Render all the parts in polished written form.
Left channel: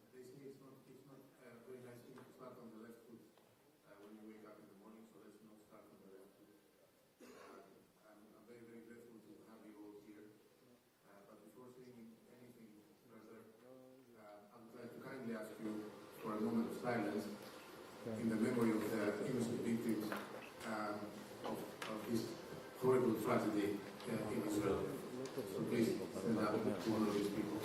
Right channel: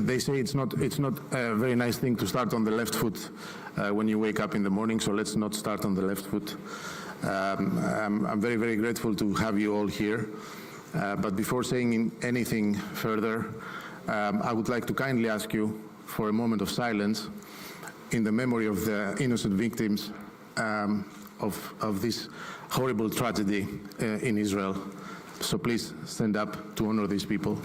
they say it's not a very nice thing to start on the left foot when you wake up in the morning, so let's not start on the left foot. I'm very, very grateful to have you all here. But before saying anything further, I would like to kindly ask you for a moment of silence in the memory of the innocent victims of this horrible tragedy in Israel. So please stand up to honor these people.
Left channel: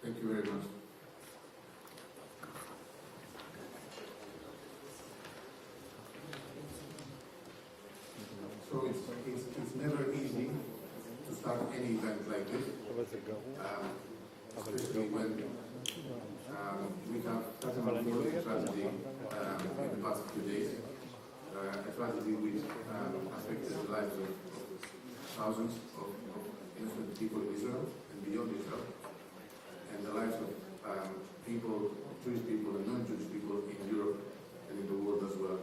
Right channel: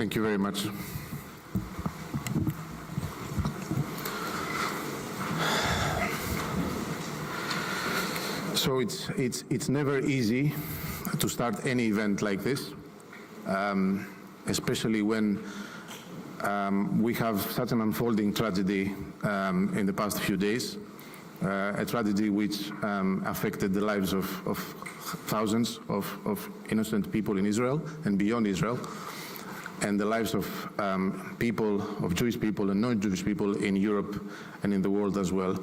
Thank you very much. So it's never easy to start any event like this, especially when we have such an unfolding tragedy in the past few days, a tragedy which affected the lives of thousands of innocent people in Israel and beyond Israel, and the lives of people, of Jewish people and non-Jewish people in Europe and in the world as well.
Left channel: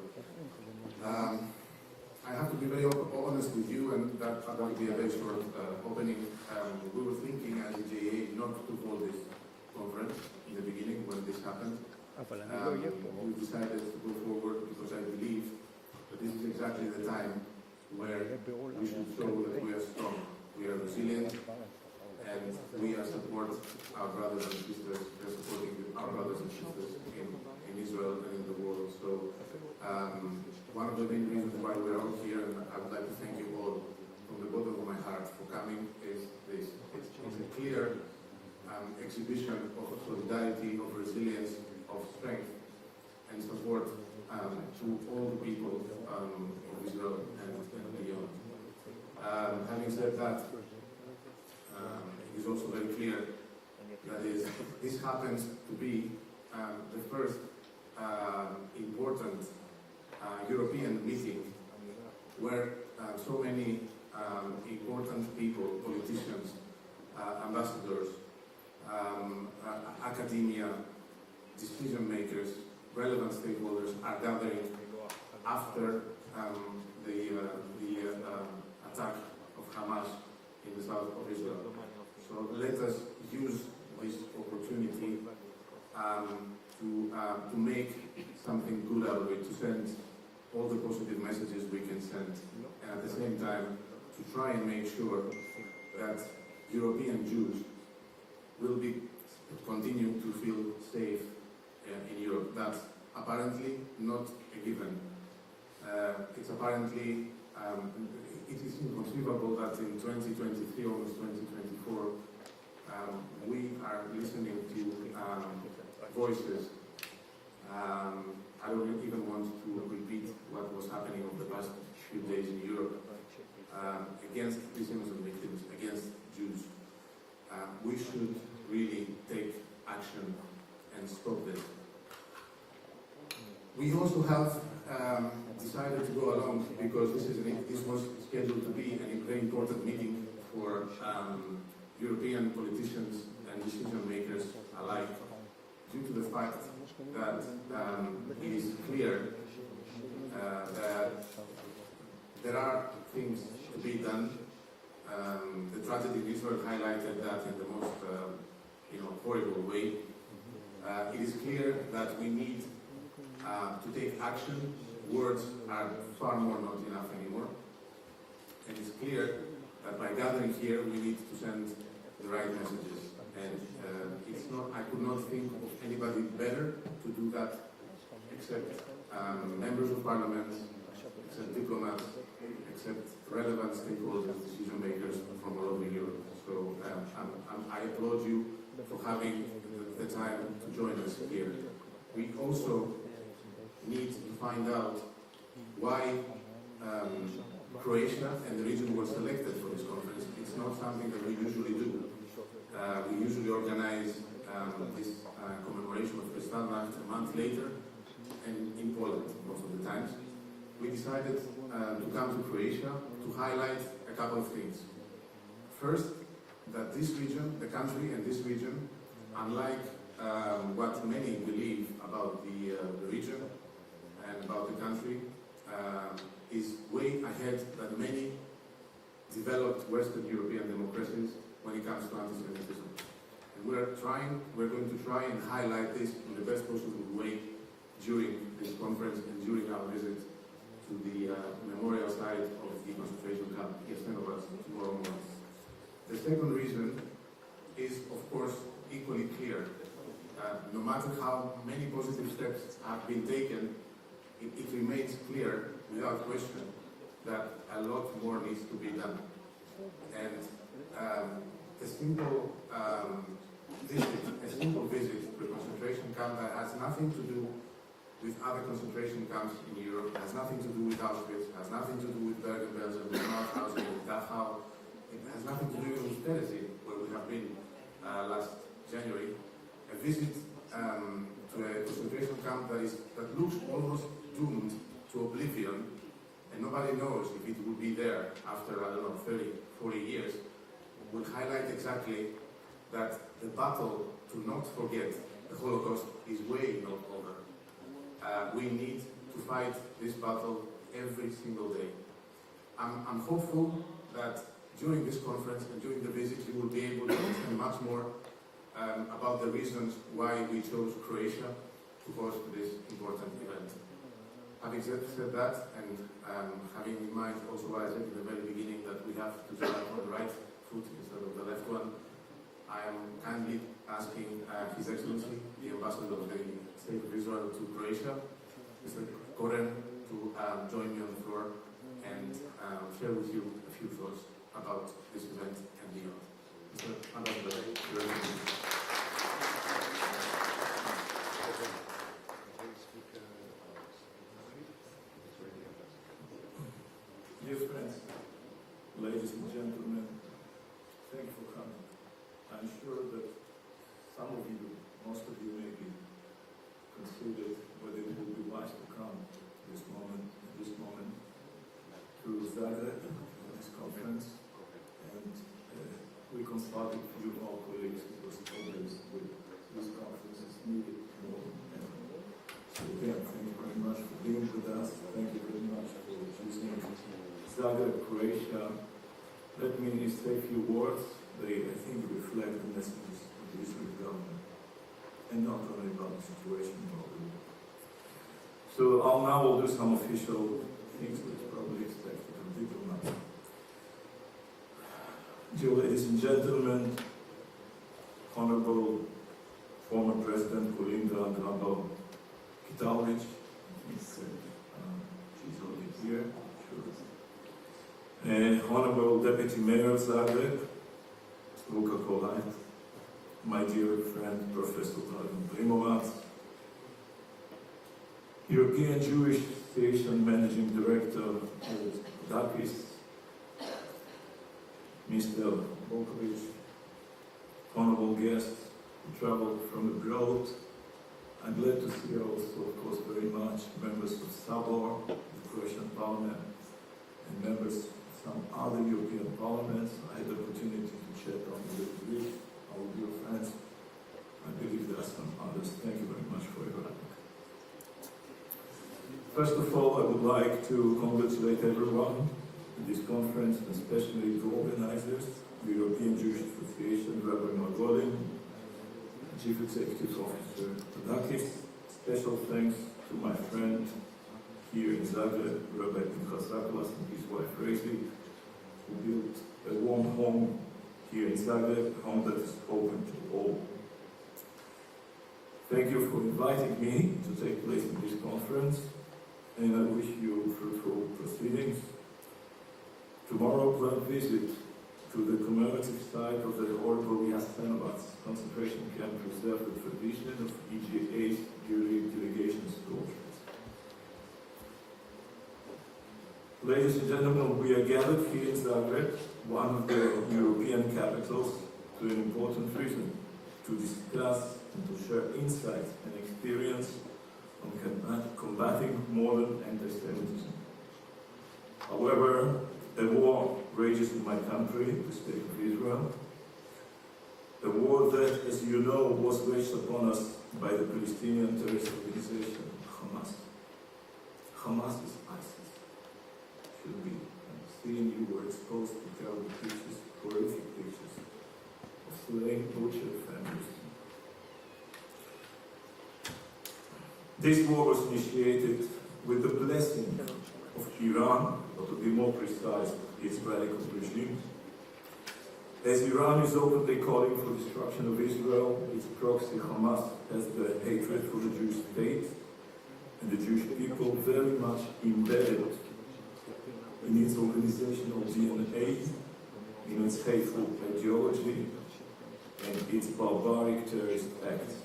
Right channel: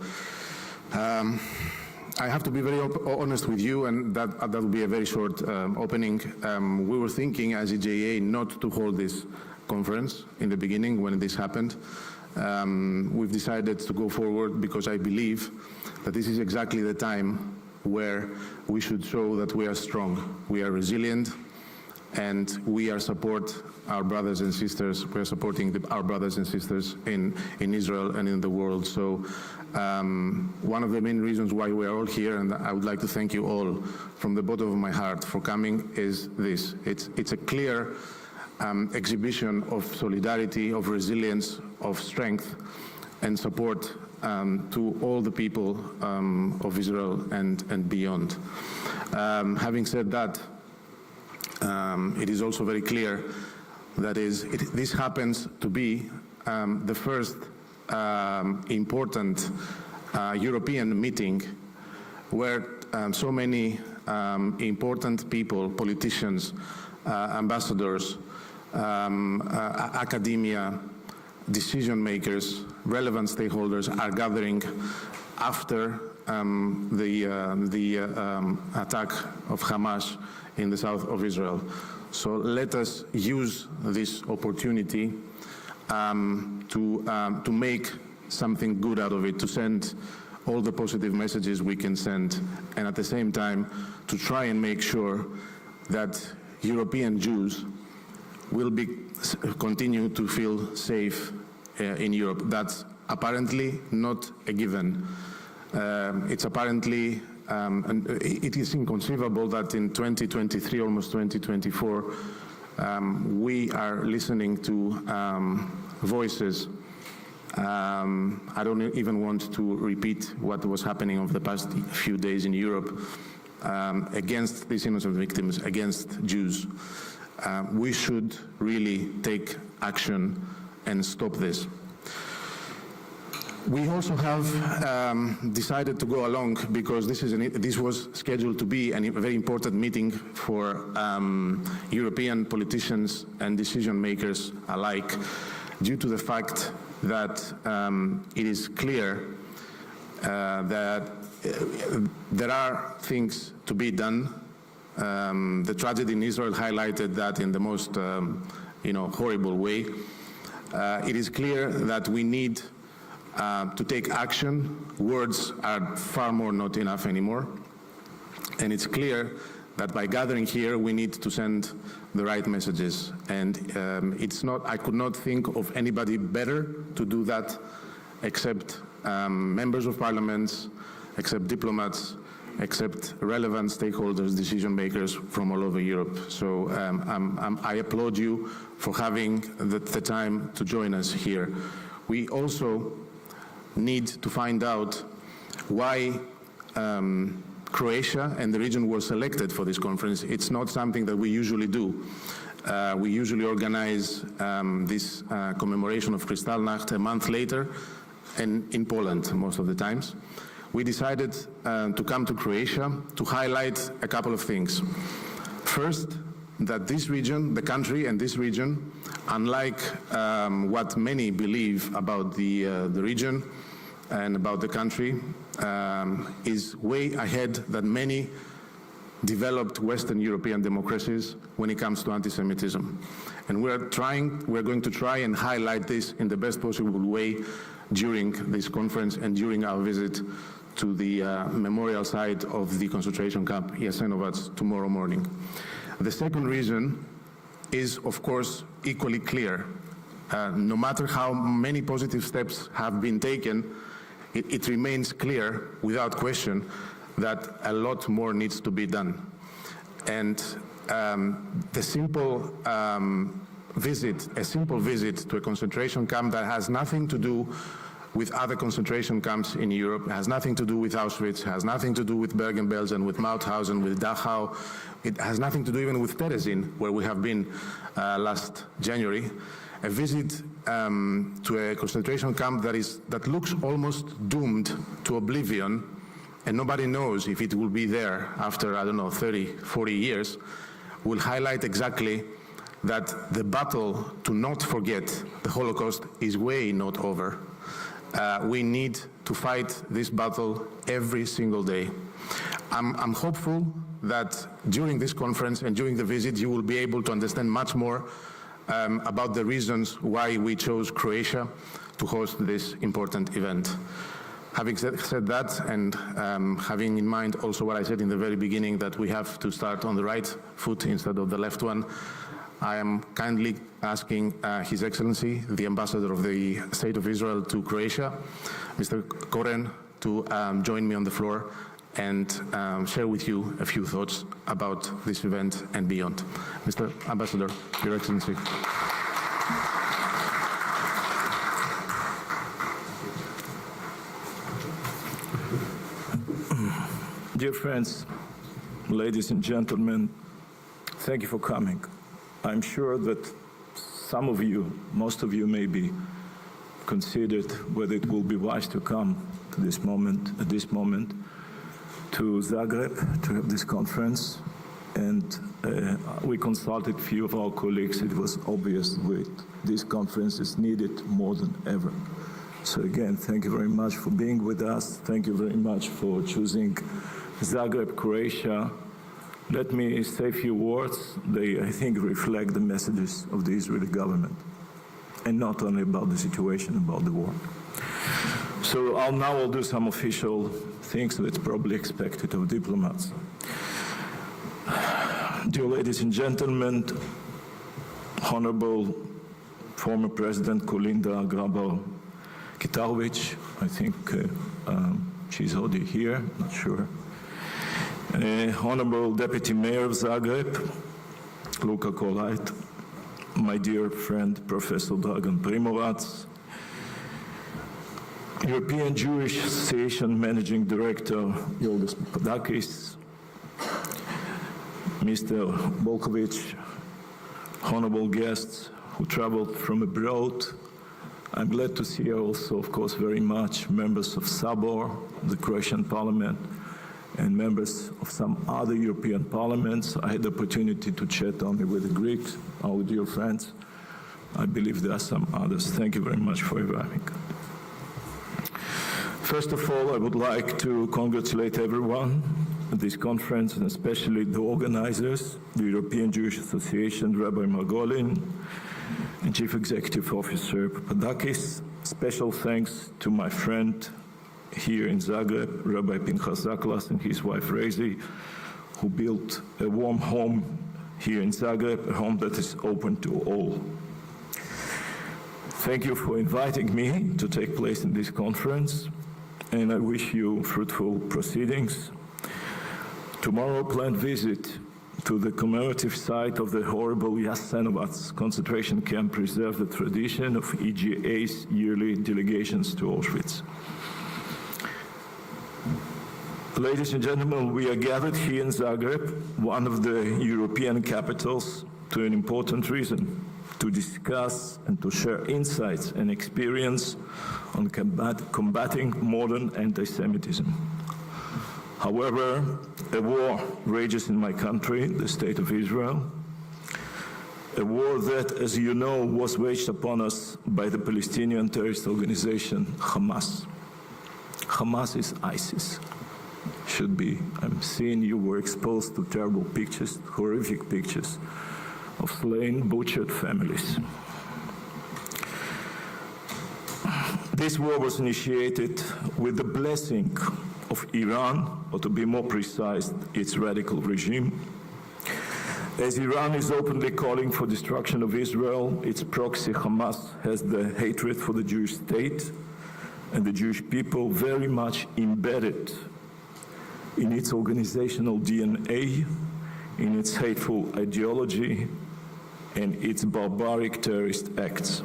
I have to be very honest with you, and that will be a very short opening. We were thinking as EJA not to hold this conference in the beginning when this happened. We've decided to go forward because I believe that this is exactly the time where we should show that we are strong, we are resilient, and we are supporting our brothers and sisters. We are supporting our brothers and sisters in Israel and in the world. So one of the main reasons why we are all here, and I would like to thank you all from the bottom of my heart for coming, is this. It's a clear exhibition of solidarity, of resilience, of strength and support to all the people of Israel and beyond. Having said that, it is also very clear that this happens to be the first important European meeting where so many important people, politicians, ambassadors, academia, decision makers, relevant stakeholders are gathering after the attack of Hamas in the south of Israel. So let us use this opportunity to make something good out of it, to send all the positive messages we can send, and at the same time to try and make sure that European Jews will be continue to feel safe in Europe. That's apparently not a given. It's apparently it is inconceivable that in 2023, almost 2024, we are listening to voices. I don't even want to repeat what was happening over the past few days in Europe against these innocent victims, against Jews. We should really take action and stop this. We also have decided to go along because this was scheduled to be a very important meeting for European politicians and decision makers alike, due to the fact that it is clear that there are things to be done. The tragedy in Israel highlighted that in the most horrible way. It is clear that we need to take action. Words are far more not enough anymore. And it's clear that by gathering here we need to send the right messages, and I could not think of anybody better to do that except members of parliaments, except diplomats, except relevant stakeholders, decision makers from all over Europe. So I applaud you for having the time to join us here. We also need to find out why Croatia and the region were selected for this conference. It's not something that we usually do. We usually organize this commemoration of Kristallnacht a month later, and in Poland most of the times. We decided to come to Croatia to highlight a couple of things. First, that this region, the country and this region, unlike what many believe about the region and about the country, is way ahead than many developed Western European democracies when it comes to anti-Semitism. And we're going to try and highlight this in the best possible way during this conference and during our visit to the memorial site of the concentration camp Jasenovac tomorrow morning. The second reason is, of course, equally clear. No matter how many positive steps have been taken, it remains clear, without question, that a lot more needs to be done. And the simple visit to a concentration camp that has nothing to do with other concentration camps in Europe, has nothing to do with Auschwitz, has nothing to do with Bergen-Belsen, with Mauthausen, with Dachau. It has nothing to do even with Terezin, where we have been last January. A visit to a concentration camp that looks almost doomed to oblivion, and nobody knows if it will be there after, I don't know, 30, 40 years, will highlight exactly that the battle to not forget the Holocaust is way not over. We need to fight this battle every single day. I'm hopeful that during this conference and during the visit you will be able to understand much more about the reasons why we chose Croatia to host this important event. Having said that, and having in mind also what I said in the very beginning, that we have to start on the right foot instead of the left one, I am kindly asking His Excellency, the Ambassador of the State of Israel to Croatia, Mr. Koren, to join me on the floor and share with you a few thoughts about this event and beyond. Mr. Ambassador, Your Excellency. Dear friends, ladies and gentlemen, thank you for coming. I'm sure that some of you, most of you maybe, considered whether it will be wise to come to this moment, at this moment, to Zagreb to have this conference. And we consulted a few of our colleagues. It was obvious that this conference is needed more than ever. So again, thank you very much for being with us. Thank you very much for choosing Zagreb, Croatia. Let me say a few words. They, I think, reflect the messages of the Israeli government, and not only about the situation, about the war. So I'll do some official things that's probably expected of diplomats. Dear ladies and gentlemen, Honorable former President Kolinda Grabar-Kitarovic, I think she's already here, not sure. Honorable Deputy Mayor of Zagreb, Luka Kolait, my dear friend Professor Dragan Primorac, European Jewish Association Managing Director Yolis Papadakis, Mr. Volkovic, honorable guests who traveled from abroad. I'm glad to see also, of course, very much members of Sabor, the Croatian Parliament, and members of some other European parliaments. I had the opportunity to chat only with the Greeks, our dear friends. I believe there are some others. Thank you very much for arriving. First of all, I would like to congratulate everyone at this conference, and especially the organizers, the European Jewish Association, Rabbi Margolin, and Chief Executive Officer Papadakis. Special thanks to my friend here in Zagreb, Rabbi Pinchas Zaklas, and his wife Rezi, who built a warm home here in Zagreb, a home that is open to all. Thank you for inviting me to take place in this conference, and I wish you fruitful proceedings. Tomorrow, a planned visit to the commemorative site of the horrible Jasenovac concentration camp preserves the tradition of EJA's yearly delegations to Auschwitz. Ladies and gentlemen, we are gathered here in Zagreb, one of the European capitals, to an important reason: to discuss and to share insights and experience on combating modern anti-Semitism. However, a war rages in my country, the State of Israel, a war that, as you know, was waged upon us by the Palestinian terrorist organization Hamas. Hamas is ISIS. Should be. I'm seeing you were exposed to terrible pictures, horrific pictures of slain, butchered families. This war was initiated with the blessing of Iran, or to be more precise, its radical regime. As Iran is openly calling for destruction of Israel, its proxy Hamas has the hatred for the Jewish state and the Jewish people very much embedded in its organizational DNA, in its hateful ideology, and its barbaric terrorist acts.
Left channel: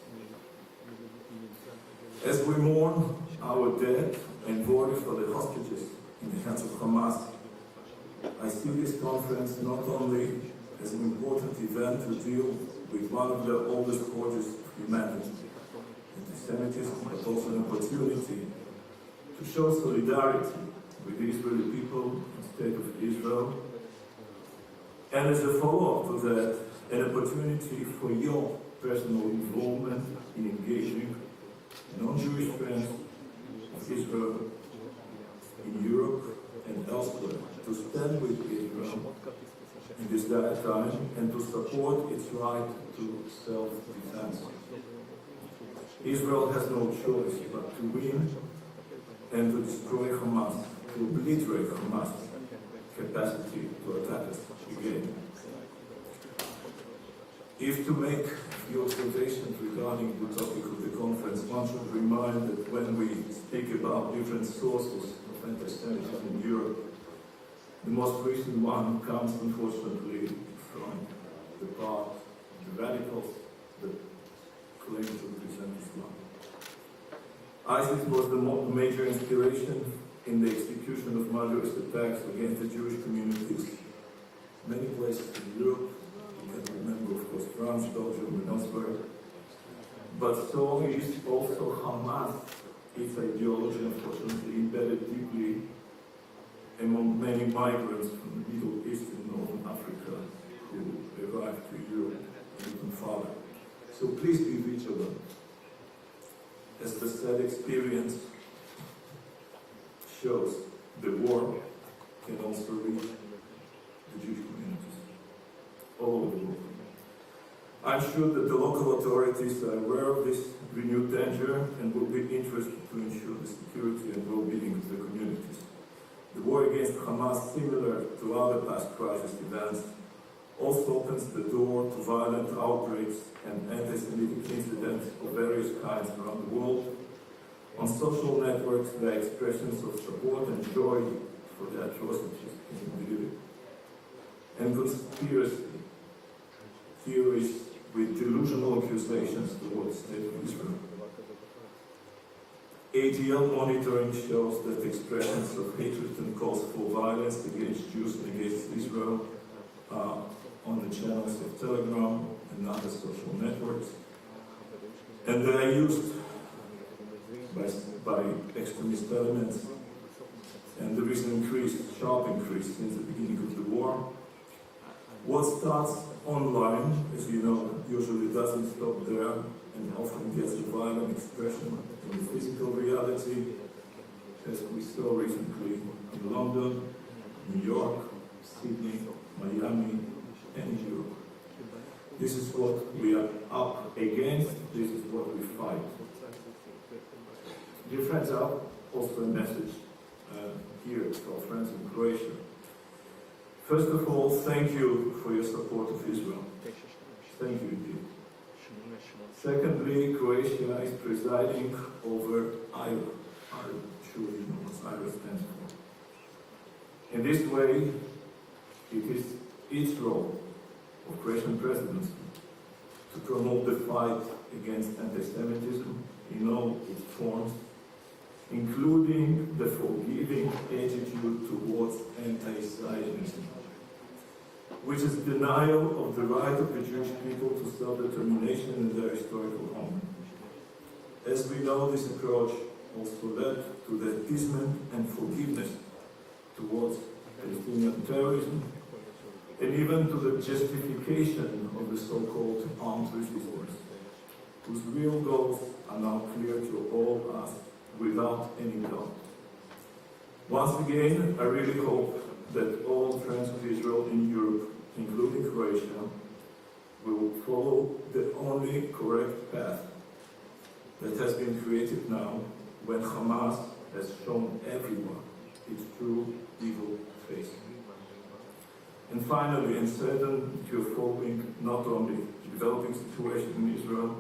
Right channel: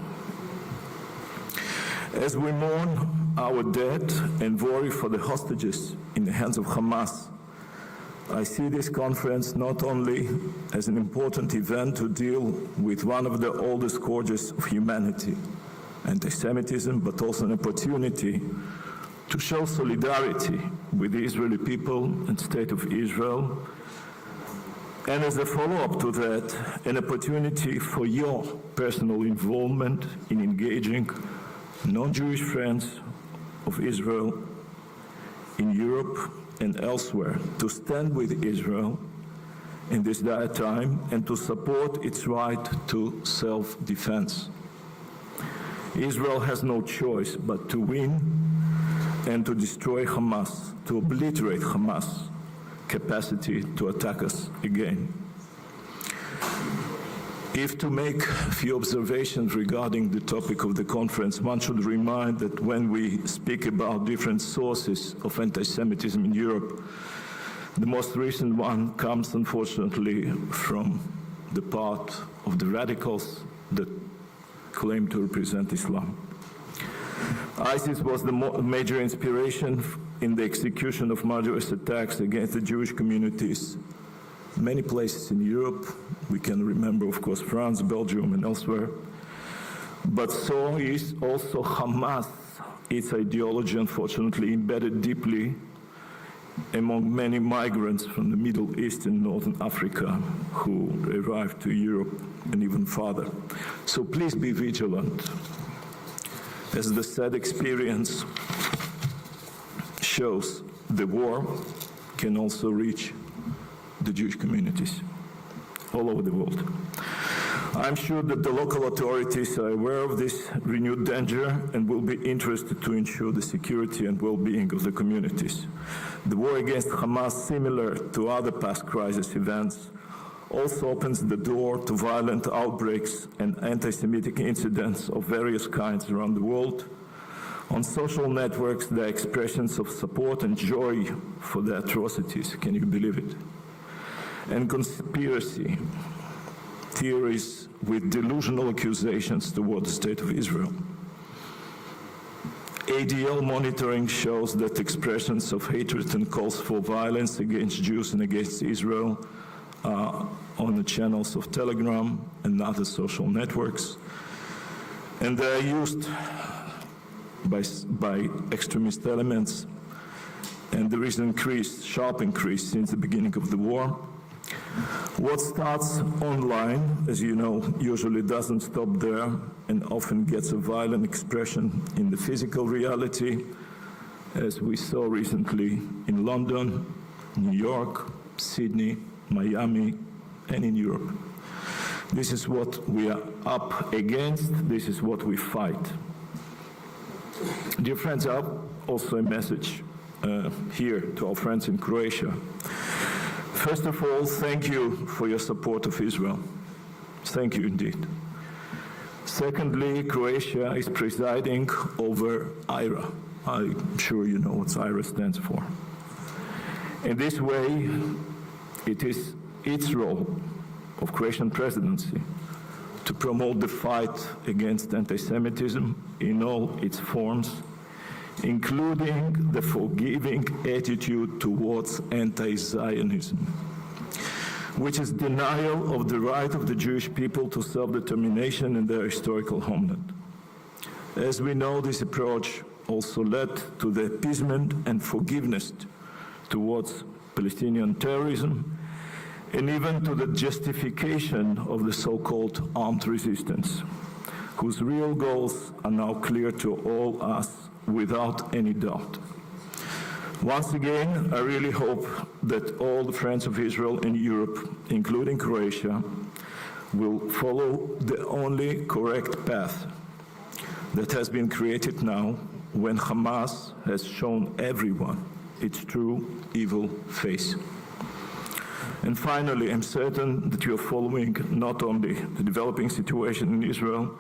As we mourn our dead and worry for the hostages in the hands of Hamas, I see this conference not only as an important event to deal with one of the oldest scourges of humanity, anti-Semitism, but also an opportunity to show solidarity with the Israeli people and State of Israel, and as a follow-up to that, an opportunity for your personal involvement in engaging non-Jewish friends of Israel in Europe and elsewhere to stand with Israel in this dire time and to support its right to self-defense. Israel has no choice but to win and to destroy Hamas, to obliterate Hamas' capacity to attack us again. If to make a few observations regarding the topic of the conference, one should remind that when we speak about different sources of anti-Semitism in Europe, the most recent one comes, unfortunately, from the part of the radicals that claim to represent Islam. ISIS was the major inspiration in the execution of murderous attacks against the Jewish communities. Many places in Europe, we can remember, of course, France, Belgium, and elsewhere. But so is also Hamas, its ideology, unfortunately, embedded deeply among many migrants from the Middle East and Northern Africa who arrived to Europe and even farther. So please be vigilant, as the sad experience shows the war can also reach the Jewish communities all over the world. I'm sure that the local authorities are aware of this renewed danger and will be interested to ensure the security and well-being of the communities. The war against Hamas, similar to other past crisis events, also opens the door to violent outbreaks and anti-Semitic incidents of various kinds around the world. On social networks, there are expressions of support and joy for the atrocities. Can you believe it? And conspiracy theories with delusional accusations toward the State of Israel. ADL monitoring shows that expressions of hatred and calls for violence against Jews and against Israel are on the channels of Telegram and other social networks. And they are used by extremist elements. And there is an sharp increase since the beginning of the war. What starts online, as you know, usually doesn't stop there and often gets a violent expression in the physical reality, as we saw recently in London, New York, Sydney, Miami, and in Europe. This is what we are up against. This is what we fight. Dear friends, I have also a message here to our friends in Croatia. First of all, thank you for your support of Israel. Thank you indeed. Secondly, Croatia is presiding over EJA. I'm sure you know what EJA stands for. In this way, it is its role of Croatian presidency to promote the fight against anti-Semitism in all its forms, including the forgiving attitude towards anti-Zionism, which is denial of the right of the Jewish people to self-determination in their historical homeland. As we know, this approach also led to the appeasement and forgiveness towards Palestinian terrorism, and even to the justification of the so-called armed resistance, whose real goals are now clear to all us without any doubt. Once again, I really hope that all the friends of Israel in Europe, including Croatia, will follow the only correct path that has been created now when Hamas has shown everyone its true evil face. And finally, I'm certain that you are following not only the developing situation in Israel,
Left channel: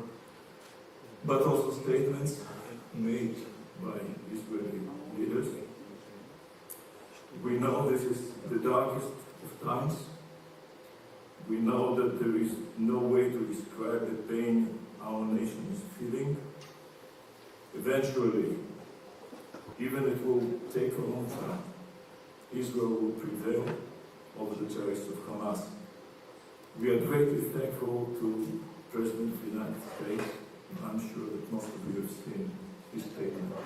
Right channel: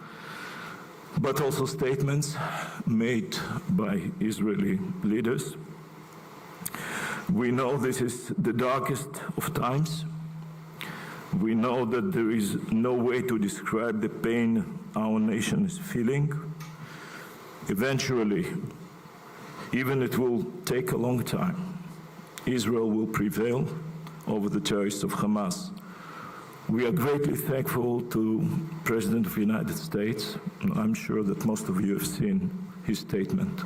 but also statements made by Israeli leaders. We know this is the darkest of times. We know that there is no way to describe the pain our nation is feeling. Eventually, even it will take a long time, Israel will prevail over the terrorists of Hamas. We are greatly thankful to President of the United States. I'm sure that most of you have seen his statement.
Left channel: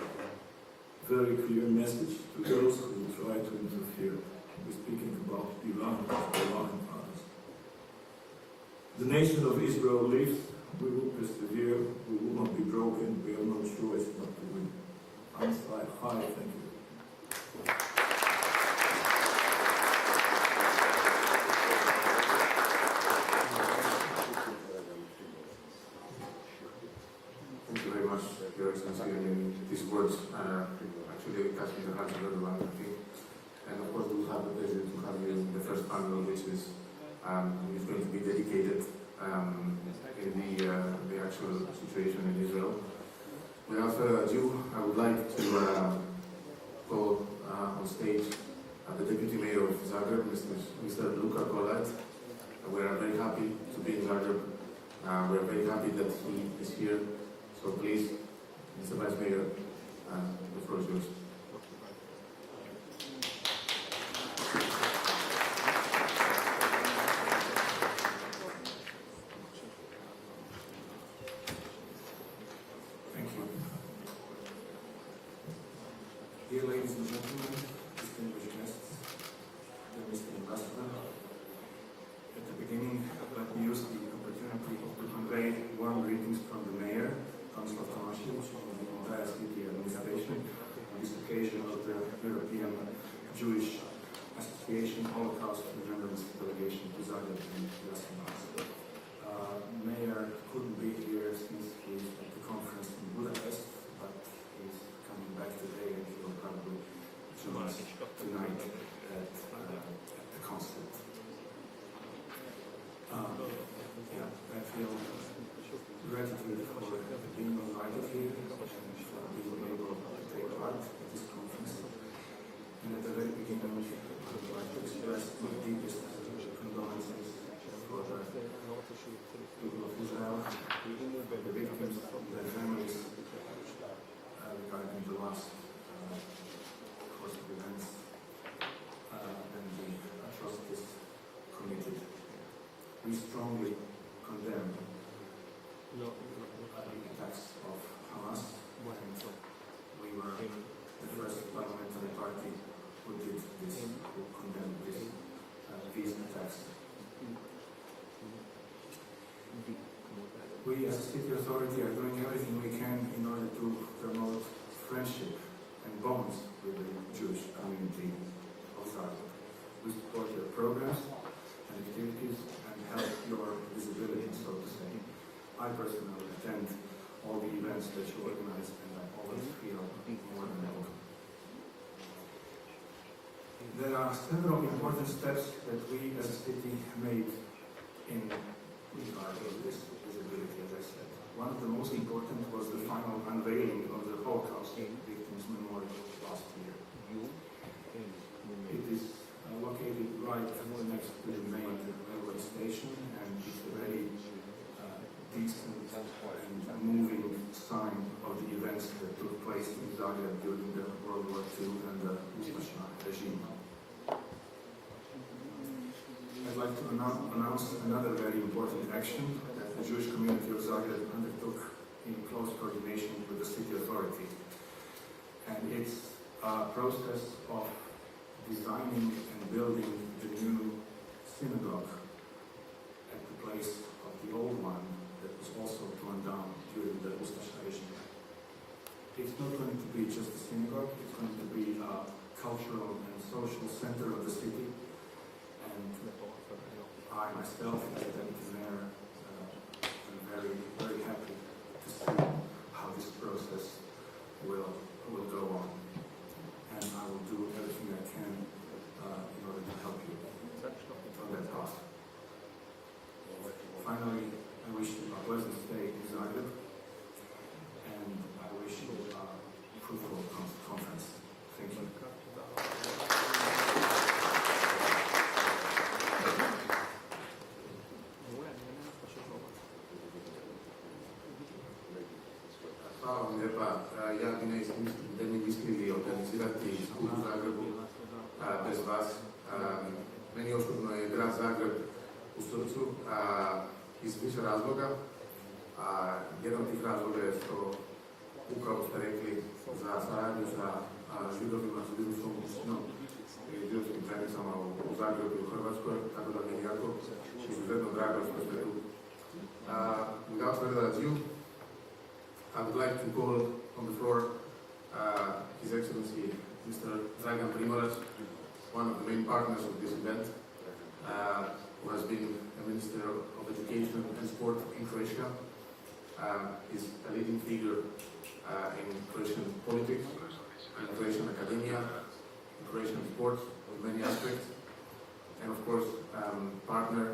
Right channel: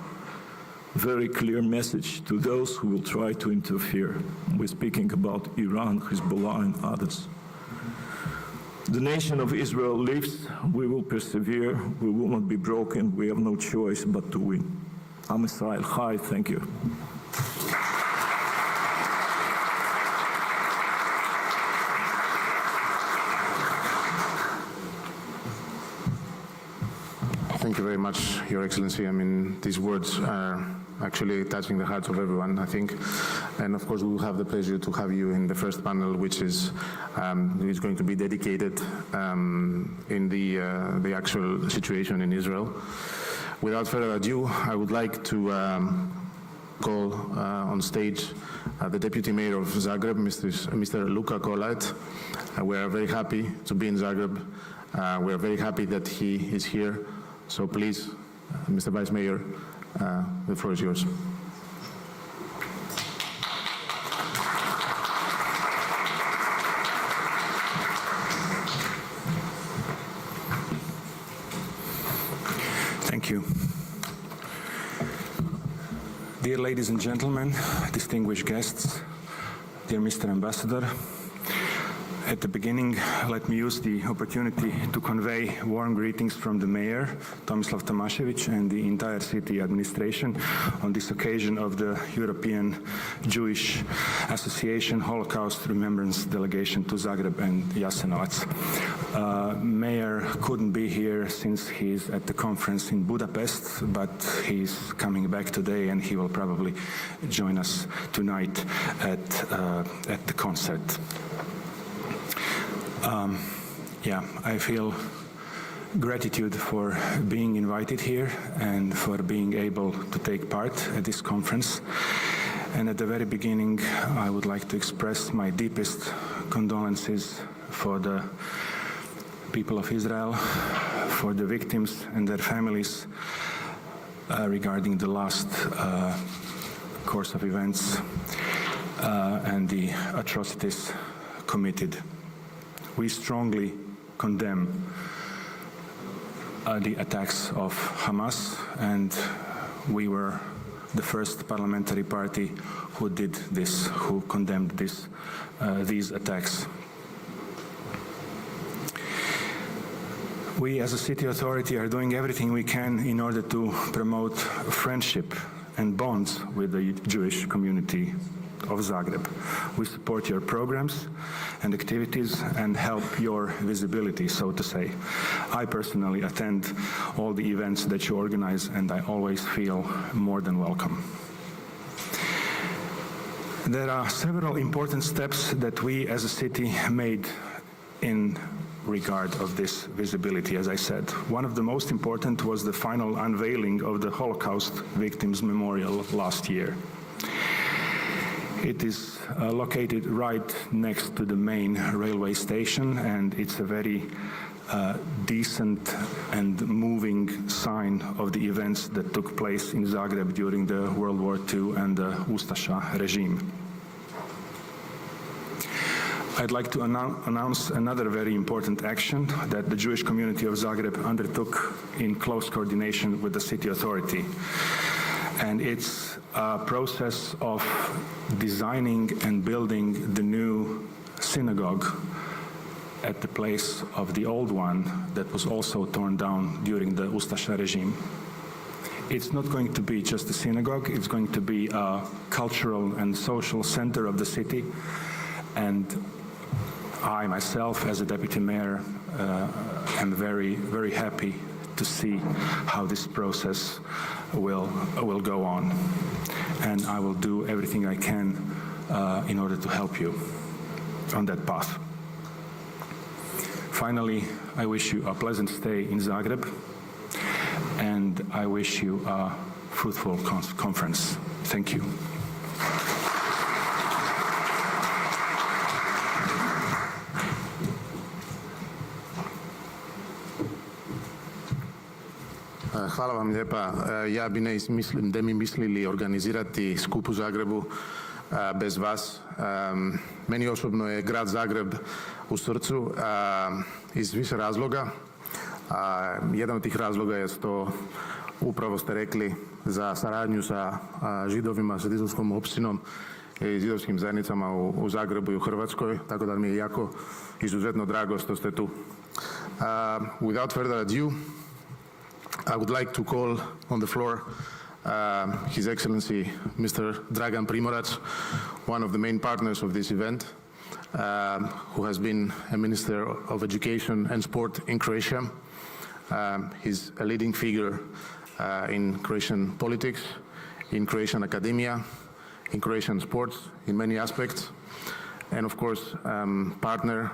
Very clear message to those who will try to interfere. We're speaking about Iran, Hezbollah, and others. The nation of Israel lives. We will persevere. We will not be broken. We have no choice but to win. Am Yisrael Chai. Thank you. Thank you very much, Your Excellency. I mean, these words are actually touching the hearts of everyone, I think. And of course, we will have the pleasure to have you in the first panel, which is going to be dedicated in the actual situation in Israel. Without further ado, I would like to call on stage the Deputy Mayor of Zagreb, Mr. Luka Kolat. We are very happy to be in Zagreb. We are very happy that he is here. So please, Mr. Vice Mayor, the floor is yours. Thank you. Dear ladies and gentlemen, distinguished guests, dear Mr. Ambassador, at the beginning, let me use the opportunity to convey warm greetings from the Mayor, Tomislav Tomašević, and the entire city administration on this occasion of the European Jewish Association Holocaust Remembrance delegation to Zagreb and Jasenovac. Mayor couldn't be here since he's at the conference in Budapest, but he's coming back today and he will probably join us tonight at the concert. I feel gratitude for being invited here and for being able to take part at this conference. And at the very beginning, I would like to express my deepest condolences for the people of Israel, for the victims and their families regarding the last course of events and the atrocities committed. We strongly condemn the attacks of Hamas, and we were the first parliamentary party who did this, who condemned these attacks. We as a city authority are doing everything we can in order to promote friendship and bonds with the Jewish community of Zagreb. We support your programs and activities and help your visibility, so to say. I personally attend all the events that you organize, and I always feel more than welcome. There are several important steps that we as a city made in regard of this visibility, as I said. One of the most important was the final unveiling of the Holocaust Victims Memorial last year. It is located right next to the main railway station, and it's a very decent and moving sign of the events that took place in Zagreb during the World War II and the Ustaša regime. I'd like to announce another very important action that the Jewish community of Zagreb undertook in close coordination with the city authority. And it's a process of designing and building the new synagogue at the place of the old one that was also torn down during the Ustaša regime. It's not going to be just a synagogue, it's going to be a cultural and social center of the city. And I myself, as a deputy mayor, am very, very happy to see how this process will go on. And I will do everything I can in order to help you on that path. Finally, I wish you a pleasant stay in Zagreb, and I wish you a fruitful conference. Thank you. Hvala vam lijepa. Ja bi ne mi mislili organizirati skup u Zagrebu bez vas. Meni osobno je grad Zagreb u srcu iz više razloga. Jedan od tih razloga je što upravo ste rekli za saradnju sa židovima, sa židovskom opštinom i židovskim zajednicama u Zagrebu i u Hrvatskoj, tako da mi je jako izuzetno drago što ste tu. Without further ado, I would like to call on the floor His Excellency Mr. Dragan Primorac, one of the main partners of this event, who has been a Minister of Education and Sport in Croatia. He's a leading figure in Croatian politics, in Croatian academia, in Croatian sports, in many aspects, and of course, partner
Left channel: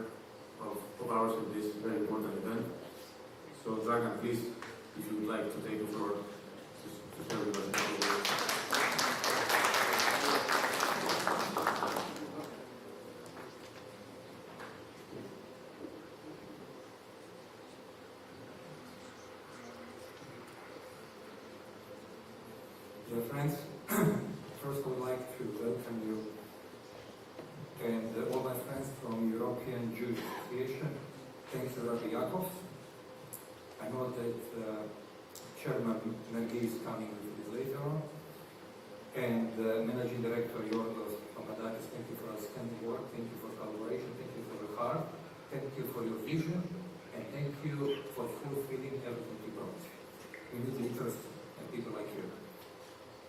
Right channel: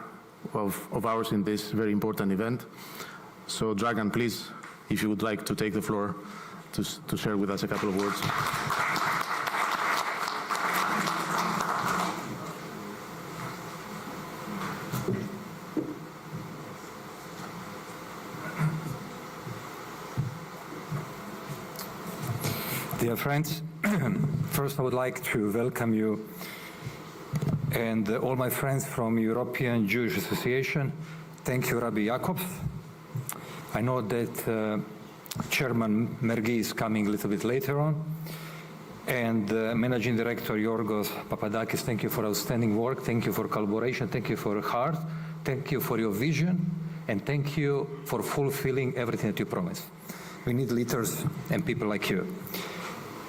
of ours in this very important event. So, Dragan, please, if you would like to take the floor to share with us a couple of words. Dear friends, first I would like to welcome you and all my friends from European Jewish Association. Thank you, Rabbi Jakobs. I know that Chairman Mergi is coming a little bit later on, and Managing Director Yorgos Papadakis, thank you for outstanding work, thank you for collaboration, thank you for your heart, thank you for your vision, and thank you for fulfilling everything that you promised. We need leaders and people like you.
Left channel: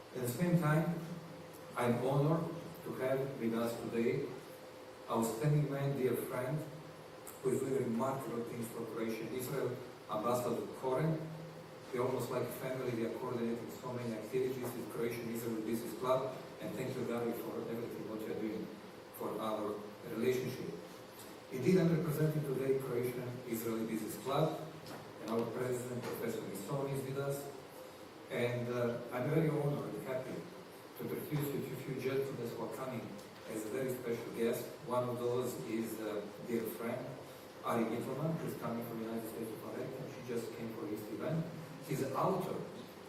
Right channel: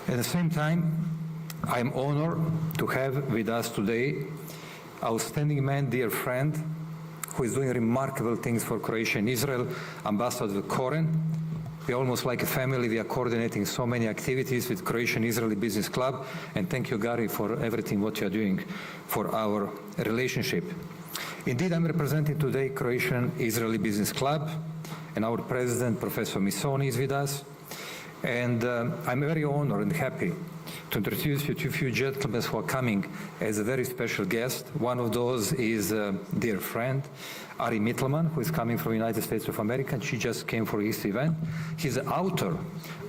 At the same time, I am honored to have with us today outstanding man, dear friend, who is doing remarkable things for Croatia and Israel, Ambassador Koren. We're almost like a family. We are coordinating so many activities with Croatian Israeli Business Club, and thank you, Gary, for everything what you're doing for our relationship. Indeed, I'm representing today Croatian Israeli Business Club, and our president, Professor Misoni, is with us. And I'm very honored and happy to introduce you to a few gentlemen who are coming as a very special guest. One of those is a dear friend, Ari Mittelman, who is coming from the United States of America. She just came for this event. He's the author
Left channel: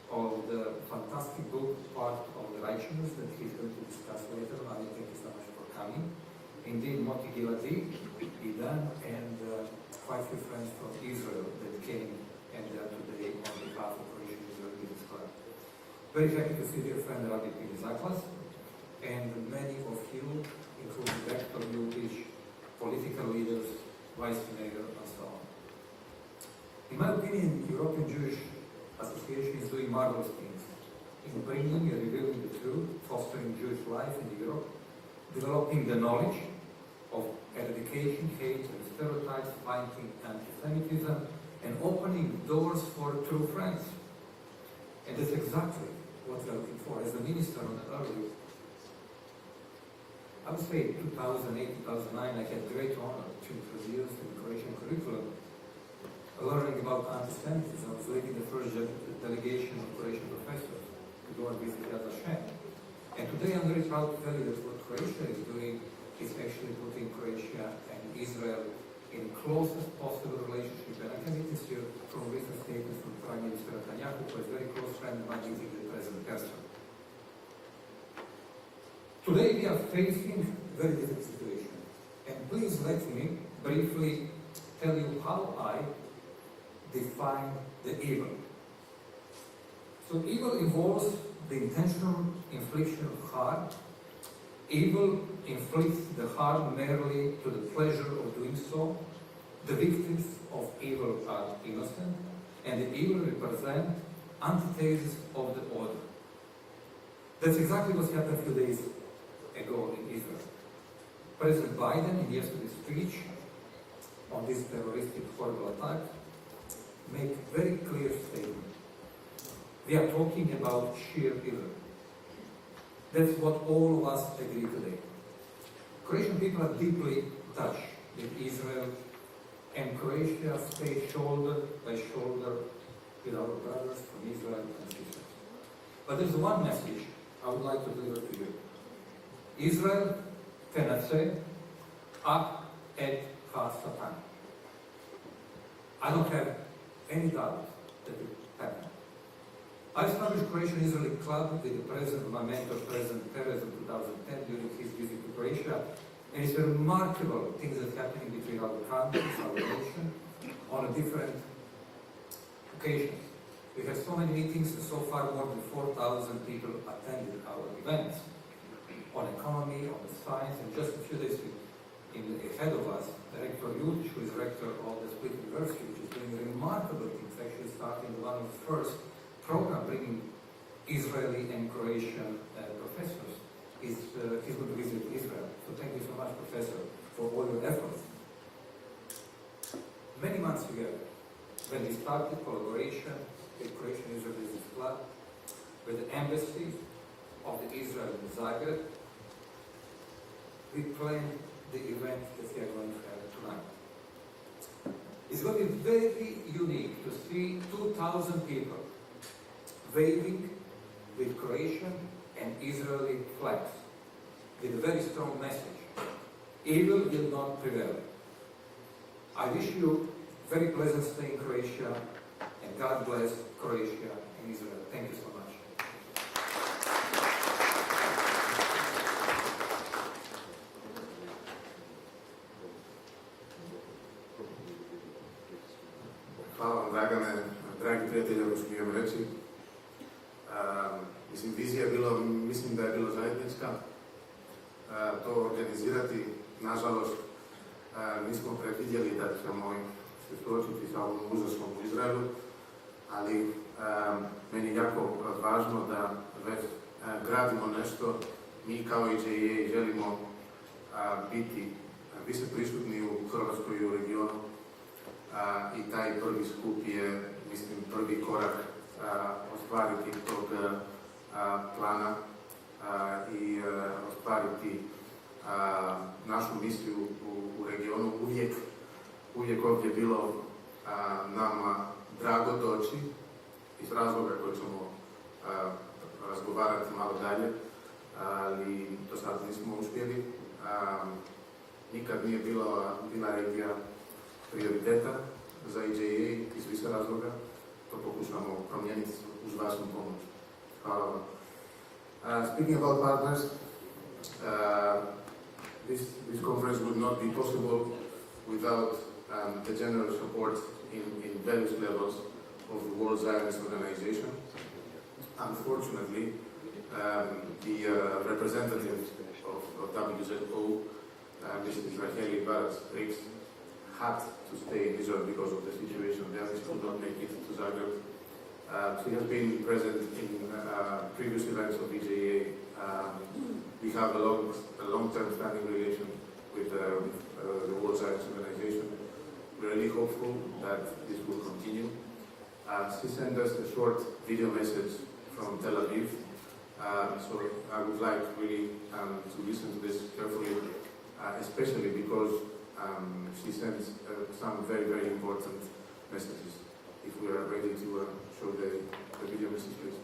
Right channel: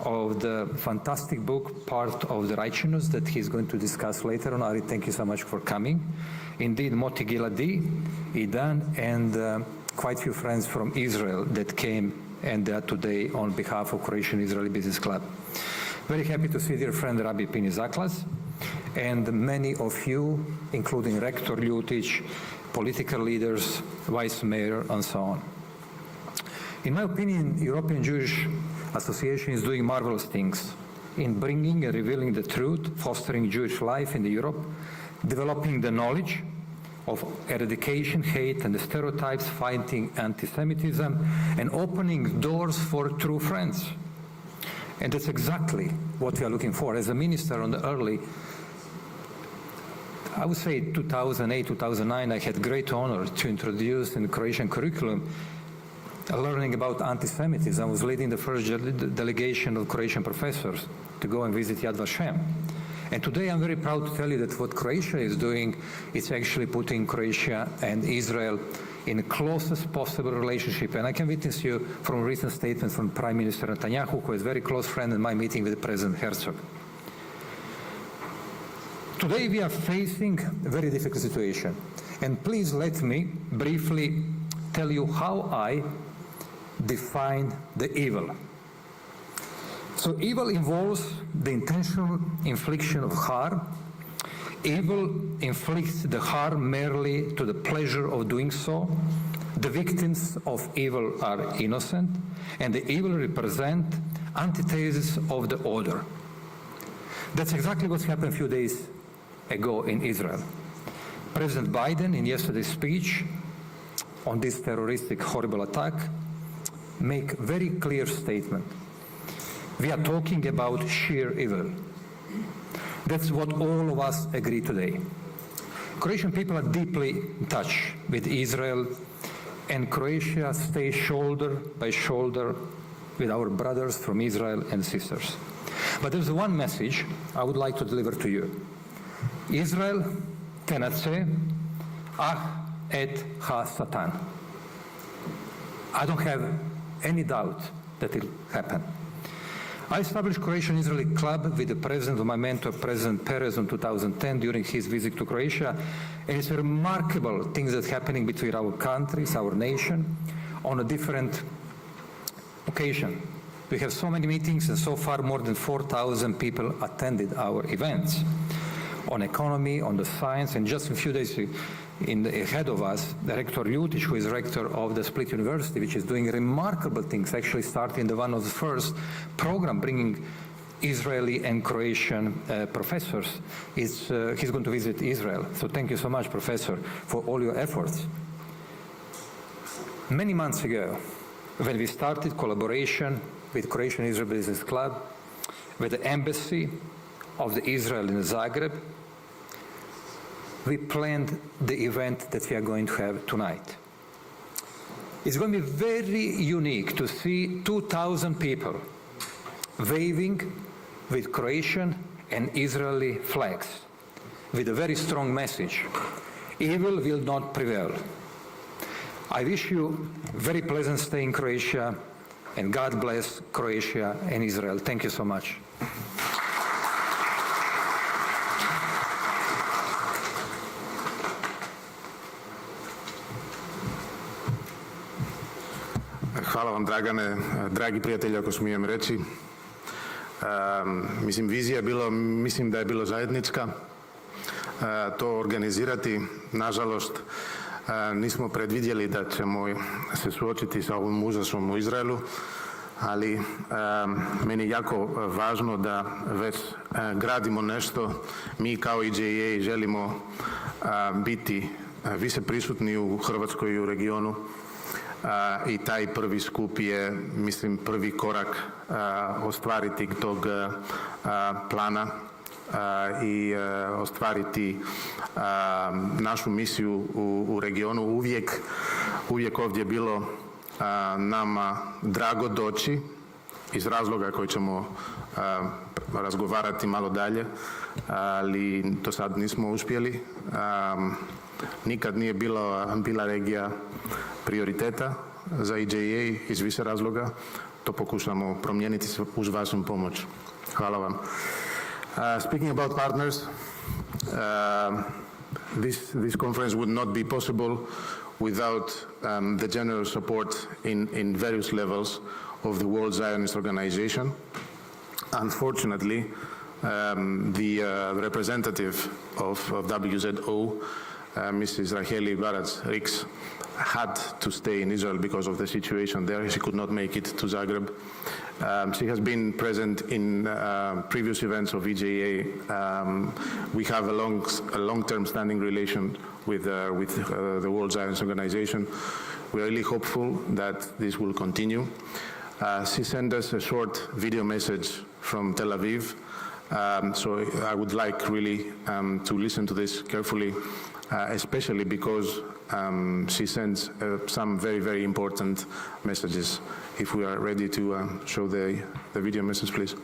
of the fantastic book, Part of the Righteousness, that he's going to discuss later on. Ari, thank you so much for coming. Indeed, Moti Giladi, Idan, and quite a few friends from Israel that came and they are today on behalf of Croatian Israeli Business Club. Very happy to see dear friend Rabbi Pini Zaklas and many of you, including Rector Ljutic, political leaders, Vice Mayor, and so on. In my opinion, European Jewish Association is doing marvelous things in bringing and revealing the truth, fostering Jewish life in Europe, developing the knowledge of eradication, hate, and the stereotypes, fighting anti-Semitism, and opening doors for true friends. And that's exactly what we are looking for. As a minister on the early I would say 2008, 2009, I had great honor to introduce in the Croatian curriculum learning about anti-Semitism. I was leading the first delegation of Croatian professors to go and visit Yad Vashem. And today I'm very proud to tell you that what Croatia is doing is actually putting Croatia and Israel in the closest possible relationship. And I can witness you from a recent statement from Prime Minister Netanyahu, who is a very close friend in my meeting with President Herzog. Today we are facing a very difficult situation. And please let me briefly tell you how I define the evil. So evil involves the intentional infliction of harm. Evil inflicts the harm merely to the pleasure of doing so. The victims of evil are innocent, and the evil represent antithesis of the order. That's exactly what happened a few days ago in Israel. President Biden, in yesterday's speech on this terroristic horrible attack, make very clear statement. We are talking about sheer evil. That's what all of us agree today. Croatian people are deeply in touch with Israel, and Croatia stays shoulder by shoulder with our brothers from Israel and sisters. But there's one message I would like to deliver to you. Israel cannot say, ah et ha Satan. I don't have any doubt that it will happen. I established Croatian-Israeli Club with the president of my mentor, President Perez, in 2010 during his visit to Croatia. And it's remarkable things that are happening between our countries, our nation, on a different occasion. We have so many meetings, and so far more than 4,000 people attended our events on economy, on the science, and just a few days ahead of us, Rector Ljutic, who is rector of the Split University, which is doing remarkable things, actually starting one of the first program bringing Israeli and Croatian professors. He's going to visit Israel. So thank you so much, Professor, for all your efforts. Many months ago, when we started collaboration with Croatian Israel Business Club, with the embassy of the Israel in Zagreb, we planned the event that we are going to have tonight. It's going to be very unique to see 2,000 people waving with Croatian and Israeli flags with a very strong message. Evil will not prevail. I wish you a very pleasant stay in Croatia, and God bless Croatia and Israel. Thank you so much. Hvala vam, Dragane. Dragi prijatelji, ako smijem reći. Vizija je bilo, mislim da je bilo zajednička. To organizirati, nažalost, nismo predvidjeli da ćemo se suočiti sa ovom užasom u Izraelu, ali meni je jako važno da već gradimo nešto. Mi kao EJA želimo biti više prisutni u Hrvatskoj i u regionu. I taj prvi skup je, mislim, prvi korak ostvariti tog plana i ostvariti našu misiju u regionu. Uvijek ovdje bilo nama drago doći iz razloga koji ćemo razgovarati malo dalje, ali to sad nismo uspjeli. Nikad nije bila regija prioriteta za EJA iz više razloga. To pokušamo promijeniti uz vašu pomoć. Hvala vam. Speaking about partners, this conference would not be possible without the generous support in various levels of the World Zionist Organization. Unfortunately, the representative of WZO, Mrs. Raheli Barac-Rix, had to stay in Israel because of the situation there. She could not make it to Zagreb. She has been present in previous events of EJA. We have a long-term standing relation with the World Zionist Organization. We are really hopeful that this will continue. She sent us a short video message from Tel Aviv So I would like really to listen to this carefully, especially because she sends some very, very important messages. If we are ready to show the video message, please.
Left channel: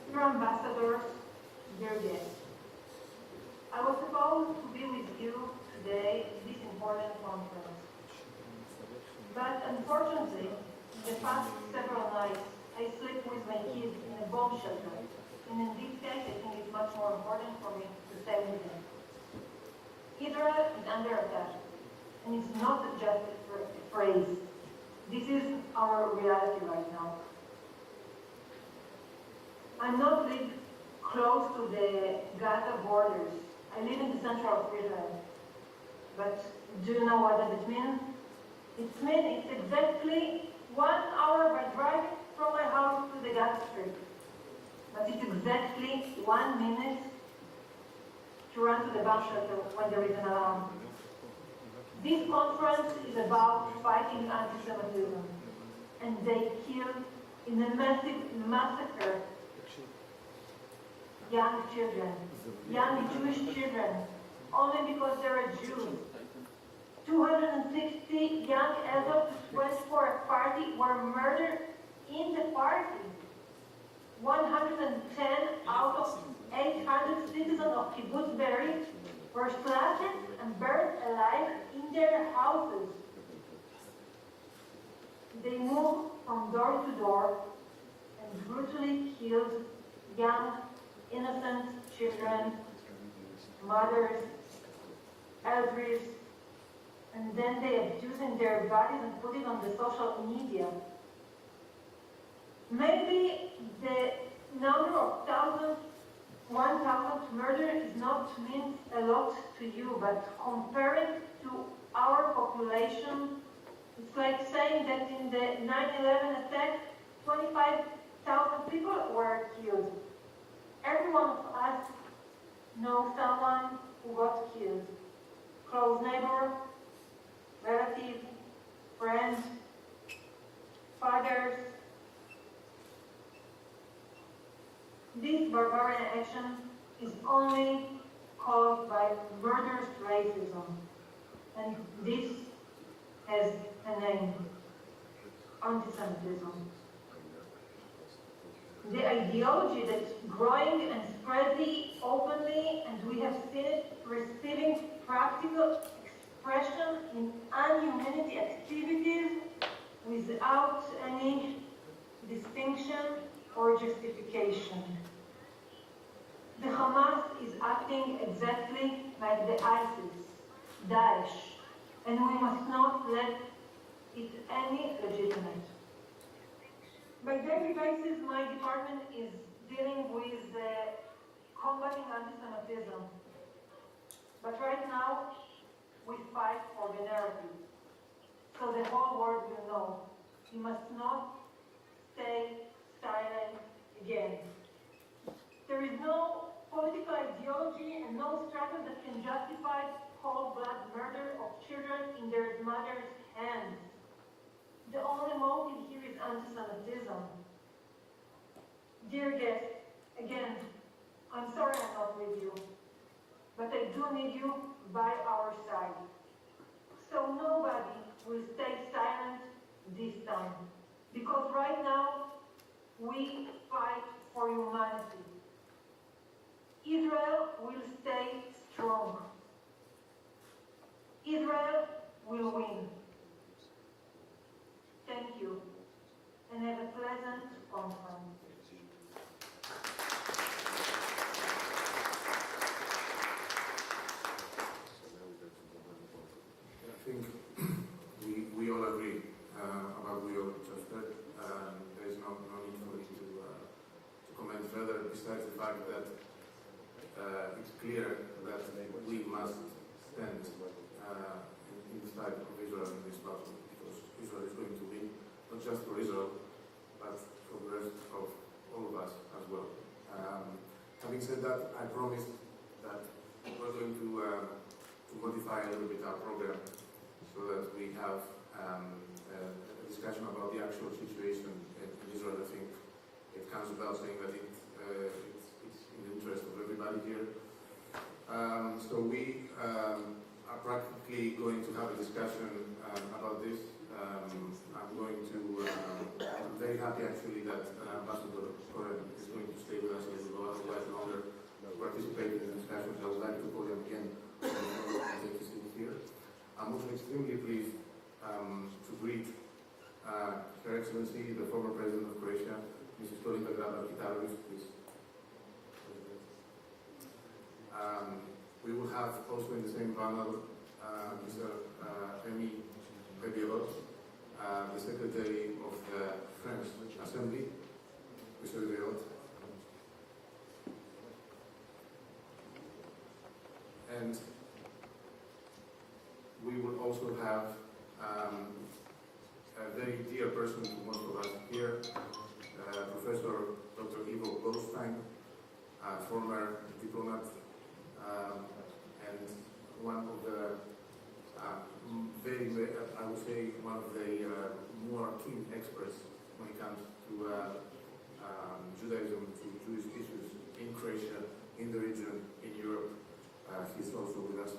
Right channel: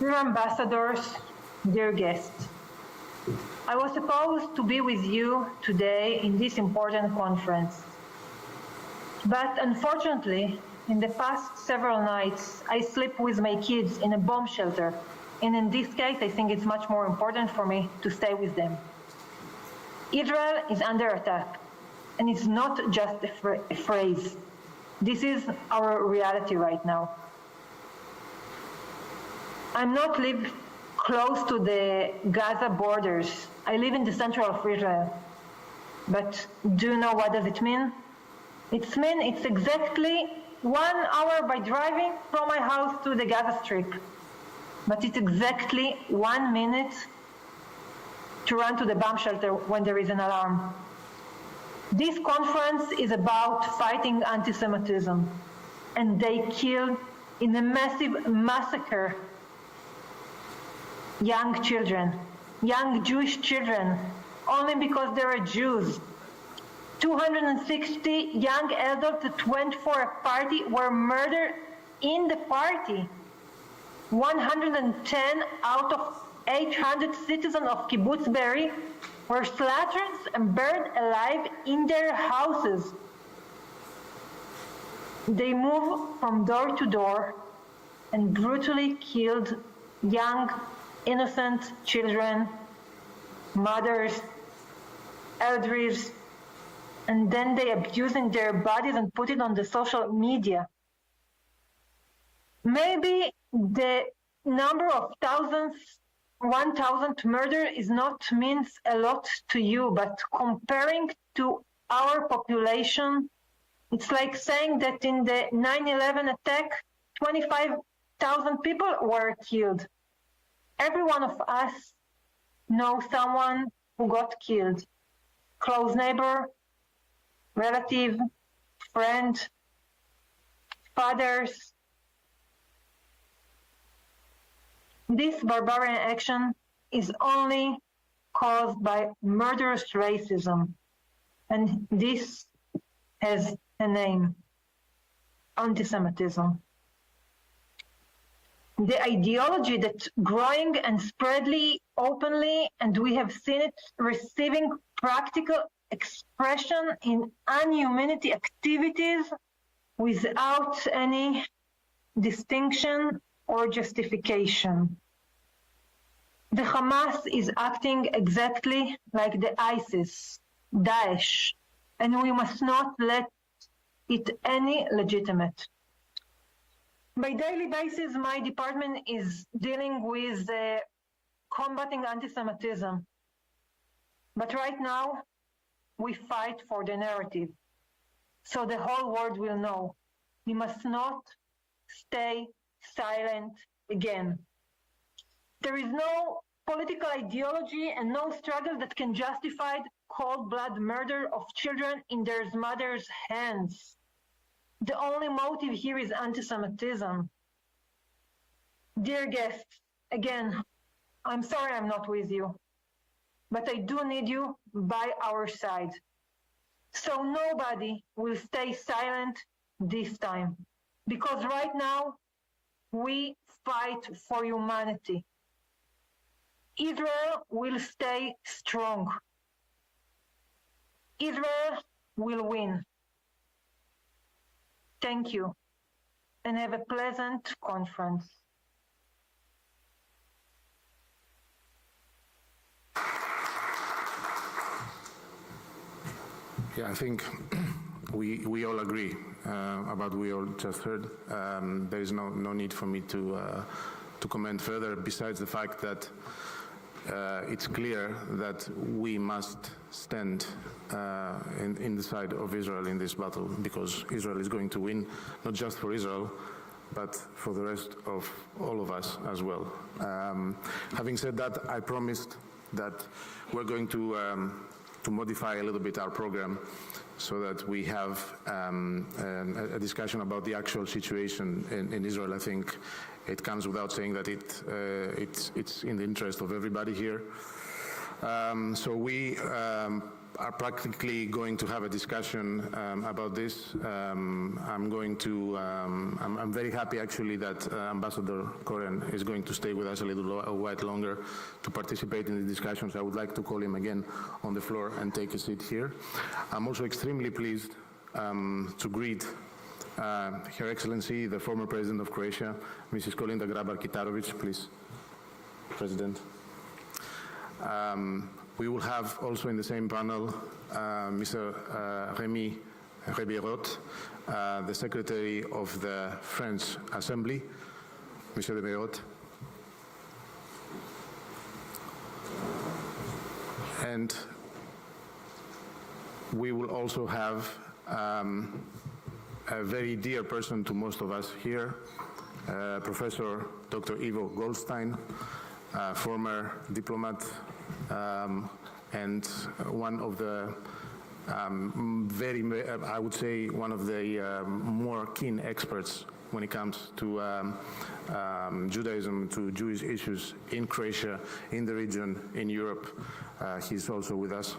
Dear ambassadors, dear guests, I was supposed to be with you today in this important conference. But unfortunately, in the past several nights, I sleep with my kids in a bomb shelter. And in this case, I think it's much more important for me to stay with them. Israel is under attack. And it's not just a phrase. This is our reality right now. I'm not live close to the Gaza borders. I live in the center of Israel. But do you know what does it mean? It's exactly 1 hour by driving from my house to the Gaza Strip. But it's exactly 1 minute to run to the bomb shelter when there is an alarm. This conference is about fighting anti-Semitism, and they killed in a massive massacre young children, young Jewish children, only because they are Jews. 260 young adults that went for a party were murdered in the party. 110 out of 800 citizens of Kibbutz Be'eri were slaughtered and burned alive in their houses. They moved from door to door and brutally killed young, innocent children, mothers, elders, and then they abusing their bodies and put it on the social media. Maybe the number of thousands, 1,000 murder is not means a lot to you, but comparing to our population, it's like saying that in the 9/11 attack, 25,000 people were killed. Every one of us knows someone who got killed. Close neighbor, relative, friend, fathers. This barbarian action is only caused by murderous racism, and this has a name: anti-Semitism. The ideology that's growing and spreadly openly, and we have seen it receiving practical expression in unhumanity activities without any distinction or justification. The Hamas is acting exactly like the ISIS, Daesh, and we must not let it any legitimate. By daily basis, my department is dealing with combating anti-Semitism. But right now, we fight for the narrative, so the whole world will know. We must not stay silent again. There is no political ideology and no struggle that can justify cold-blood murder of children in their mother's hands. The only motive here is anti-Semitism. Dear guests, again, I'm sorry I'm not with you, but I do need you by our side. So nobody will stay silent this time, because right now we fight for humanity. Israel will stay strong. Israel will win. Thank you, and have a pleasant conference. Yeah, I think we all agree about what we all just heard. There is no need for me to comment further, besides the fact that it's clear that we must stand in the side of Israel in this battle, because Israel is going to win, not just for Israel, but for the rest of all of us as well. Having said that, I promised that we're going to modify a little bit our program so that we have a discussion about the actual situation in Israel. I think it comes without saying that it's in the interest of everybody here. So we are practically going to have a discussion about this. I'm very happy actually that Ambassador Koren is going to stay with us a little while longer to participate in the discussions. I would like to call him again on the floor and take a seat here. I'm also extremely pleased to greet Her Excellency, the former President of Croatia, Mrs. Kolinda Grabar-Kitarovic, please, President. We will have also in the same panel Mr. Rémi Rebirot, the Secretary of the French Assembly. Mr. Rebirot. And we will also have a very dear person to most of us here, Professor Dr. Ivo Goldstein, former diplomat and one of the I would say one of the more keen experts when it comes to Judaism, to Jewish issues in Croatia, in the region, in Europe. He's also with us.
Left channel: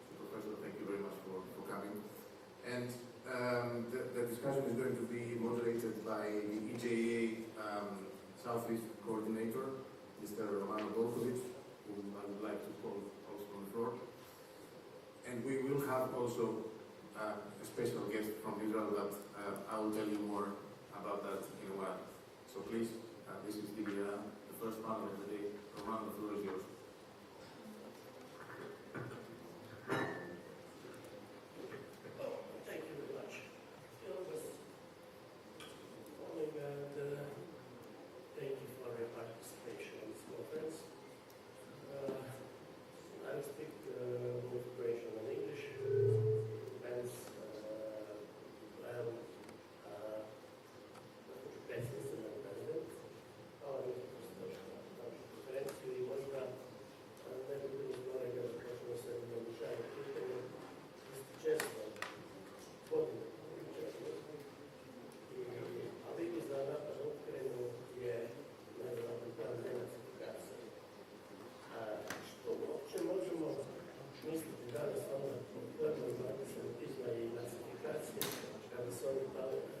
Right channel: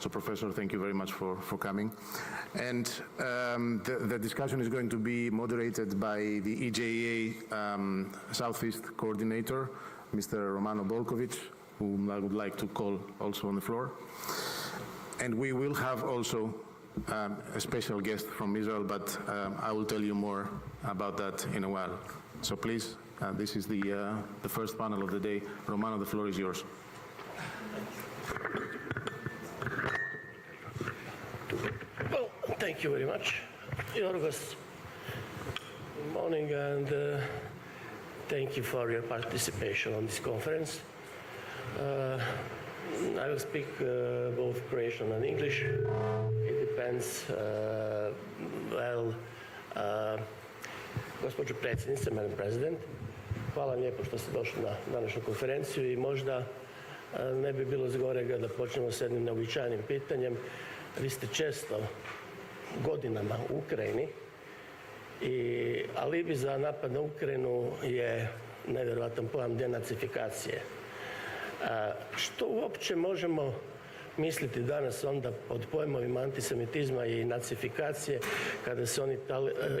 So, Professor, thank you very much for coming. And the discussion is going to be moderated by the EJA Southeast Coordinator, Mr. Romano Bolkovic, whom I would like to call also on the floor. And we will have also a special guest from Israel, but I will tell you more about that in a while. So please, this is the first panel of the day. Romano, the floor is yours. Well, thank you very much, Yorgos. Good morning, and thank you for your participation on this conference. I will speak both Croatian and English. It depends. Gospođo predsjednice, Madam President, hvala lijepo što ste došli na današnju konferenciju i možda ne bi bilo zgorega da počnemo s jednim neobičajnim pitanjem. Vi ste često godinama u Ukrajini i alibi za napad na Ukrajinu je nevjerojatan pojam denacifikacije. Što uopće možemo misliti danas onda pod pojmovima antisemitizma i nacifikacije kada se oni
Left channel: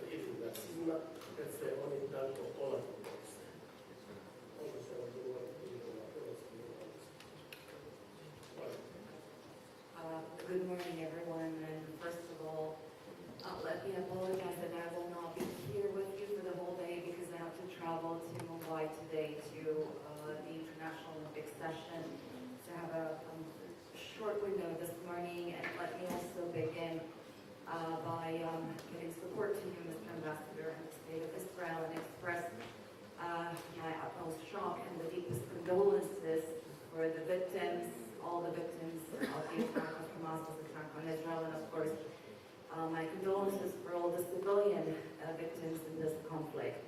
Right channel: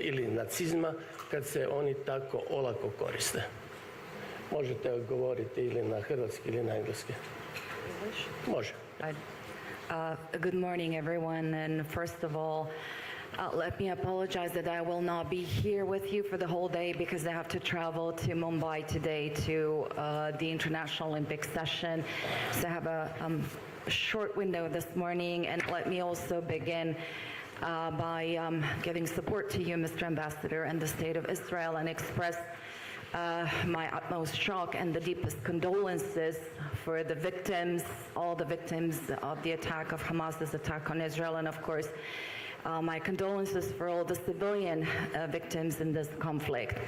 ili nacizma kad se oni tako olako koriste? Možete govoriti ili na hrvatski ili na engleski. Može. Good morning, everyone. And first of all, let me apologize that I will not be here with you for the whole day because I have to travel to Mumbai today to the International Olympic session. So I have a short window this morning. And let me also begin by giving support to you, Mr. Ambassador, and the State of Israel, and express my utmost shock and the deepest condolences for the victims, all the victims of the attack of Hamas's attack on Israel, and of course, my condolences for all the civilian victims in this conflict.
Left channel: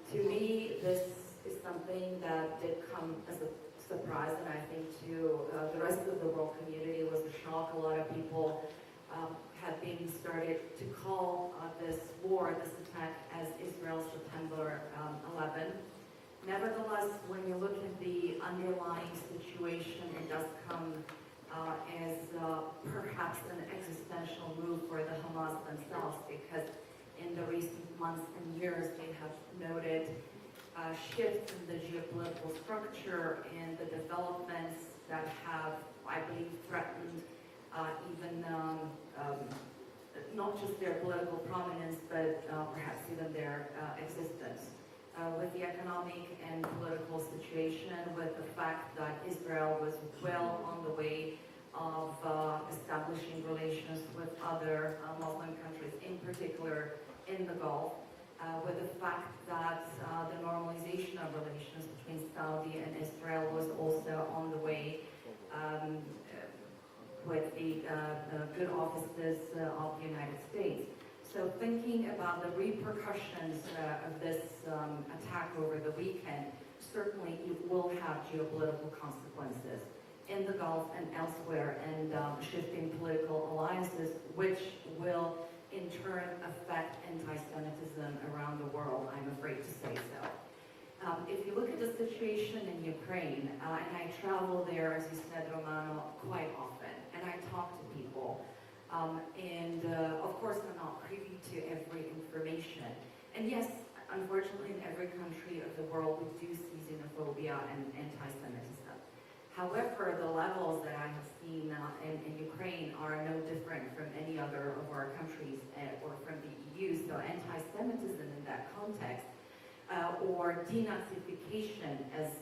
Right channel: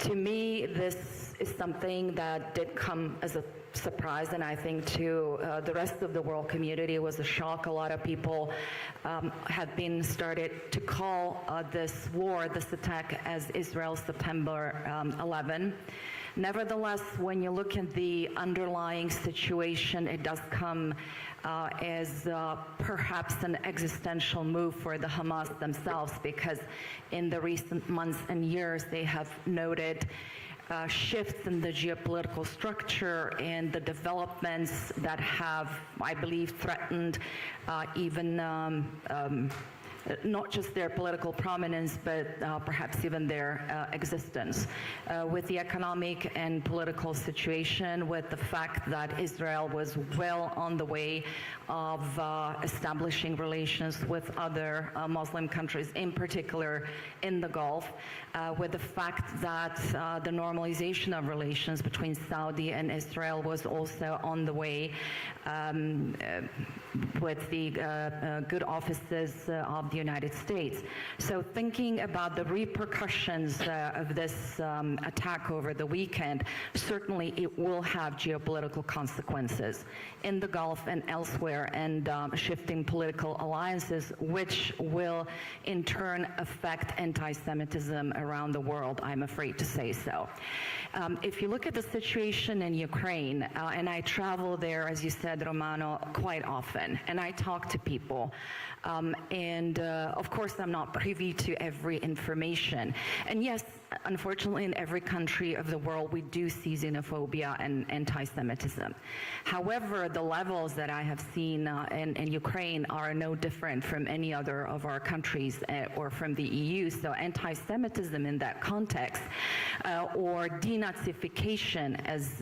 To me, this is something that did come as a surprise, and I think to the rest of the world community it was a shock. A lot of people have been started to call this war, this attack, as Israel's September 11. Nevertheless, when you look at the underlying situation, it does come as perhaps an existential move for the Hamas themselves, because in the recent months and years they have noted shifts in the geopolitical structure and the developments that have, I believe, threatened even not just their political prominence, but perhaps even their existence. With the economic and political situation, with the fact that Israel was well on the way of establishing relations with other Muslim countries, in particular in the Gulf, with the fact that the normalization of relations between Saudi and Israel was also on the way, with the good offices of the United States. So thinking about the repercussions of this attack over the weekend, certainly it will have geopolitical consequences in the Gulf and elsewhere, and shifting political alliances, which will in turn affect anti-Semitism around the world, I'm afraid to say so. If you look at the situation in Ukraine, and I travel there, as you said, Romano, quite often, and I talk to people, of course I'm not privy to every information. And yes, unfortunately, in every country of the world, we do see xenophobia and anti-Semitism. However, the levels that I have seen in Ukraine are no different from any other of our countries or from the EU. So anti-Semitism in that context, or denazification, as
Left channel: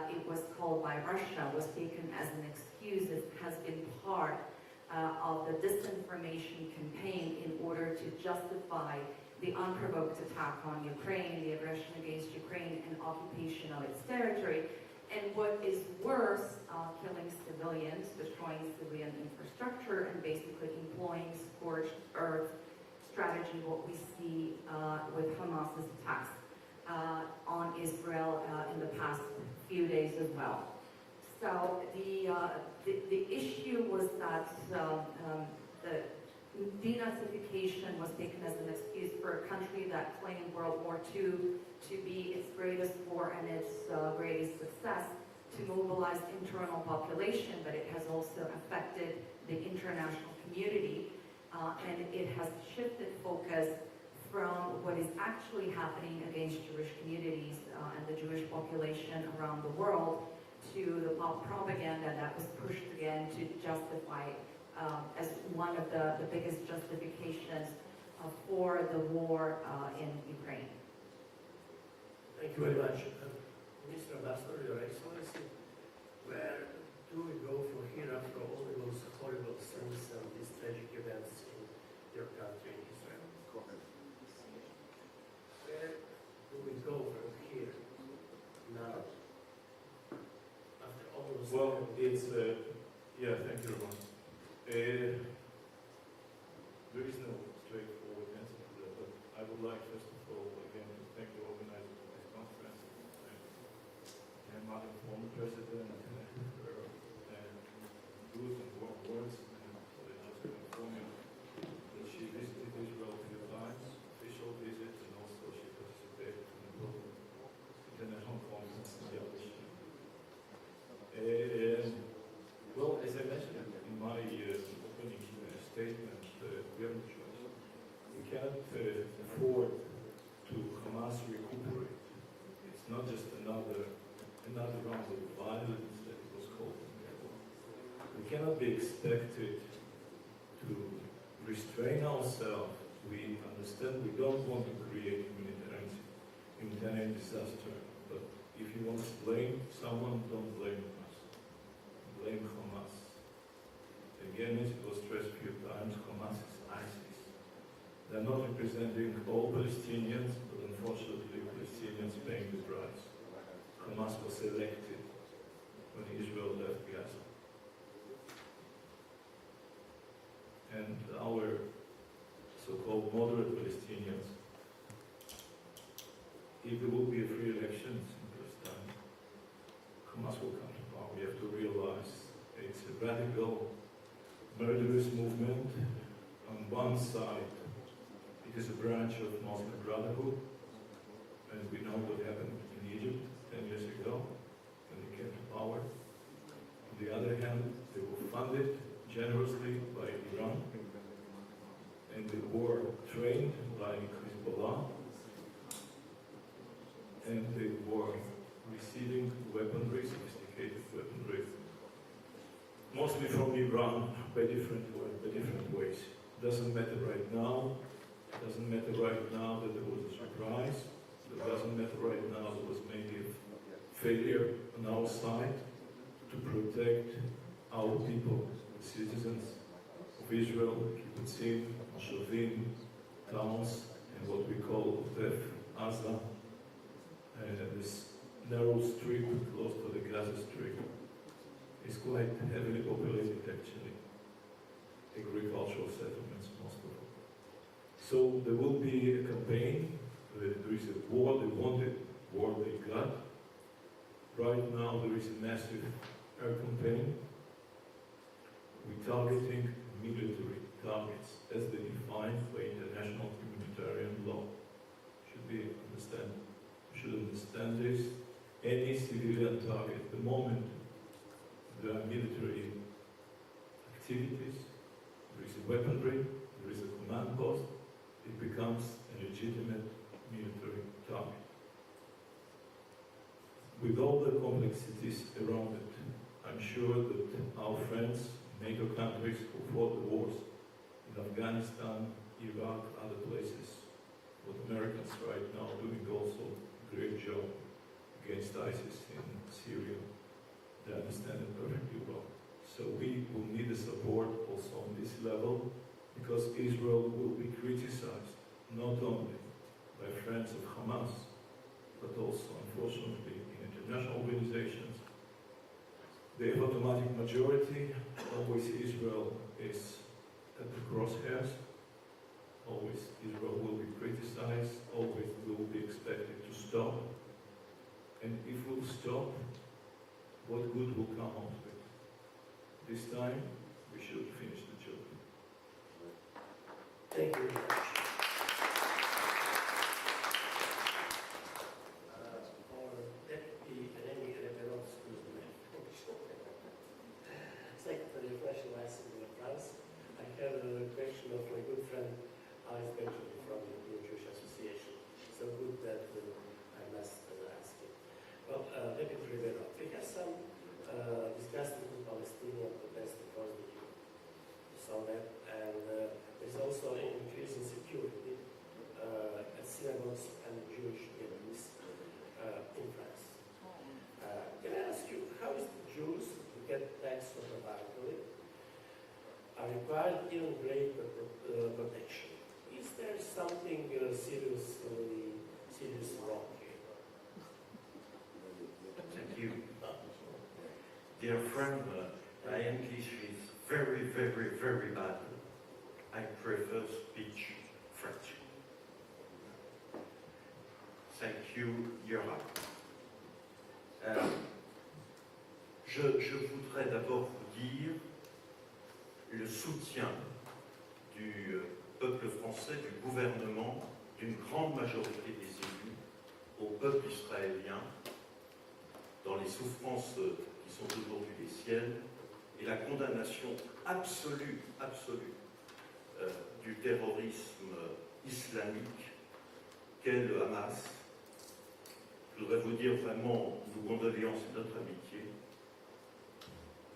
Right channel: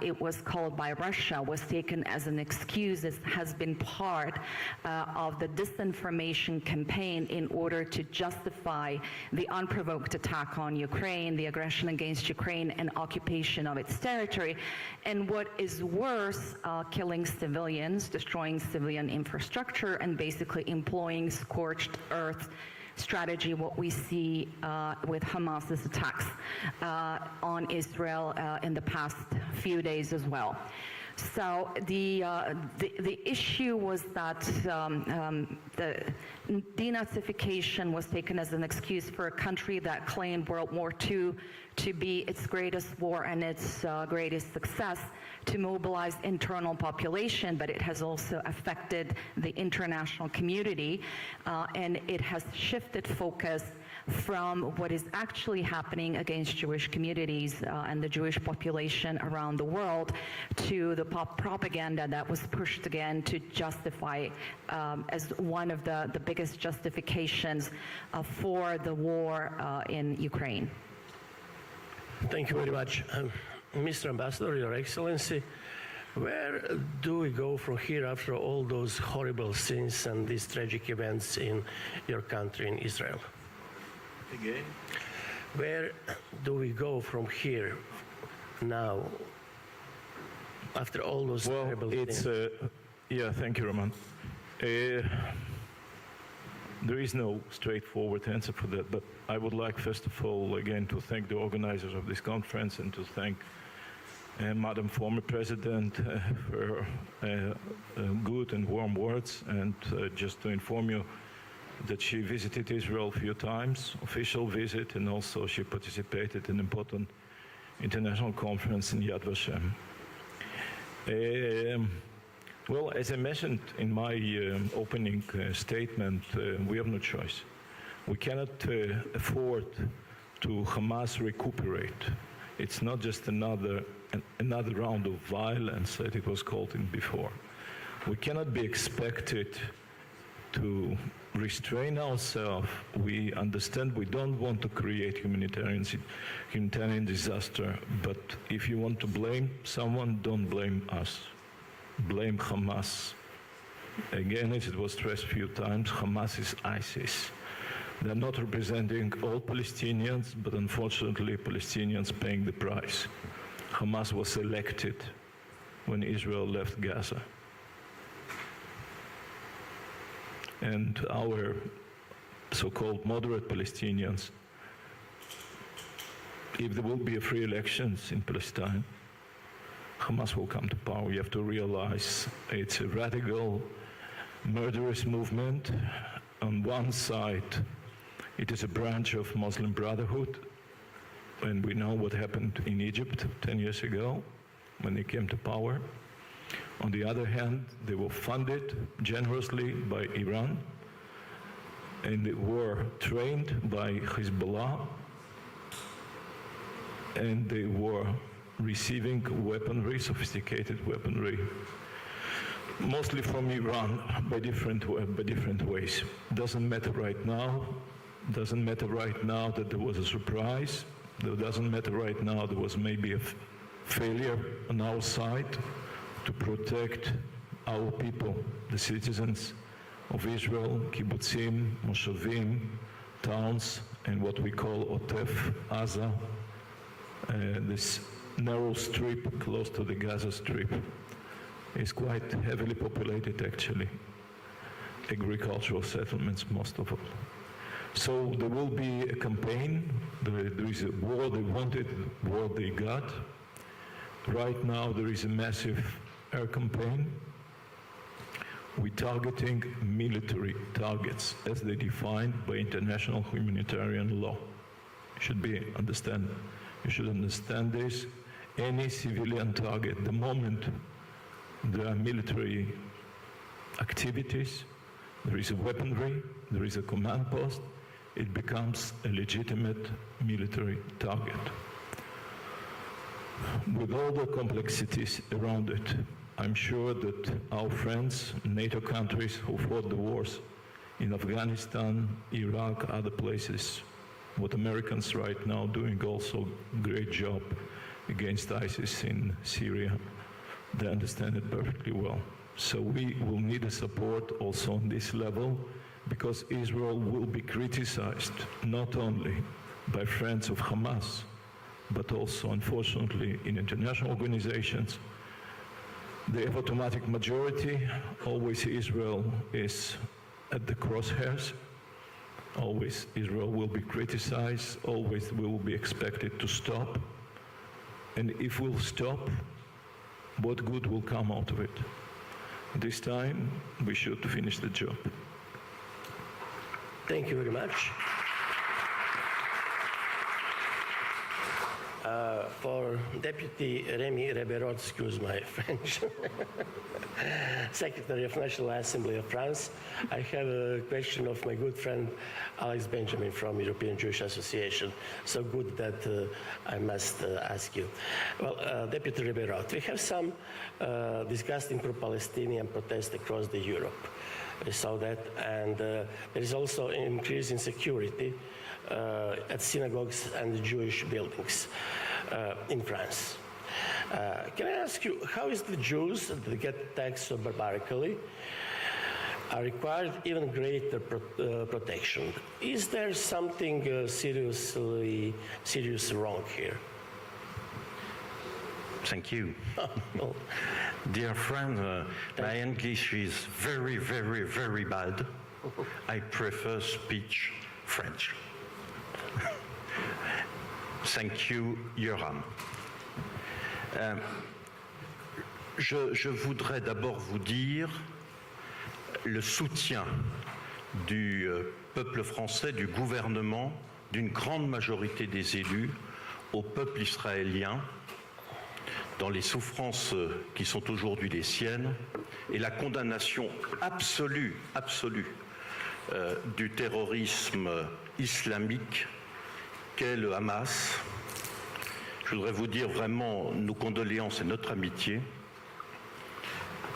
it was called by Russia, was taken as an excuse. It has been part of the disinformation campaign in order to justify the unprovoked attack on Ukraine, the aggression against Ukraine, and occupation of its territory. And what is worse, killing civilians, destroying civilian infrastructure, and basically employing scorched earth strategy, what we see with Hamas's attacks on Israel in the past few days as well. So the issue was that the denazification was taken as an excuse for a country that claimed World War II to be its greatest war and its greatest success, to mobilize internal population, but it has also affected the international community, and it has shifted focus from what is actually happening against Jewish communities and the Jewish population around the world to the propaganda that was pushed again to justify as one of the biggest justifications for the war in Ukraine. Thank you very much. Mr. Ambassador, Your Excellency, where do we go from here after all those horrible scenes and these tragic events in your country, in Israel? Again? Where do we go from here now after all those terrible things? Thank you, Roman. There is no straightforward answer for that, but I would like, first of all, again, to thank the organizers of this conference and to thank Madam former President for good and warm words, and just to inform you that she visited Israel a few times, official visit, and also she participated in an important international conference in Yad Vashem. Well, as I mentioned in my opening statement, we have no choice. We cannot afford to Hamas recuperate. It's not just another round of violence that it was called in before. We cannot be expected to restrain ourselves. We understand we don't want to create humanitarian disaster, but if you want to blame someone, don't blame us. Blame Hamas. Again, as it was stressed a few times, Hamas is ISIS. They're not representing all Palestinians, but unfortunately, Palestinians paying the price. Hamas was elected when Israel left Gaza. And our so-called moderate Palestinians, if there will be free elections in Palestine, Hamas will come to power. You have to realize it's a radical, murderous movement. On one side, it is a branch of Muslim Brotherhood, and we know what happened in Egypt 10 years ago when they came to power. On the other hand, they were funded generously by Iran, and they were trained by Hezbollah, and they were receiving weaponry, sophisticated weaponry, mostly from Iran, by different ways. Doesn't matter right now. Doesn't matter right now that there was a surprise. It doesn't matter right now there was maybe a failure on our side to protect our people, the citizens of Israel, kibbutzim, moshavim, towns, and what we call Otef, Aza, this narrow strip close to the Gaza Strip. It's quite heavily populated, actually. Agricultural settlements, most of all. So there will be a campaign. There is a war they wanted, war they got. Right now there is a massive air campaign. We're targeting military targets as they defined by international humanitarian law. You should understand this. Any civilian target, the moment there are military activities, there is a weaponry, there is a command post, it becomes a legitimate military target. With all the complexities around it, I'm sure that our friends, NATO countries who fought the wars in Afghanistan, Iraq, other places, what Americans right now doing also great job against ISIS in Syria, they understand it perfectly well. So we will need a support also on this level, because Israel will be criticized not only by friends of Hamas, but also, unfortunately, in international organizations. They have automatic majority. Always Israel is at the crosshairs. Always Israel will be criticized. Always we will be expected to stop. And if we'll stop, what good will come out of it? This time, we should finish the job. Thank you very much. For Deputy Remy Reberot, excuse my French, Secretary of National Assembly of France, I have a question of my good friend Alex Benjamin from European Jewish Association. So good that I must ask you. Well, Deputy Reberot, we have some disgusting pro-Palestinian protests across Europe. We saw that, and there is also an increase in security at synagogues and Jewish buildings in France. Can I ask you, how is the Jews that get taxed so barbarically are required even greater protection? Is there something serious wrong here? Thank you. No. Dear friend, my English is very, very, very bad. I prefer speech French. Thank you, Yoram. Je voudrais d'abord vous dire le soutien du peuple français, du gouvernement, d'une grande majorité des élus au peuple israélien dans les souffrances qui sont aujourd'hui les siennes et la condamnation absolue du terrorisme islamique qu'est le Hamas. Je voudrais vous dire vraiment nos condoléances et notre amitié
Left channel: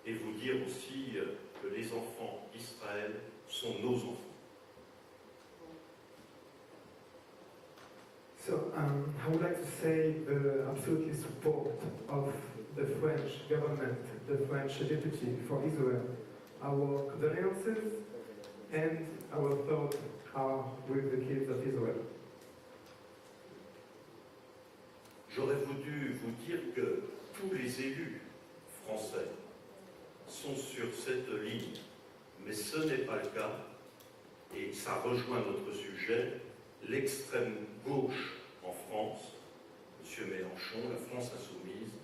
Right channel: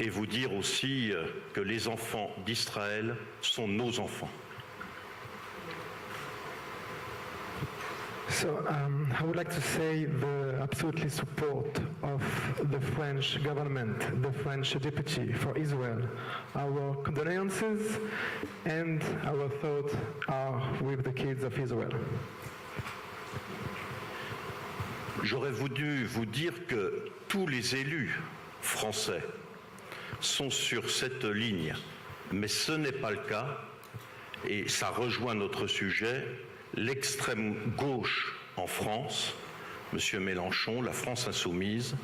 et vous dire aussi que les enfants d'Israël sont nos enfants. So I would like to say the absolutely support of the French government, the French deputy for Israel. Our condolences and our thoughts are with the kids of Israel. J'aurais voulu vous dire que tous les élus français sont sur cette ligne, mais ce n'est pas le cas, et ça rejoint notre sujet. L'extrême gauche en France, M. Mélenchon, la France insoumise,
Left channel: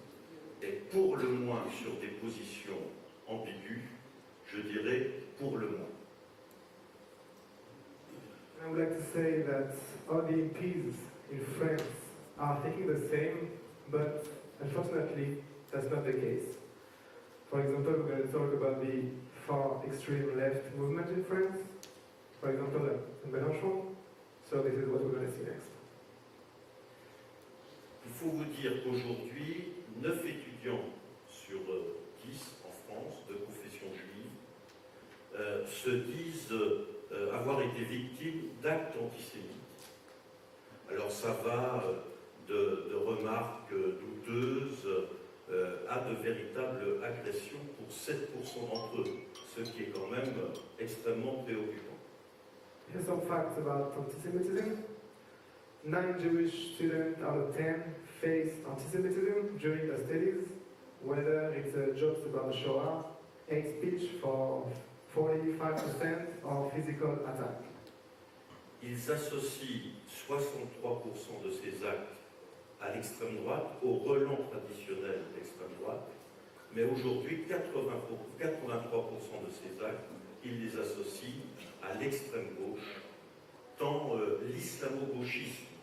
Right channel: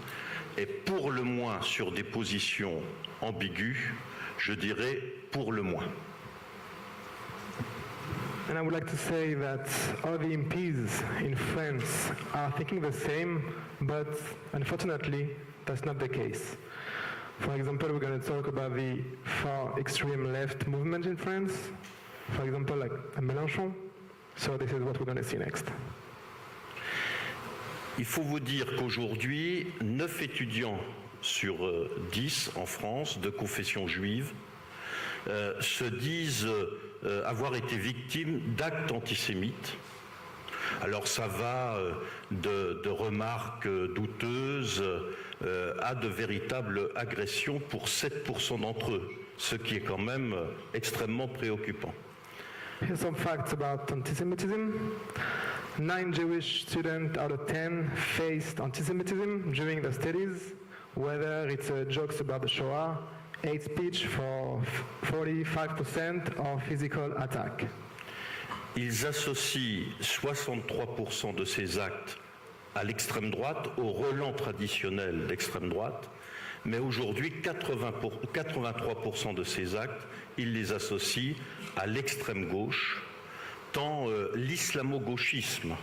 est pour le moins sur des positions ambiguës, je dirais pour le moins. And I would like to say that all the MPs in France are thinking the same, but unfortunately, that's not the case. For example, we're going to talk about the far extreme left movement in France. For example, like Mélenchon. So this is what we're going to see next. Il faut vous dire qu'aujourd'hui, 9 étudiants sur 10 en France de confession juive se disent avoir été victimes d'actes antisémites. Alors ça va de remarques douteuses à de véritables agressions pour 7% d'entre eux, ce qui est quand même extrêmement préoccupant. Here's some facts about anti-Semitism. 9 Jewish students out of 10 faced anti-Semitism during their studies, whether it's jokes about the Shoah, hate speech for 45% of physical attack. Ils associent 63% de ces actes à l'extrême droite, au relent traditionnel d'extrême droite, mais aujourd'hui, 83% de ces actes, ils les associent à l'extrême gauche, tant l'islamo-gauchisme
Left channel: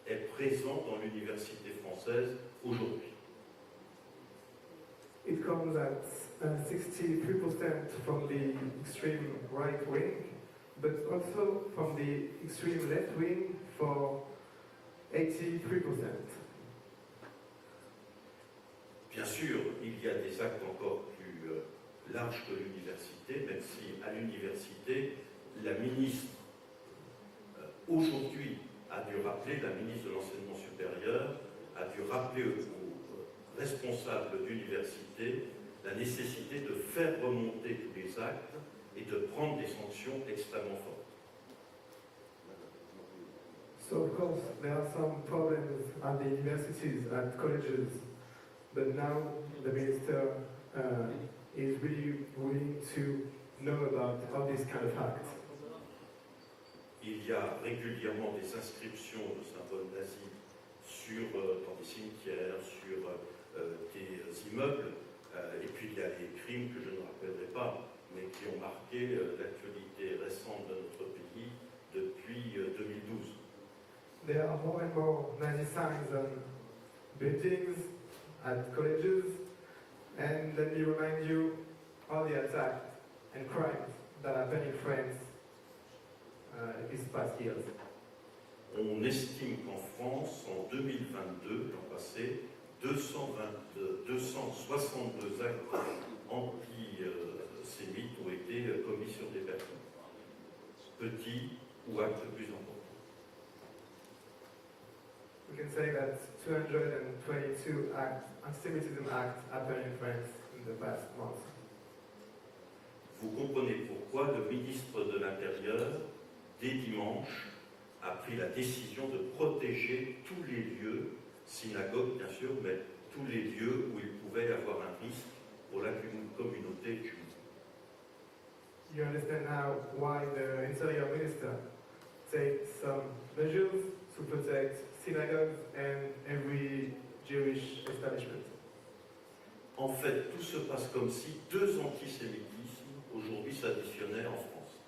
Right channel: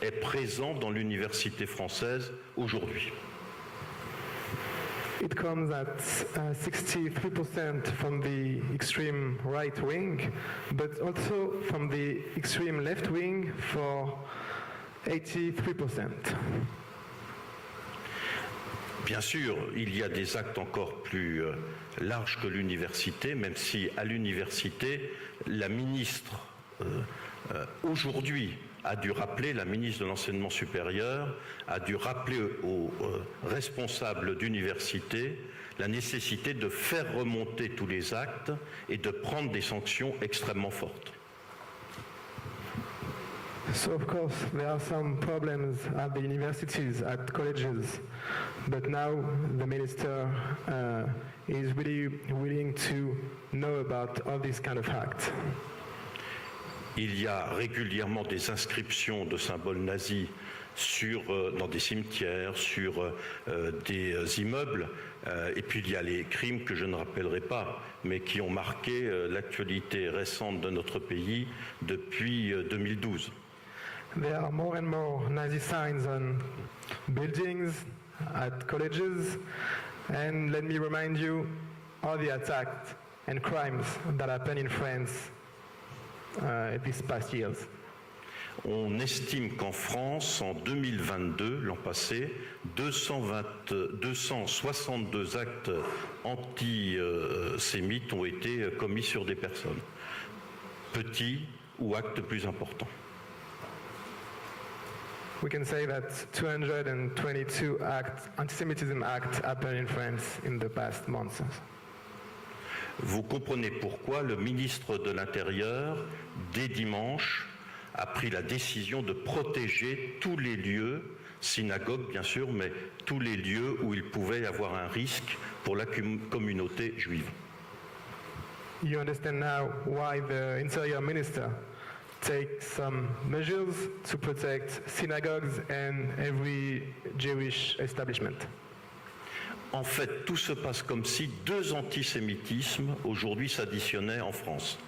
est présent dans l'université française aujourd'hui. It comes at 63% from the extreme right wing, but also from the extreme left wing for 83%. Bien sûr, il y a des actes encore plus larges que l'université, même si à l'université, la ministre, aujourd'hui, a dû rappeler, la ministre de l'Enseignement supérieur, a dû rappeler aux responsables d'université la nécessité de faire remonter tous les actes et de prendre des sanctions extrêmement fortes. So of course there are some problems at the universities, at colleges, but now the minister is really willing to know about all these kind of acts. Il y a régulièrement des inscriptions de symboles nazis dans des cimetières, sur des immeubles, et puis il y a les crimes que je ne rappellerai pas, mais qui ont marqué l'actualité récente de notre pays depuis 2012. There are more and more Nazi signs on buildings, at colleges, and let me remind you all the attacks and crimes that happened in France these past years. On estime qu'en France, en 2022, l'an passé, 262 actes antisémites ont été commis sur des personnes, petits ou actes plus importants. We can say that 222 anti-Semitism acts happened in France in the past months. Vous comprenez pourquoi le ministre de l'Intérieur, dès dimanche, a pris la décision de protéger tous les lieux, synagogues bien sûr, mais tous les lieux où il pouvait y avoir un risque pour la communauté juive. You understand now why the Interior Minister takes some measures to protect synagogues and every Jewish establishment. En fait, tout se passe comme si deux antisémitismes aujourd'hui s'additionnaient en France.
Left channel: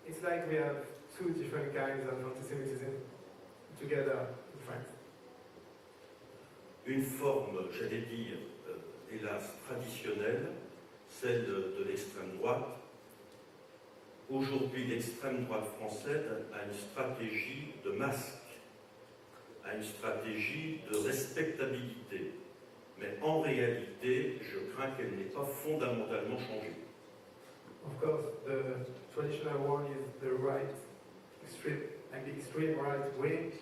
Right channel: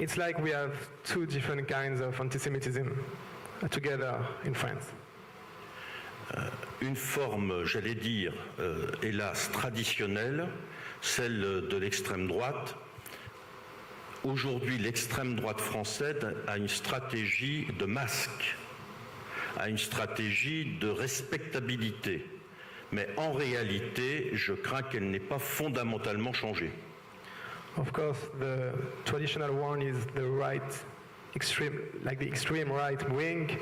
It's like we have two different kinds of anti-Semitism together in France. Une forme, j'allais dire, hélas, traditionnelle, celle de l'extrême droite. Aujourd'hui, l'extrême droite française a une stratégie de masque, a une stratégie de respectabilité. Mais en réalité, je crains qu'elle n'ait pas fondamentalement changé. Of course, the traditional one is the right extreme, like the extreme right wing,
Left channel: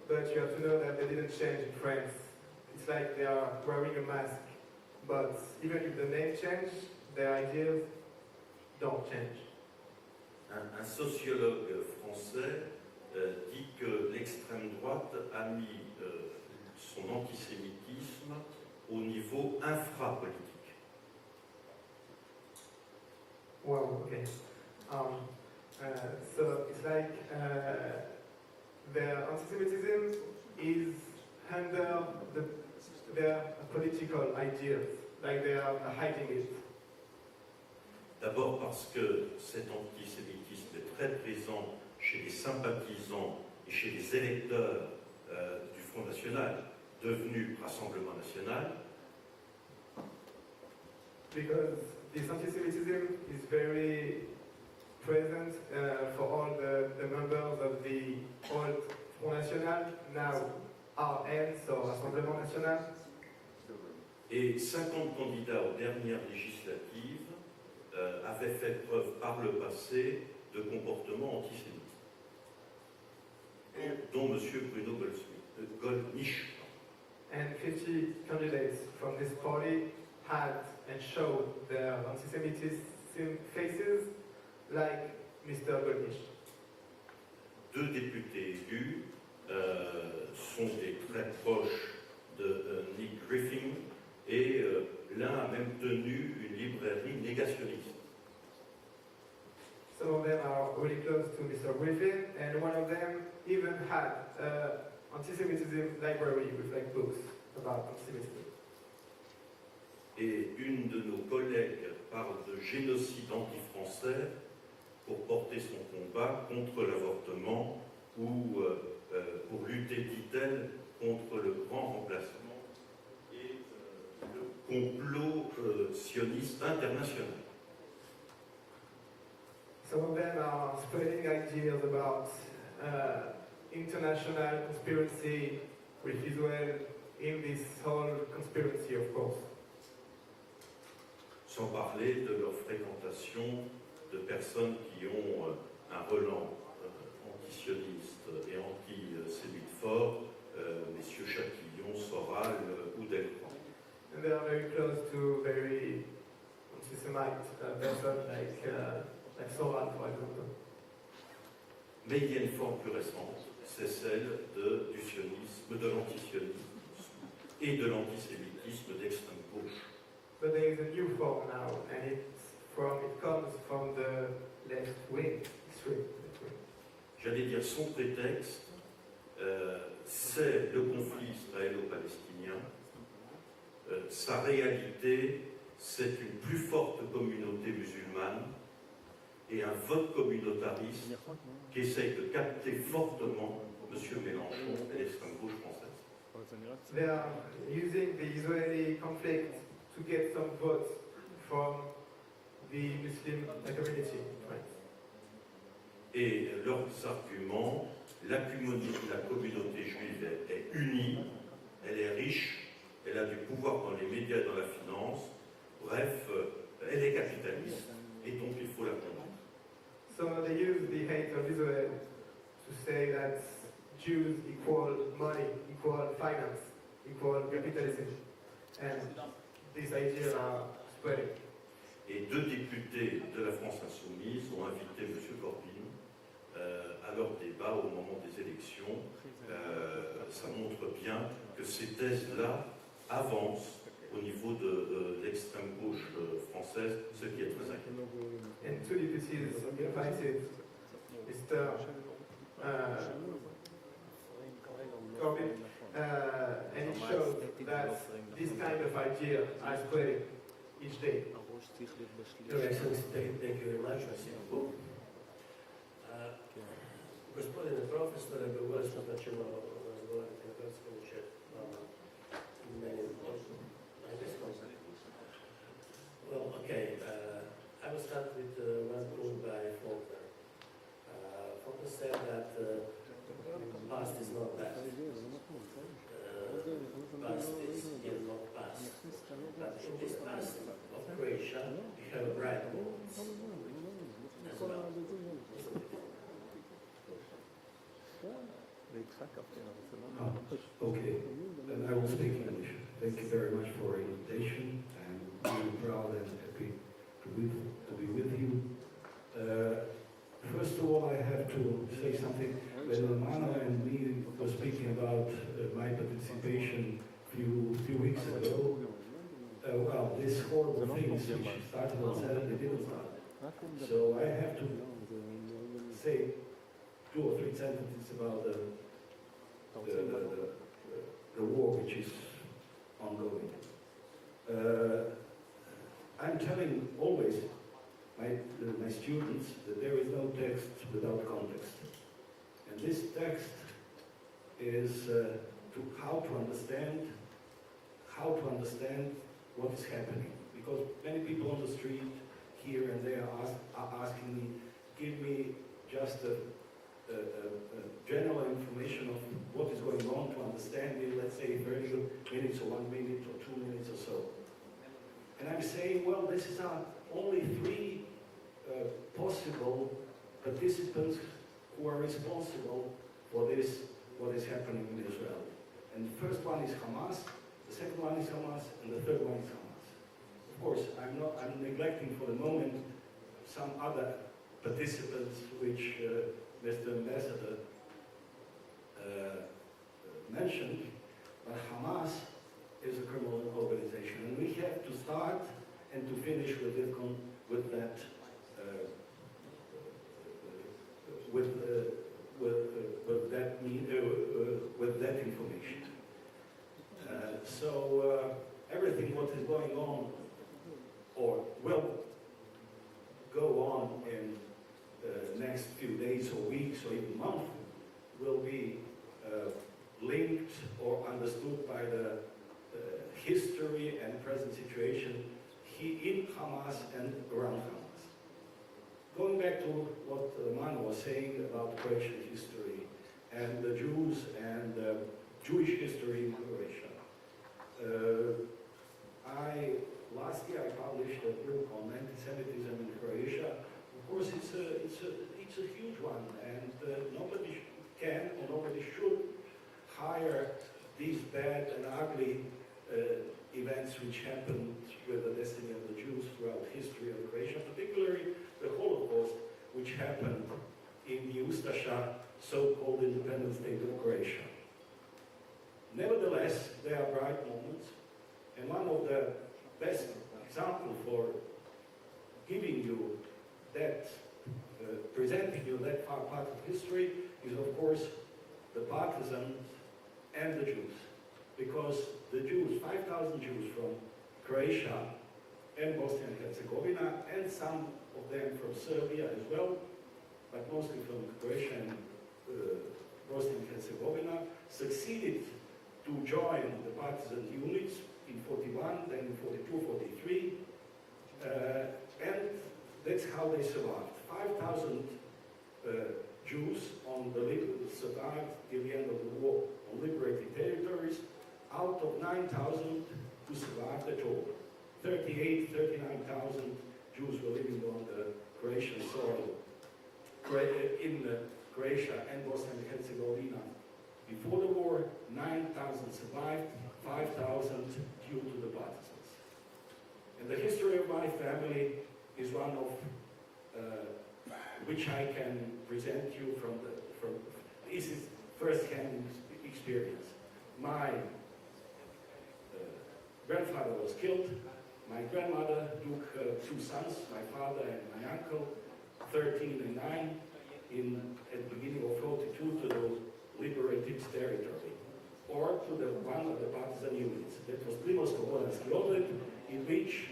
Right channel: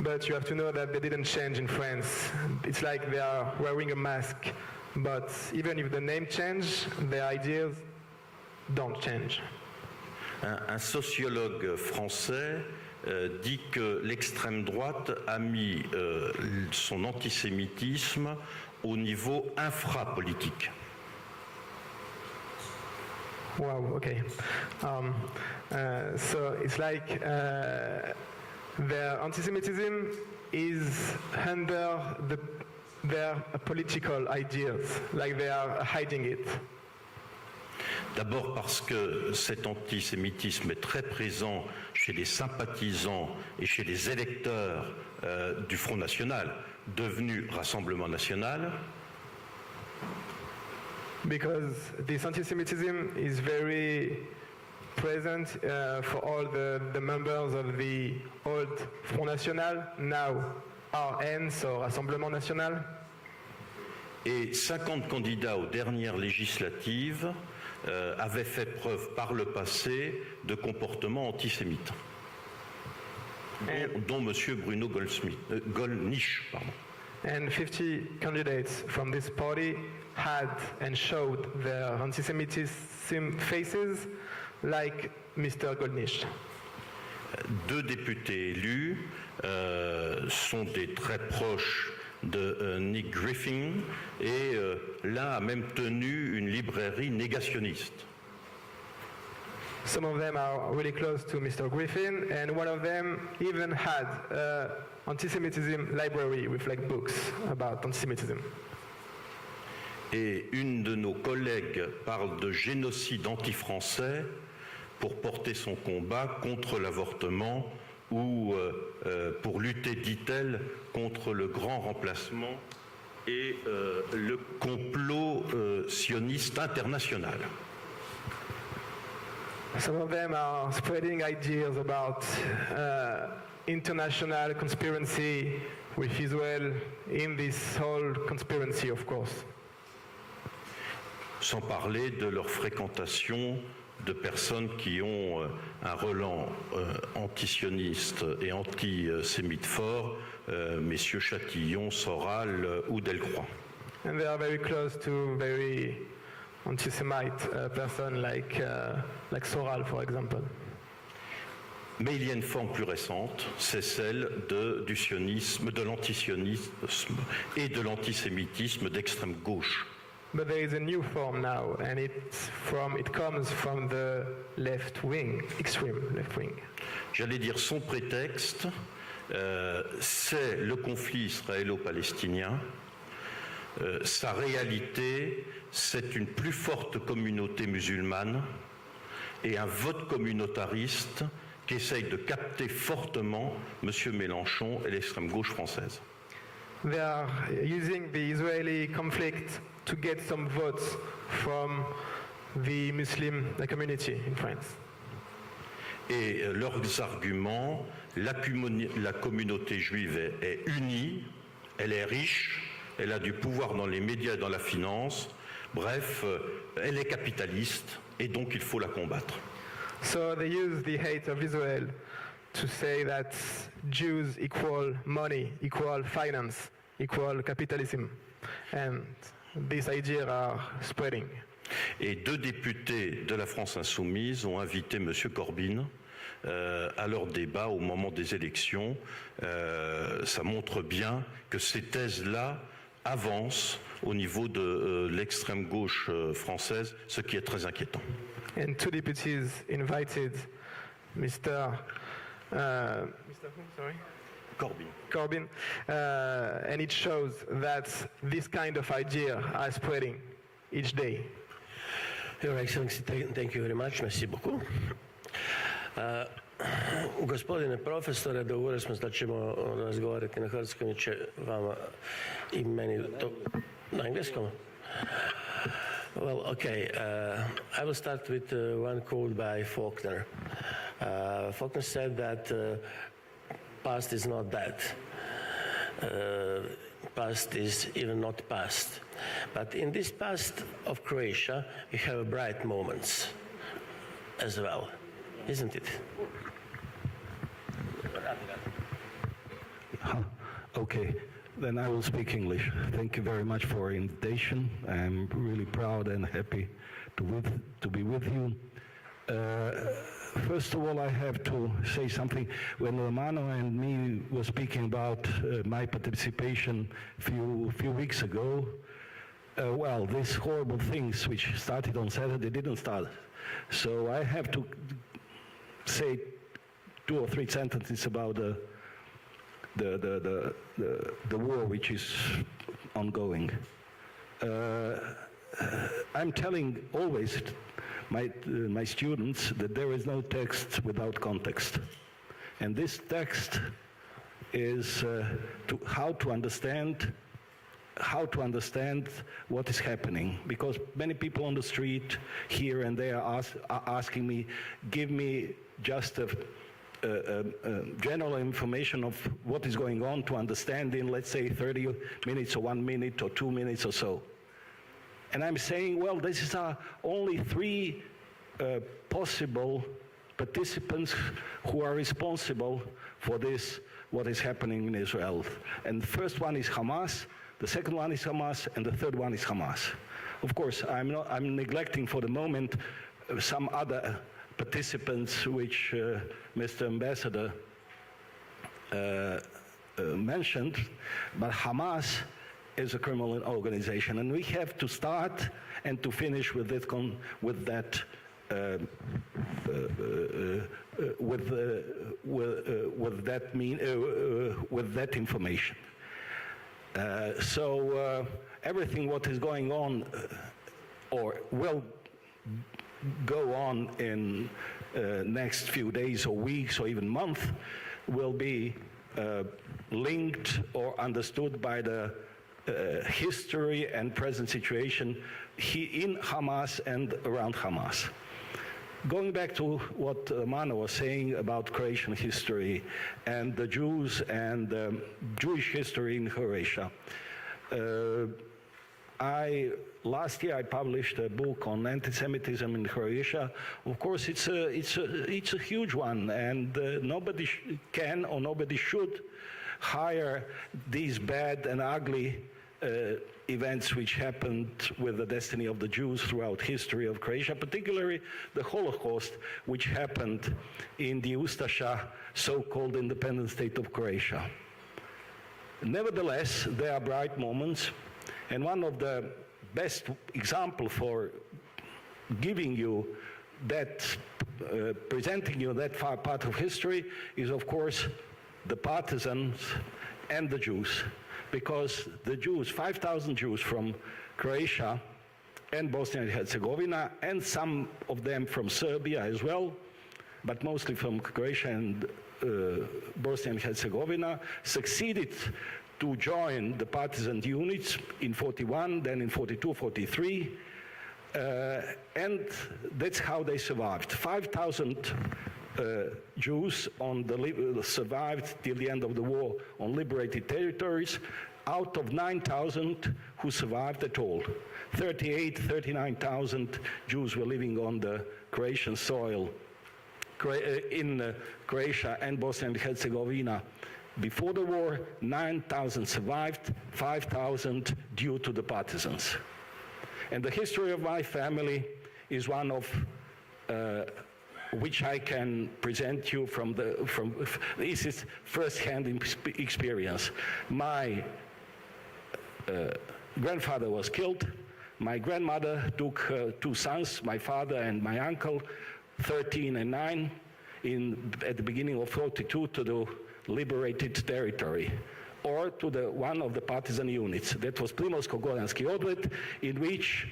but you have to know that they didn't change in France. It's like they are wearing a mask, but even if the name change, their ideas don't change. Un sociologue français dit que l'extrême droite a mis son antisémitisme au niveau infrapolitique. Wow, okay. So it's like their anti-Semitism is under their political ideas, like they are hiding it. D'abord parce que cet antisémitisme est très présent chez les sympathisants et chez les électeurs du Front National, devenu Rassemblement National. Because this anti-Semitism is very present for all the members of the old Front National, now RN, so Rassemblement National. Et 50 candidats aux dernières législatives avaient fait preuve par le passé de comportements antisémites, dont M. Bruno Gollnisch. And 50 candidates from this party had and showed their anti-Semitism faces, like Mr. Gollnisch. Deux députés élus sont des très proches de Nick Griffin, et l'un a même tenu une librairie négationniste. Some of them are really close to Mr. Griffin, and one of them even had an anti-Semitism library with like books about anti-Semitism. Et une de nos collègues parle de génocide anti-français pour porter son combat contre l'avortement ou pour lutter, dit-elle, contre le grand remplacement et le complot sioniste international. Some of them are spreading ideas about international conspiracy with Israel in this whole conspiracy, of course. Sans parler de leur fréquentation de personnes qui ont un relent antisioniste et antisémite fort, messieurs Chatillon, Soral ou Delcroix. And they are very close to very anti-Semite person like Soral, for example. Mais il y a une forme plus récente, c'est celle du sionisme, de l'antisionisme et de l'antisémitisme d'extrême gauche. But there is a new form now, and it comes from the left wing, extreme left wing. J'allais dire son prétexte, c'est le conflit israélo-palestinien. Sa réalité, c'est une plus forte communauté musulmane et un vote communautariste qui essaye de capter fortement M. Mélenchon et l'extrême gauche française. They are using the Israeli conflict to get some votes from the Muslim community in France. Et leurs arguments, la communauté juive est unie, elle est riche, elle a du pouvoir dans les médias et dans la finance, bref, elle est capitaliste et donc il faut la combattre. So they use the hate of Israel to say that Jews equal money, equal finance, equal capitalism. And these ideas are spreading. Et 2 députés de la France Insoumise ont invité M. Corbyn à leur débat au moment des élections. Ça montre bien que ces thèses-là avancent au niveau de l'extrême gauche française, ce qui est très inquiétant. And 2 deputies invited Mr. Corbyn, and it shows that this kind of idea are spreading each day. Your Excellency, thank you very much, merci beaucoup. Gospodine profesore, dogovorili smo da ćemo razgovarati na hrvatskom i će vama i meni to na engleskom. Well, okay, I will start with one quote by Faulkner. Faulkner said that past is not dead. Past is even not past. But in this past of Croatia, we have bright moments as well, isn't it? Okay, then I will speak English. Thank you very much for your invitation. I'm really proud and happy to be with you. First of all, I have to say something. When Romano and me were speaking about my participation a few weeks ago, well, these horrible things which started on Saturday didn't start. So I have to say 2 or 3 sentences about the war which is ongoing. I'm telling always my students that there is no text without context. And this text is how to understand what is happening, because many people on the street here and there are asking me, give me just a general information of what is going on to understand in, let's say, 30 minutes or 1 minute or 2 minutes or so. And I'm saying, well, this are only 3 possible participants who are responsible for this, what is happening in Israel. And the first one is Hamas, the second one is Hamas, and the third one is Hamas. Of course, I'm neglecting for the moment some other participants which Mr. Ambassador mentioned, but Hamas is a criminal organization, and we have to start and to finish with it, with that with that information. So everything what is going on or will go on in next few days or weeks or even months will be linked or understood by the history and present situation in Hamas and around Hamas. Going back to what Mano was saying about Croatian history and the Jews and Jewish history in Croatia, last year I published a book on anti-Semitism in Croatia. Of course, it's a huge one, and nobody can or nobody should hire these bad and ugly events which happened with the destiny of the Jews throughout history of Croatia, particularly the Holocaust, which happened in the Ustasha, so-called independent state of Croatia. Nevertheless, there are bright moments, and one of the best examples for giving you that, presenting you that far part of history is, of course, the partisans and the Jews. Because the Jews, 5,000 Jews from Croatia and Bosnia and Herzegovina, and some of them from Serbia as well, but mostly from Croatia and Bosnia and Herzegovina, succeeded to join the partisan units in 41, then in 42, 43, and that's how they survived. 5,000 Jews survived till the end of the war on liberated territories, out of 9,000 who survived at all. 39,000 Jews were living on the Croatian soil in Croatia and Bosnia and Herzegovina. Before the war, 9,000 survived, 5,000 due to the partisans. And the history of my family is one of which I can present you this is first-hand experience. My grandfather was killed. My grandmother took two sons, my father and my uncle, 13 and 9, at the beginning of 42 to the liberated territory, or to one of the partisan units. That was Primorsko-Goranski Obred, in which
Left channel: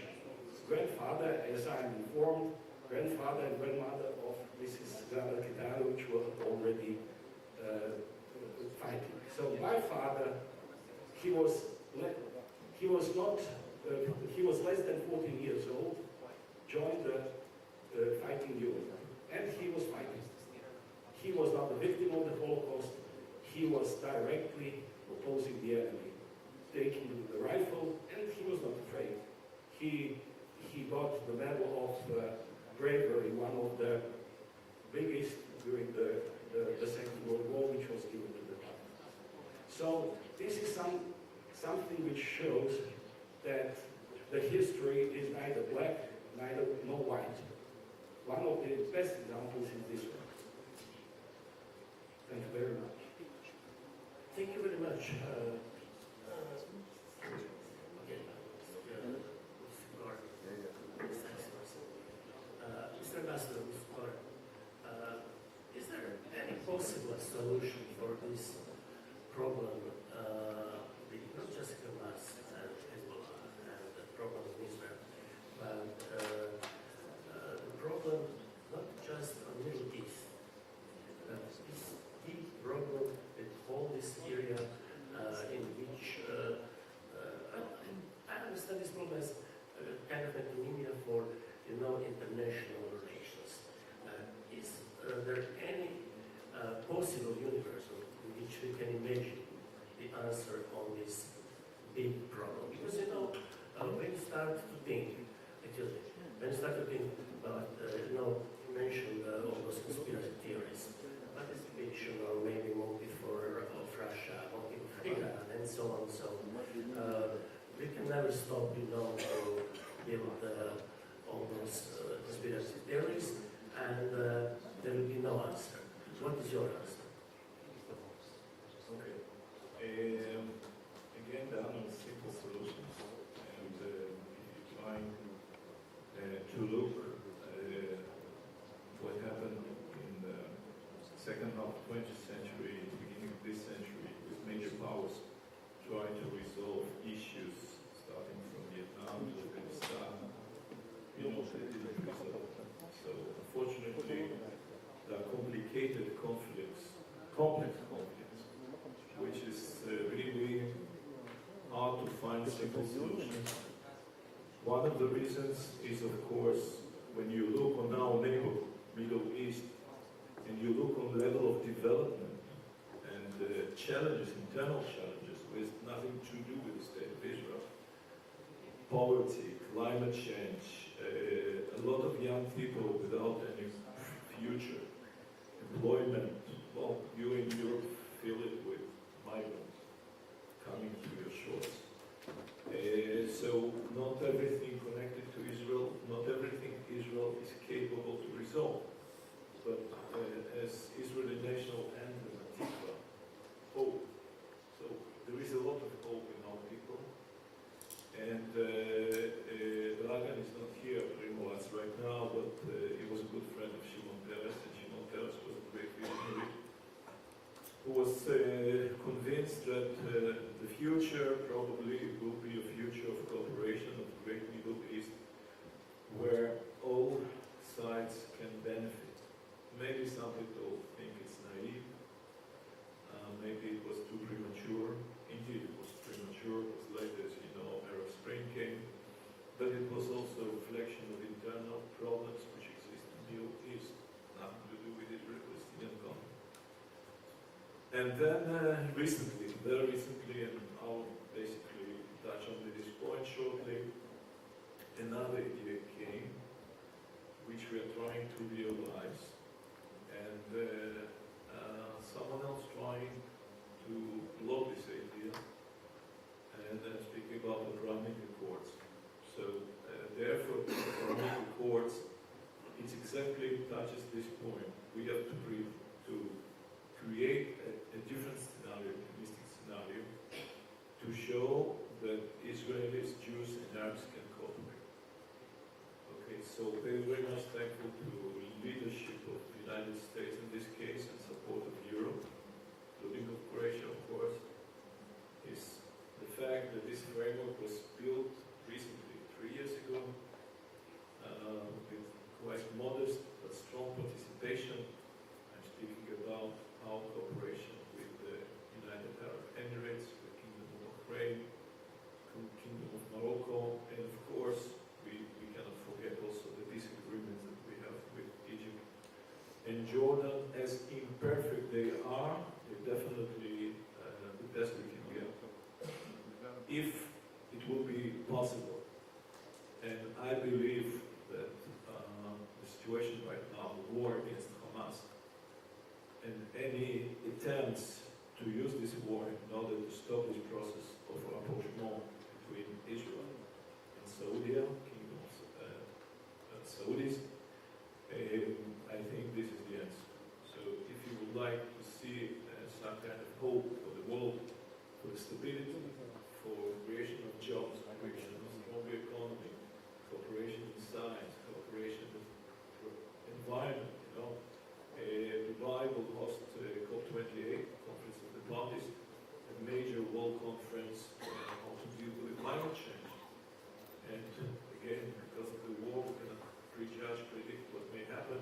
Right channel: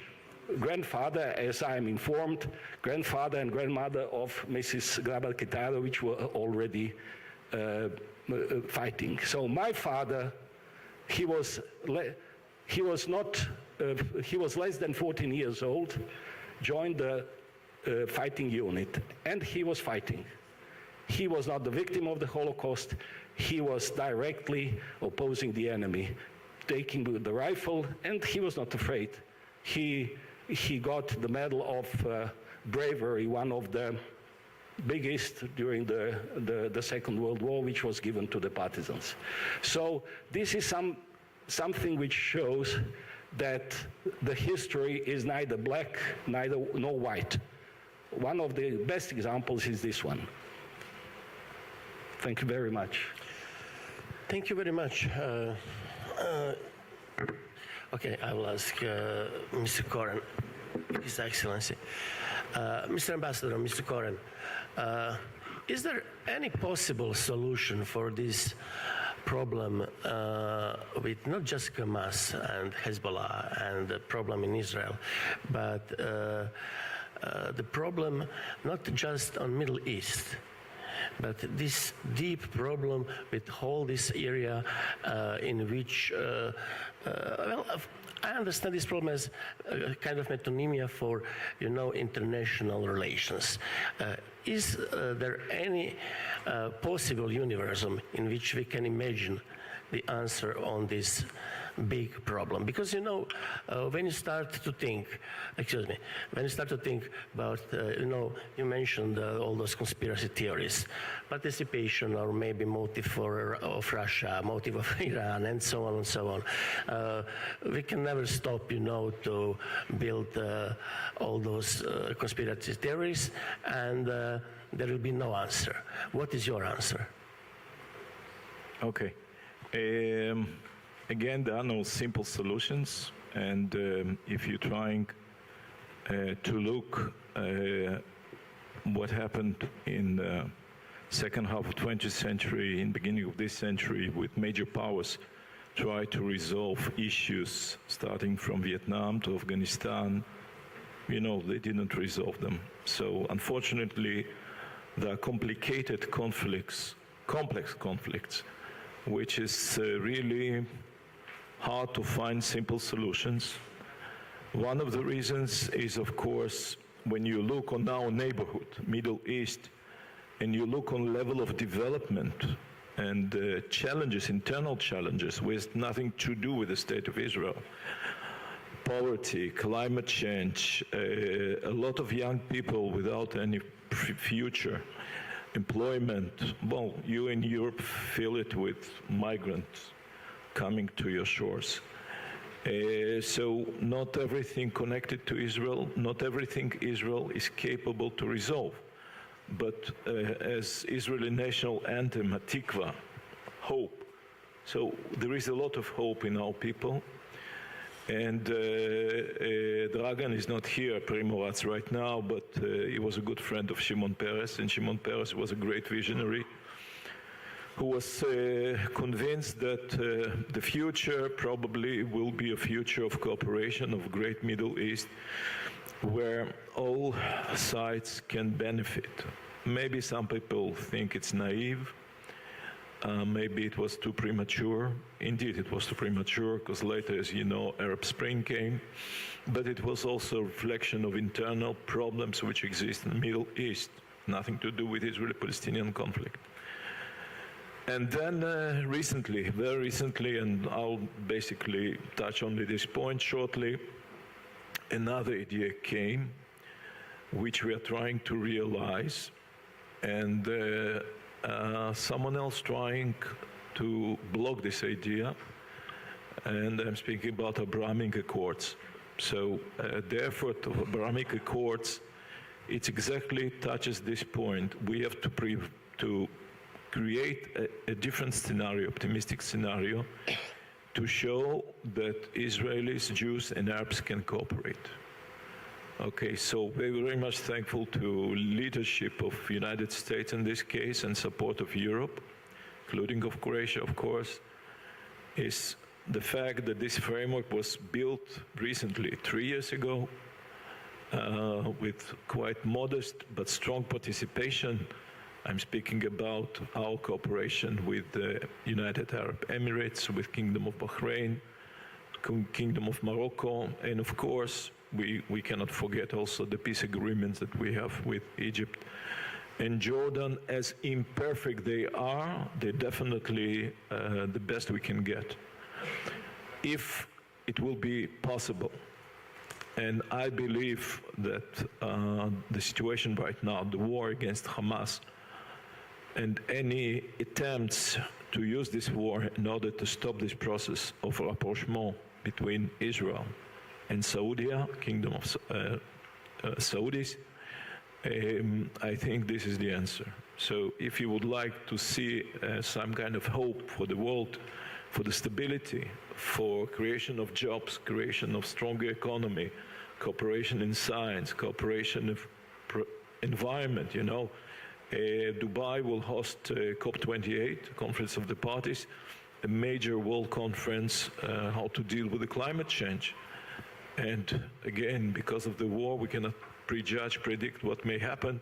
grandfather, as I am informed, grandfather and grandmother of Mrs. Grabar-Kitarović were already fighting. So my father, he was less than 14 years old, joined the fighting unit, and he was fighting. He was not the victim of the Holocaust. He was directly opposing the enemy, taking the rifle, and he was not afraid. He got the Medal of Bravery, one of the biggest during the Second World War, which was given to the partisans. So this is something which shows that the history is neither black nor white. One of the best examples is this one. Thank you very much. Thank you very much. Okay, I will ask Mr. Koren, His Excellency. Mr. Ambassador, Mr. Koren, is there any possible solution for this problem with not just Hamas and Hezbollah and the problem in Israel, but the problem not just on Middle East, but this deep problem with all this area in which, well, I understand this problem as a kind of metonymia for, international relations. Is there any possible universum in which we can imagine the answer on this big problem? Because, when you start to think, about, you mentioned all those conspiracy theories, participation or maybe motive of Russia, motive of Iran, and so on and so on. We can never stop, to build all those conspiracy theories, and there will be no answer. What is your answer? Okay. Again, there are no simple solutions, and if you're trying to look what happened in second half of 20th century, in beginning of this century, with major powers try to resolve issues starting from Vietnam to Afghanistan, you know, they didn't resolve them. So unfortunately, there are complicated conflicts, complex conflicts, which is really hard to find simple solutions. One of the reasons is, of course, when you look on our neighborhood, Middle East, and you look on level of development and challenges, internal challenges, with nothing to do with the state of Israel. Poverty, climate change, a lot of young people without any future, employment. Well, you in Europe feel it with migrants coming to your shores. So not everything connected to Israel, not everything Israel is capable to resolve. But as Israeli national anthem, Hatikva, hope. So there is a lot of hope in our people. And Dragan is not here, Primorac, right now, but he was a good friend of Shimon Peres, and Shimon Peres was a great visionary who was convinced that the future probably will be a future of cooperation of great Middle East, where all sides can benefit. Maybe some people think it's naive, maybe it was too premature. Indeed, it was too premature, because later, as you know, Arab Spring came, but it was also a reflection of internal problems which exist in the Middle East, nothing to do with Israeli-Palestinian conflict. And then recently, very recently, and I'll basically touch only this point shortly, another idea came, which we are trying to realize, and someone else trying to block this idea, and I'm speaking about Abrahamic Accords. So the effort of Abrahamic Accords, it exactly touches this point. We have to create a different scenario, optimistic scenario, to show that Israelis, Jews, and Arabs can cooperate. Okay, so we're very much thankful to leadership of the United States in this case and support of Europe, including of Croatia, of course, is the fact that this framework was built recently, 3 years ago, with quite modest but strong participation. I'm speaking about our cooperation with the United Arab Emirates, with Kingdom of Bahrain, Kingdom of Morocco, and of course, we cannot forget also the peace agreements that we have with Egypt and Jordan. As imperfect they are, they're definitely the best we can get. If it will be possible, and I believe that the situation right now, the war against Hamas, and any attempts to use this war in order to stop this process of rapprochement between Israel and Saudi, Kingdom of Saudis, I think this is the answer. So if you would like to see some kind of hope for the world, for the stability, for creation of jobs, creation of stronger economy, cooperation in science, cooperation of environment, you know, Dubai will host COP28, Conference of the Parties, a major world conference how to deal with the climate change. And again, because of the war, we cannot prejudge, predict what may happen,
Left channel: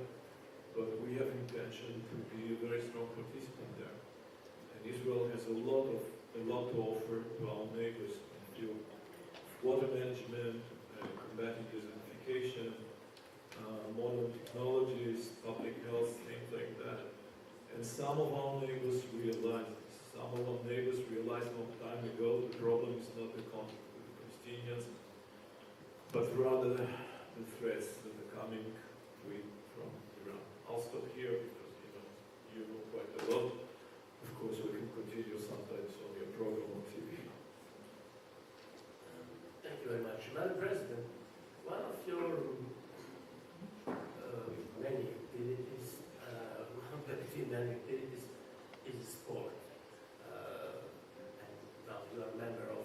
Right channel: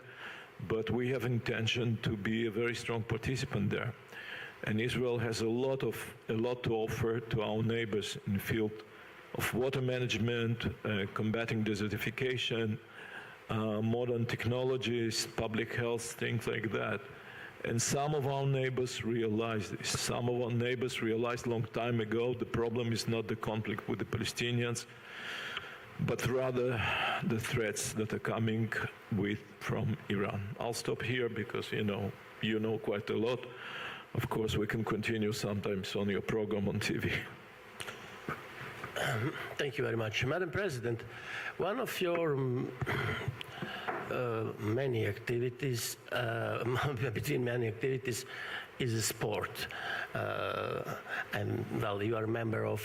but we have intention to be a very strong participant there. And Israel has a lot to offer to our neighbors in the field of water management, combating desertification, modern technologies, public health, things like that. And some of our neighbors realize this. Some of our neighbors realized a long time ago the problem is not the conflict with the Palestinians, but rather the threats that are coming from Iran. I'll stop here because you know quite a lot. Of course, we can continue sometimes on your program on TV. Thank you very much. Madam President, one of your many activities, between many activities, is a sport. And well, you are a member of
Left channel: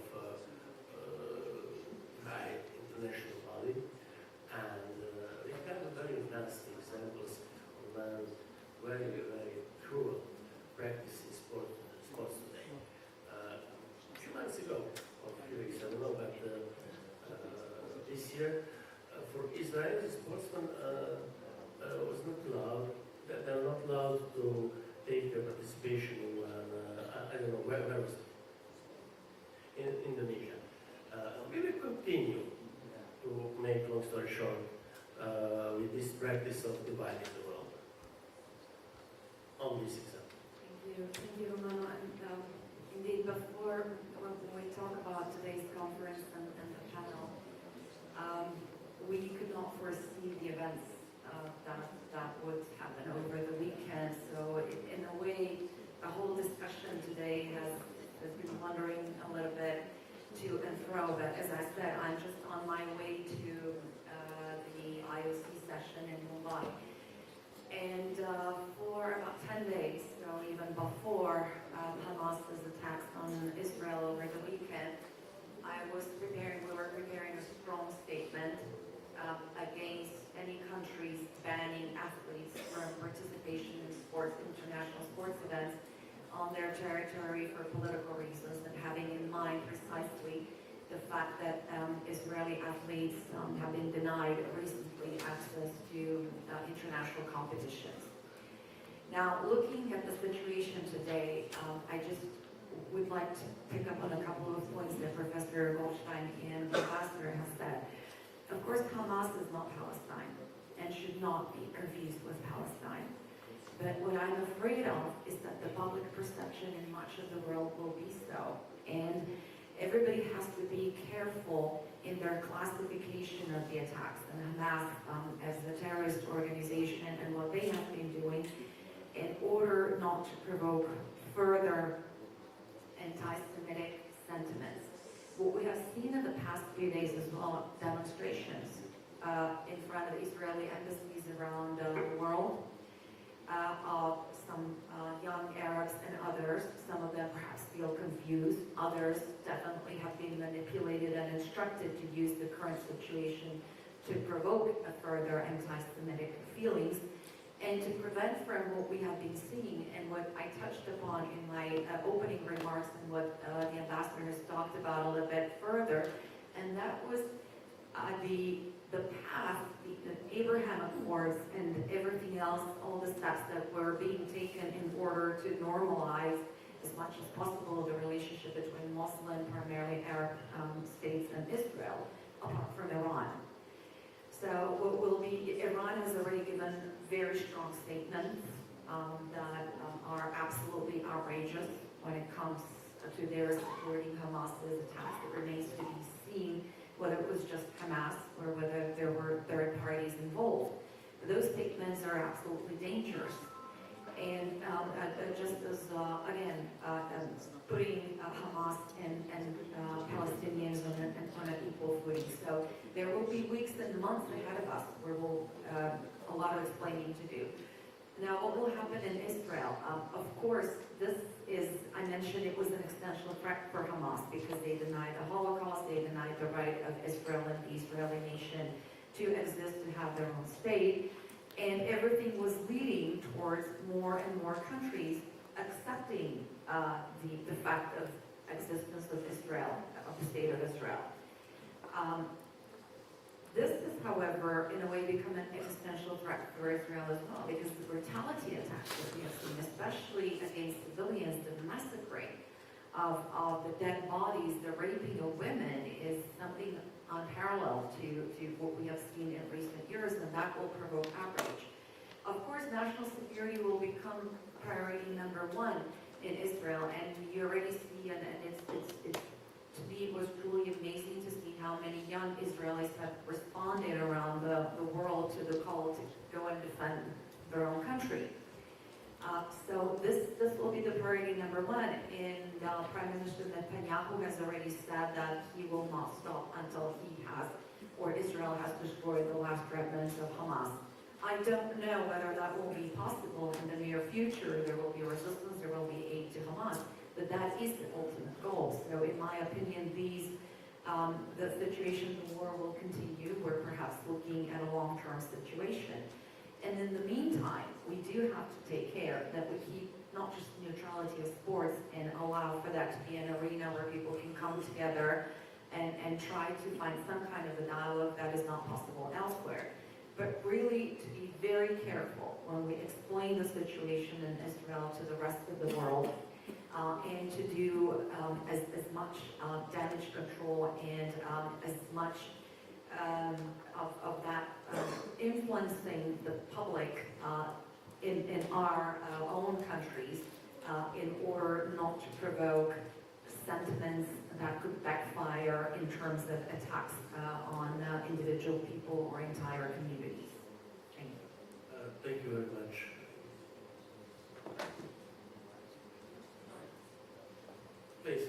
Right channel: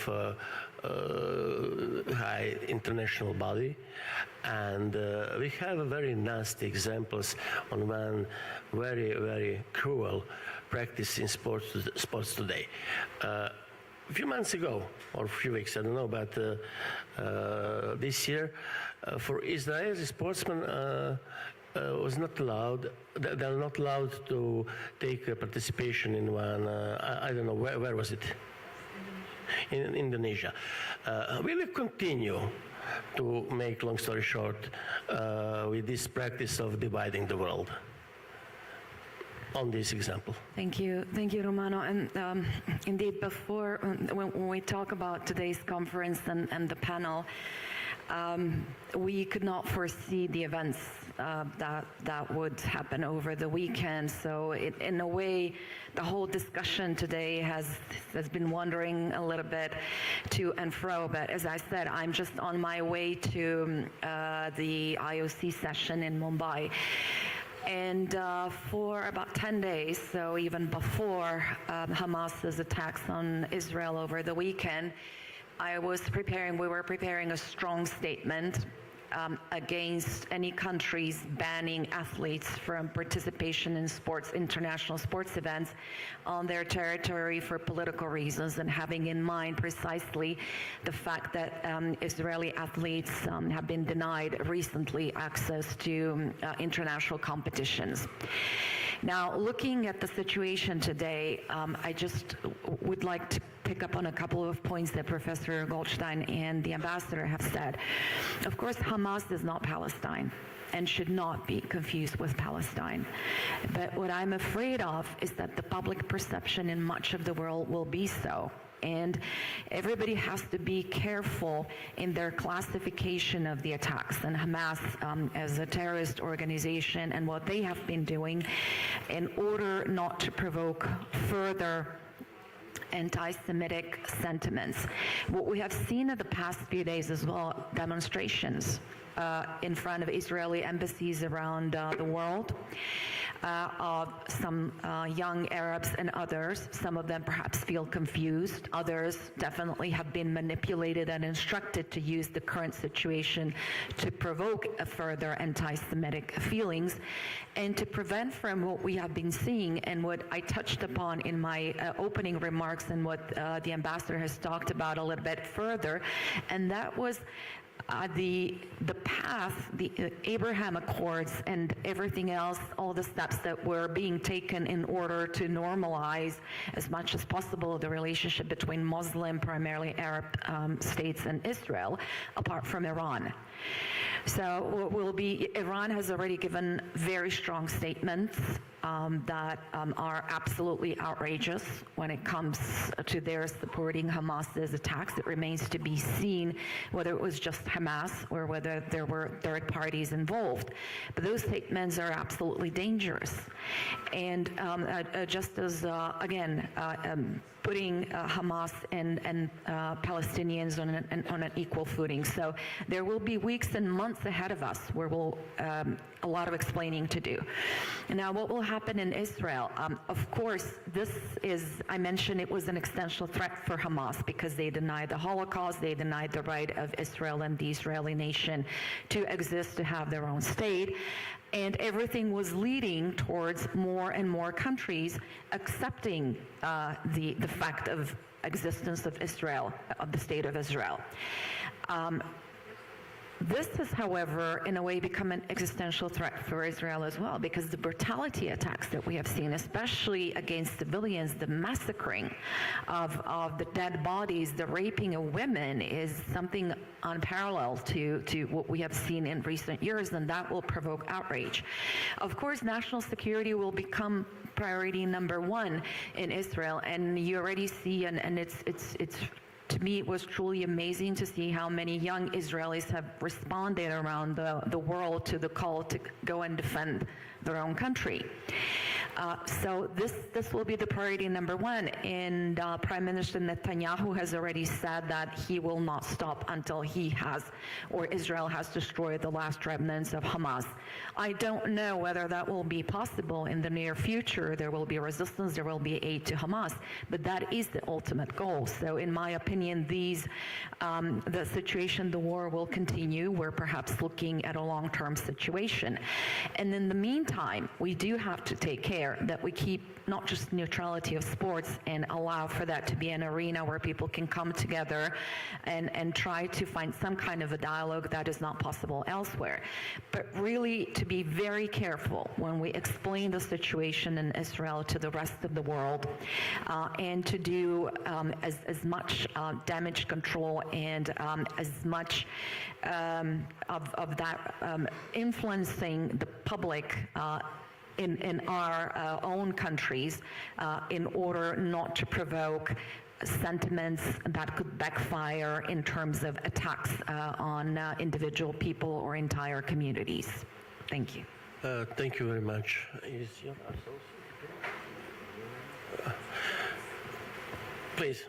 high international body, and we have very nasty examples on one very, very cruel practice in sports today. A few months ago, or a few weeks, I don't know, but this year, for Israeli sportsmen, was not allowed. They are not allowed to take participation in one. I don't know where was it. In Indonesia. We will continue to make long story short with this practice of dividing the world. On this example. Thank you, Romano. And indeed, before when we talk about today's conference and the panel, we could not foresee the events that would happen over the weekend. So in a way, the whole discussion today has been wandering a little bit to and fro. But as I said, I'm just on my way to the IOC session in Mumbai. And for about 10 days, so even before Hamas's attacks on Israel over the weekend, we were preparing a strong statement against any countries banning athletes from participation in international sports events on their territory for political reasons, and having in mind precisely the fact that Israeli athletes have been denied recently access to international competitions. Now, looking at the situation today, I just would like to pick up on a couple of points that Professor Goldstein and the ambassador have said. Of course, Hamas is not Palestine and should not be confused with Palestine. But what I'm afraid of is that the public perception in much of the world will be so. And everybody has to be careful in their classification of the attacks and Hamas as a terrorist organization and what they have been doing in order not to provoke further anti-Semitic sentiments. What we have seen in the past few days as well, demonstrations in front of Israeli embassies around the world, of some young Arabs and others. Some of them perhaps feel confused. Others definitely have been manipulated and instructed to use the current situation to provoke a further anti-Semitic feelings and to prevent from what we have been seeing and what I touched upon in my opening remarks and what the ambassador has talked about a little bit further, and that was the path, the Abraham Accords and everything else, all the steps that were being taken in order to normalize as much as possible the relationship between Muslim, primarily Arab states and Israel, apart from Iran. So what will be, Iran has already given very strong statements that are absolutely outrageous when it comes to their supporting Hamas's attacks. It remains to be seen whether it was just Hamas or whether there were third parties involved. But those statements are absolutely dangerous. And just as, again, putting Hamas and Palestinians on an equal footing. So there will be weeks and months ahead of us where we'll a lot of explaining to do. And now what will happen in Israel? Of course, this is, I mentioned it was an existential threat for Hamas because they denied the Holocaust, they denied the right of Israel and the Israeli nation to exist, to have their own state. And everything was leading towards more and more countries accepting the fact of existence of Israel, of the state of Israel. This has, however, in a way become an existential threat for Israel as well, because the brutality attacks that we have seen, especially against civilians, the massacring of the dead bodies, the raping of women, is something unparalleled to what we have seen in recent years, and that will provoke outrage. Of course, national security will become priority number one in Israel, and you already see, and it's to me, it was truly amazing to see how many young Israelis have responded around the world to the call to go and defend their own country. So this will be the priority number one, and Prime Minister Netanyahu has already said that he will not stop until he has, or Israel has destroyed the last remnants of Hamas. I don't know whether that will be possible in the near future. There will be resistance, there will be aid to Hamas, but that is the ultimate goal. So in my opinion, the situation, the war will continue. We're perhaps looking at a long-term situation. And in the meantime, we do have to take care that we keep not just neutrality of sports and allow for that to be an arena where people can come together and try to find some kind of a dialogue that is not possible elsewhere. But really to be very careful when we explain the situation in Israel to the rest of the world, and to do as much damage control and as much of that influencing the public in our own countries in order not to provoke sentiments that could backfire in terms of attacks on individual people or entire communities. Thank you. Thank you very much. Please.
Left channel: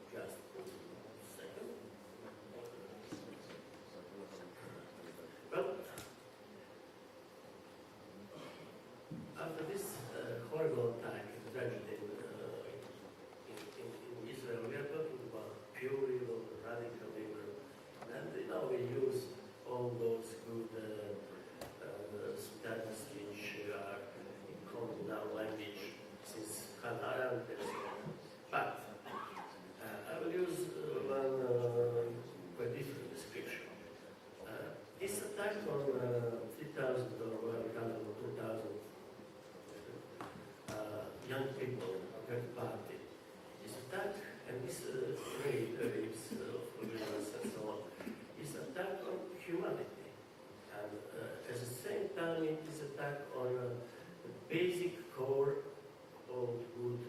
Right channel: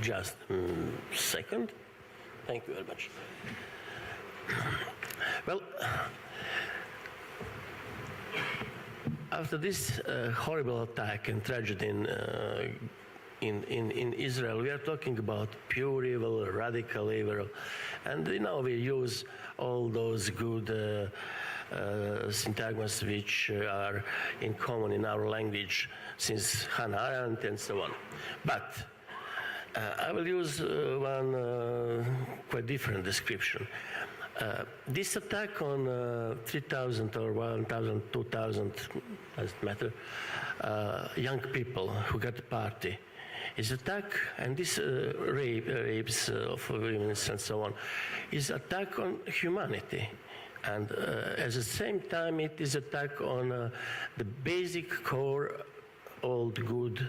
Just a second. Thank you very much. Well, after this horrible attack and tragedy in Israel, we are talking about pure evil, radical evil, and we use all those good syntagmas which are in common in our language since Hannah Arendt and so on. But I will use one quite different description. This attack on 3,000 or 1,000, 2,000, doesn't matter, young people who got a party is attack, and this rapes of women and so on, is attack on humanity. And at the same time, it is attack on the basic core, old good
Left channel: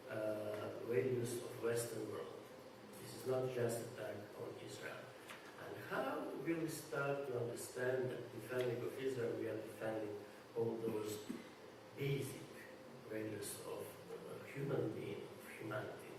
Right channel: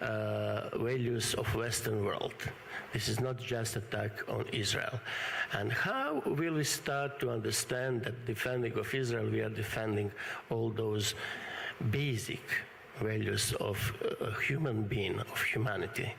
values of Western world. This is not just attack on Israel. And how will we start to understand that defending of Israel, we are defending all those basic values of a human being, of humanity?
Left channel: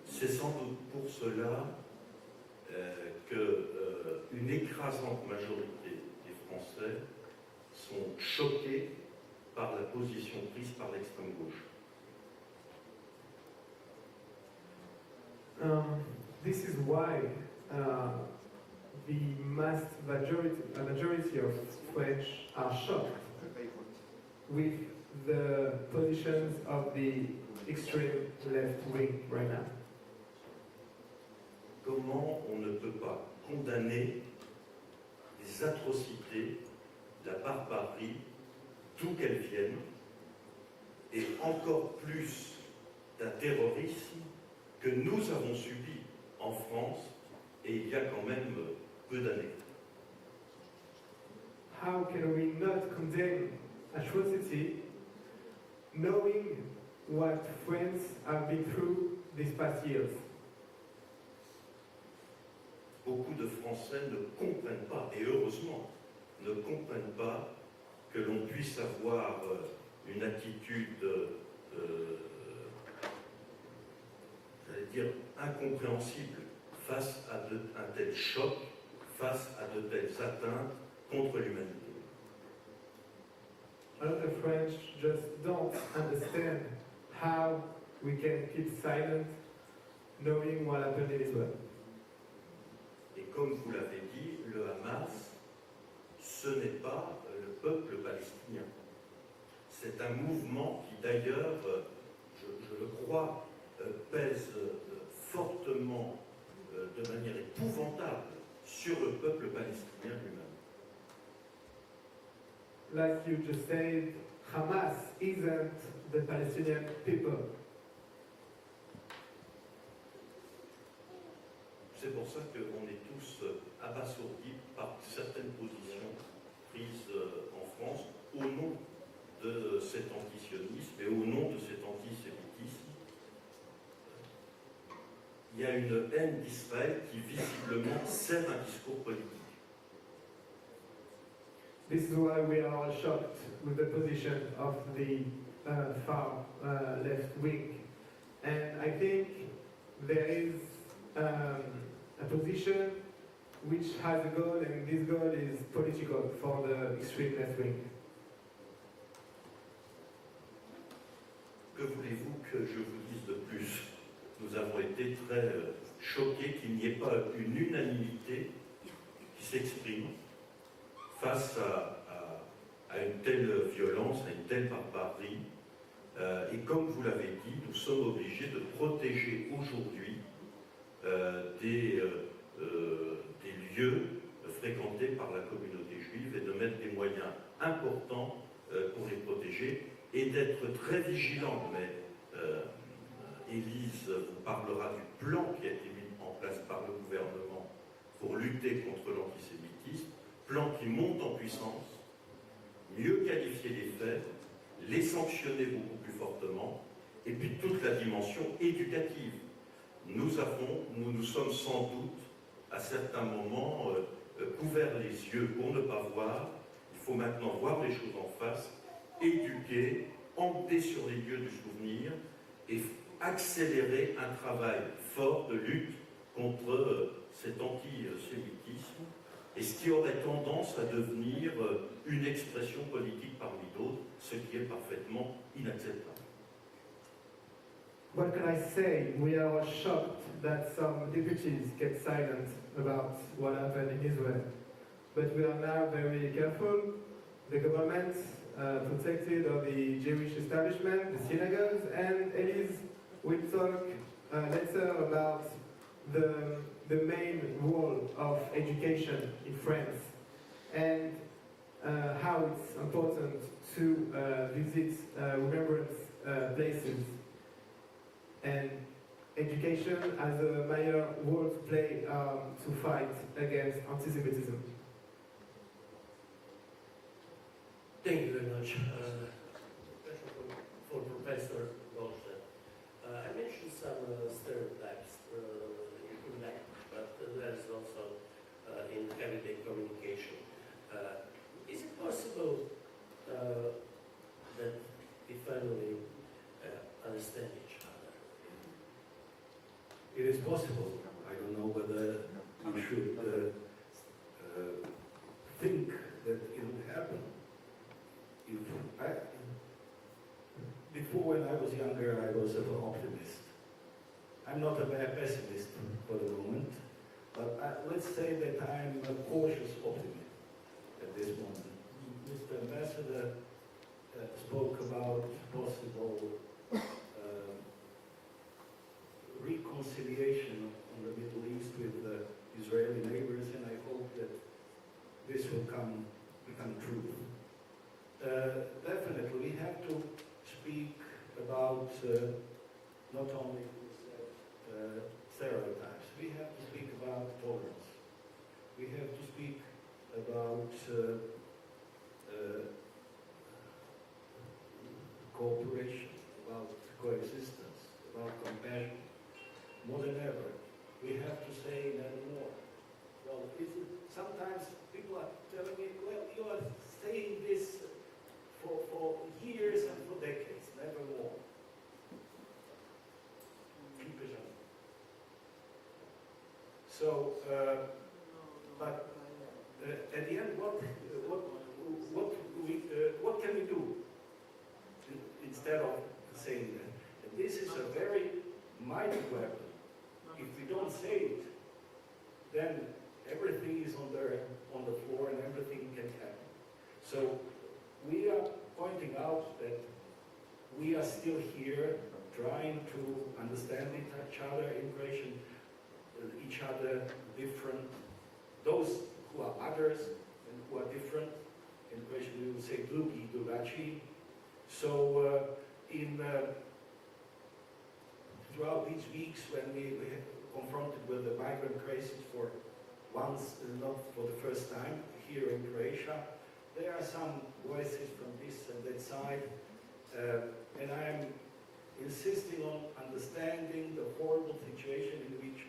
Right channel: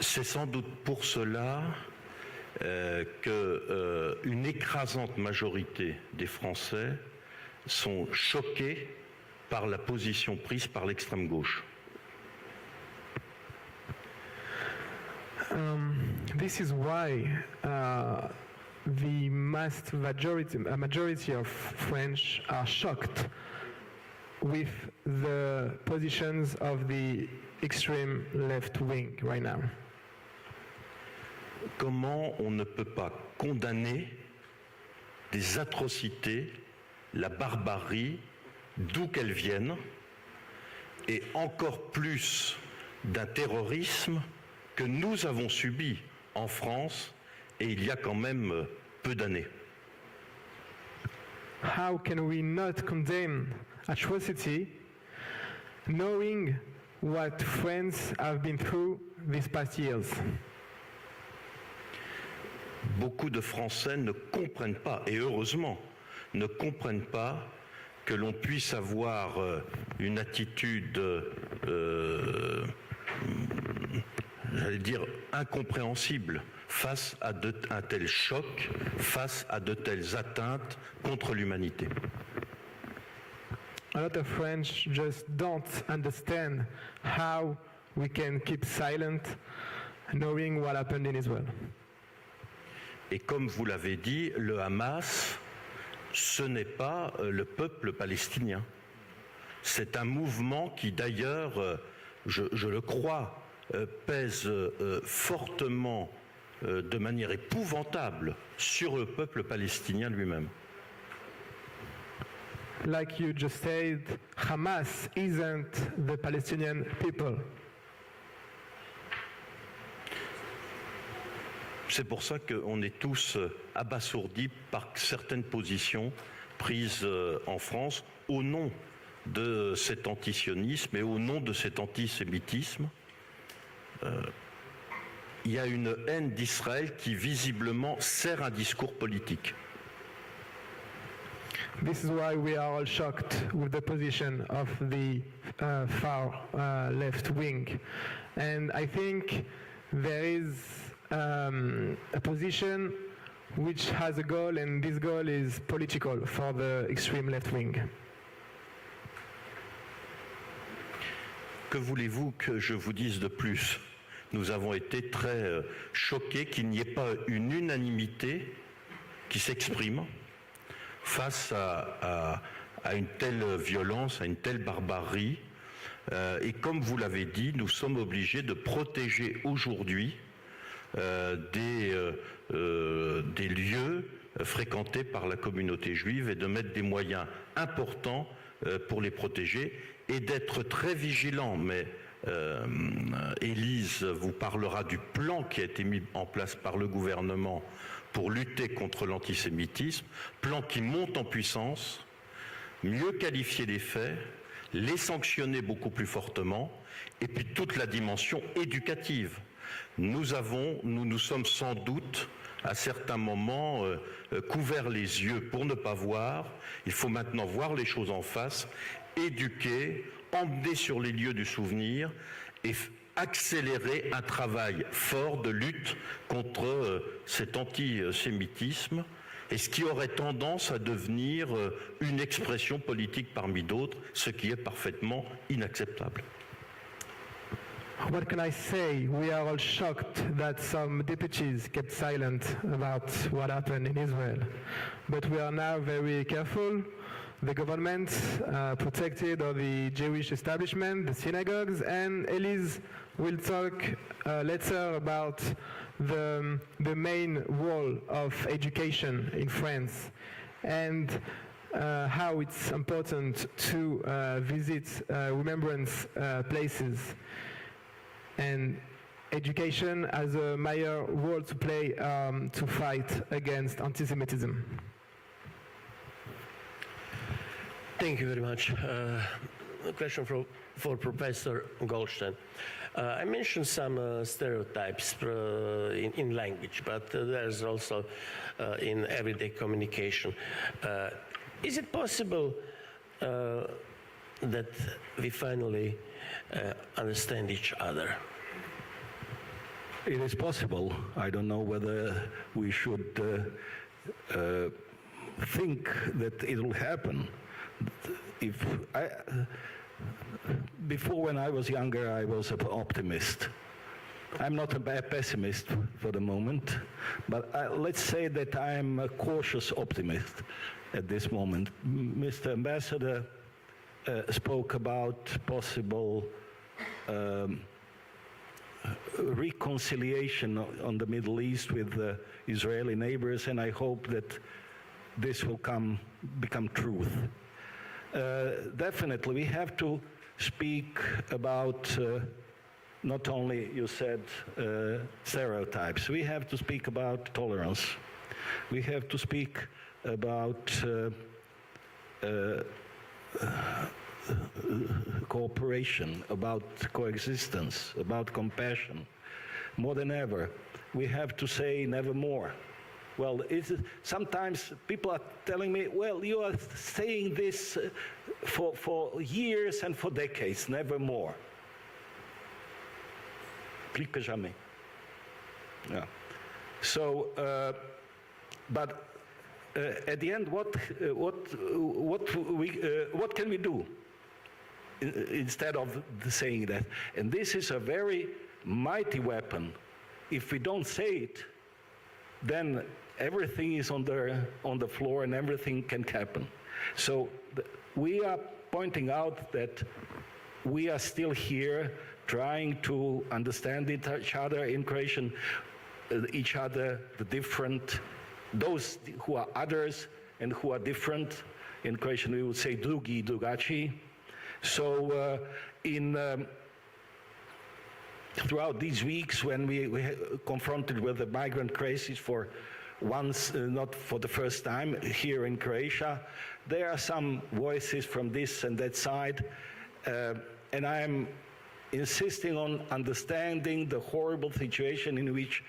C'est sans doute pour cela qu'une écrasante majorité des Français sont choqués par la position prise par l'extrême gauche. This is why the majority of French are shocked with the positions of the extreme left wing right now. Comment on ne peut pas condamner des atrocités, la barbarie, d'où qu'elles viennent, et encore plus d'un terrorisme que nous avons subi en France, et il y a quand même peu d'années. How can we not condemn atrocity knowing what France have been through these past years? Beaucoup de Français ne comprennent pas, et heureusement, ne comprennent pas que l'on puisse avoir une attitude, j'allais dire, incompréhensible face à un tel choc, face à de telles atteintes contre l'humanité. A lot of French just don't understand how we can keep silent knowing what happened in Israel. Et comme vous l'avez dit, le Hamas, ce n'est pas le peuple palestinien. C'est un mouvement qui d'ailleurs, je le crois, pèse fortement, de manière épouvantable, sur le peuple palestinien lui-même. Like you just said, Hamas isn't the Palestinian people. C'est pour ça qu'on est tous abasourdis par certaines positions prises en France au nom de cet antisionisme et au nom de cet antisémitisme. Il y a une haine d'Israël qui visiblement sert un discours politique. This is why we are all shocked with the position of the far left wing. And I think there is a position which has a goal, and this goal is political for the extreme left wing. Que voulez-vous que je vous dise de plus? Nous avons été très choqués qu'il n'y ait pas une unanimité qui s'exprime face à une telle violence, à une telle barbarie. Et comme vous l'avez dit, nous sommes obligés de protéger aujourd'hui des lieux fréquentés par la communauté juive et de mettre des moyens importants pour les protéger et d'être très vigilants. Mais Élise vous parlera du plan qui a été mis en place par le gouvernement pour lutter contre l'antisémitisme, plan qui monte en puissance, mieux qualifier les faits, les sanctionner beaucoup plus fortement, et puis toute la dimension éducative. Nous nous sommes sans doute à certains moments couvert les yeux pour ne pas voir. Il faut maintenant voir les choses en face, éduquer, emmener sur les lieux du souvenir et accélérer un travail fort de lutte contre cet antisémitisme et ce qui aurait tendance à devenir une expression politique parmi d'autres, ce qui est parfaitement inacceptable. What can I say? We are all shocked that some deputies kept silent about what happened in Israel. But we are now very careful. The government protected the Jewish establishment, the synagogues, and Elise will talk later about the main role of education in France and how it's important to visit remembrance places. And education has a major role to play to fight against anti-Semitism. Thank you very much. A question for Professor Goldstein. I mentioned some stereotypes in language, but there's also in everyday communication. Is it possible that we finally understand each other? It is possible. I don't know whether we should think that it will happen. Before, when I was younger, I was an optimist. I'm not a bad pessimist for the moment, but let's say that I'm a cautious optimist at this moment. Mr. Ambassador spoke about possible reconciliation on the Middle East with Israeli neighbors, and I hope that this will become truth. Definitely, we have to speak about not only, you said, stereotypes. We have to speak about tolerance. We have to speak about cooperation, about coexistence, about compassion. More than ever, we have to say never more. Well, sometimes people are telling me, well, you are saying this for years and for decades, never more. Plus que jamais. Yeah. So, but at the end, what can we do instead of saying that? And this is a very mighty weapon. If we don't say it, then everything is on the floor and everything can happen. So we are pointing out that we are still here trying to understand each other, encouraging each other, the different, those who are others and who are different. In Croatian we would say drugi, drugačiji. So throughout these weeks when we confronted with the migrant crisis for once, not for the first time, here in Croatia. There are some voices from this and that side, and I'm insisting on understanding the horrible situation in which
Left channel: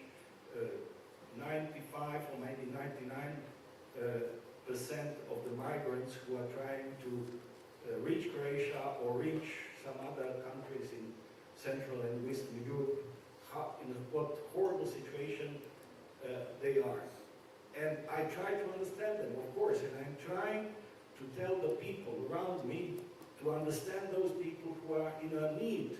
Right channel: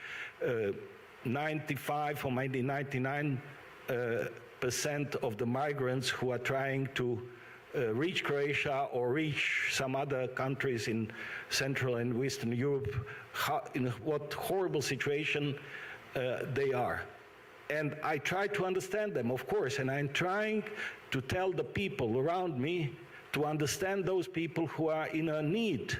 95 or maybe 99% of the migrants who are trying to reach Croatia or reach some other countries in Central and Western Europe, in what horrible situation they are. And I try to understand them, of course, and I'm trying to tell the people around me to understand those people who are in a need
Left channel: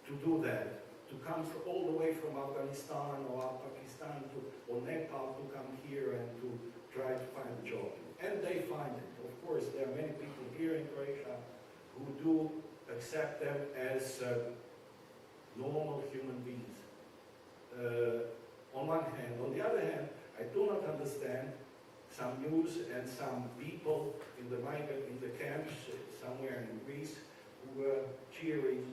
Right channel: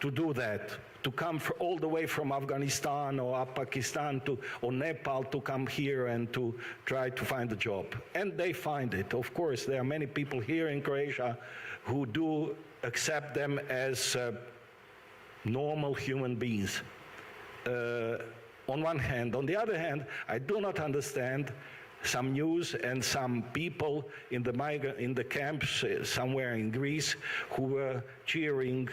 to do that, to come all the way from Afghanistan or Pakistan or Nepal to come here and to try to find a job. And they find it. Of course, there are many people here in Croatia who do accept them as normal human beings. On one hand. On the other hand, I do not understand some news and some people in the camps somewhere in Greece who were cheering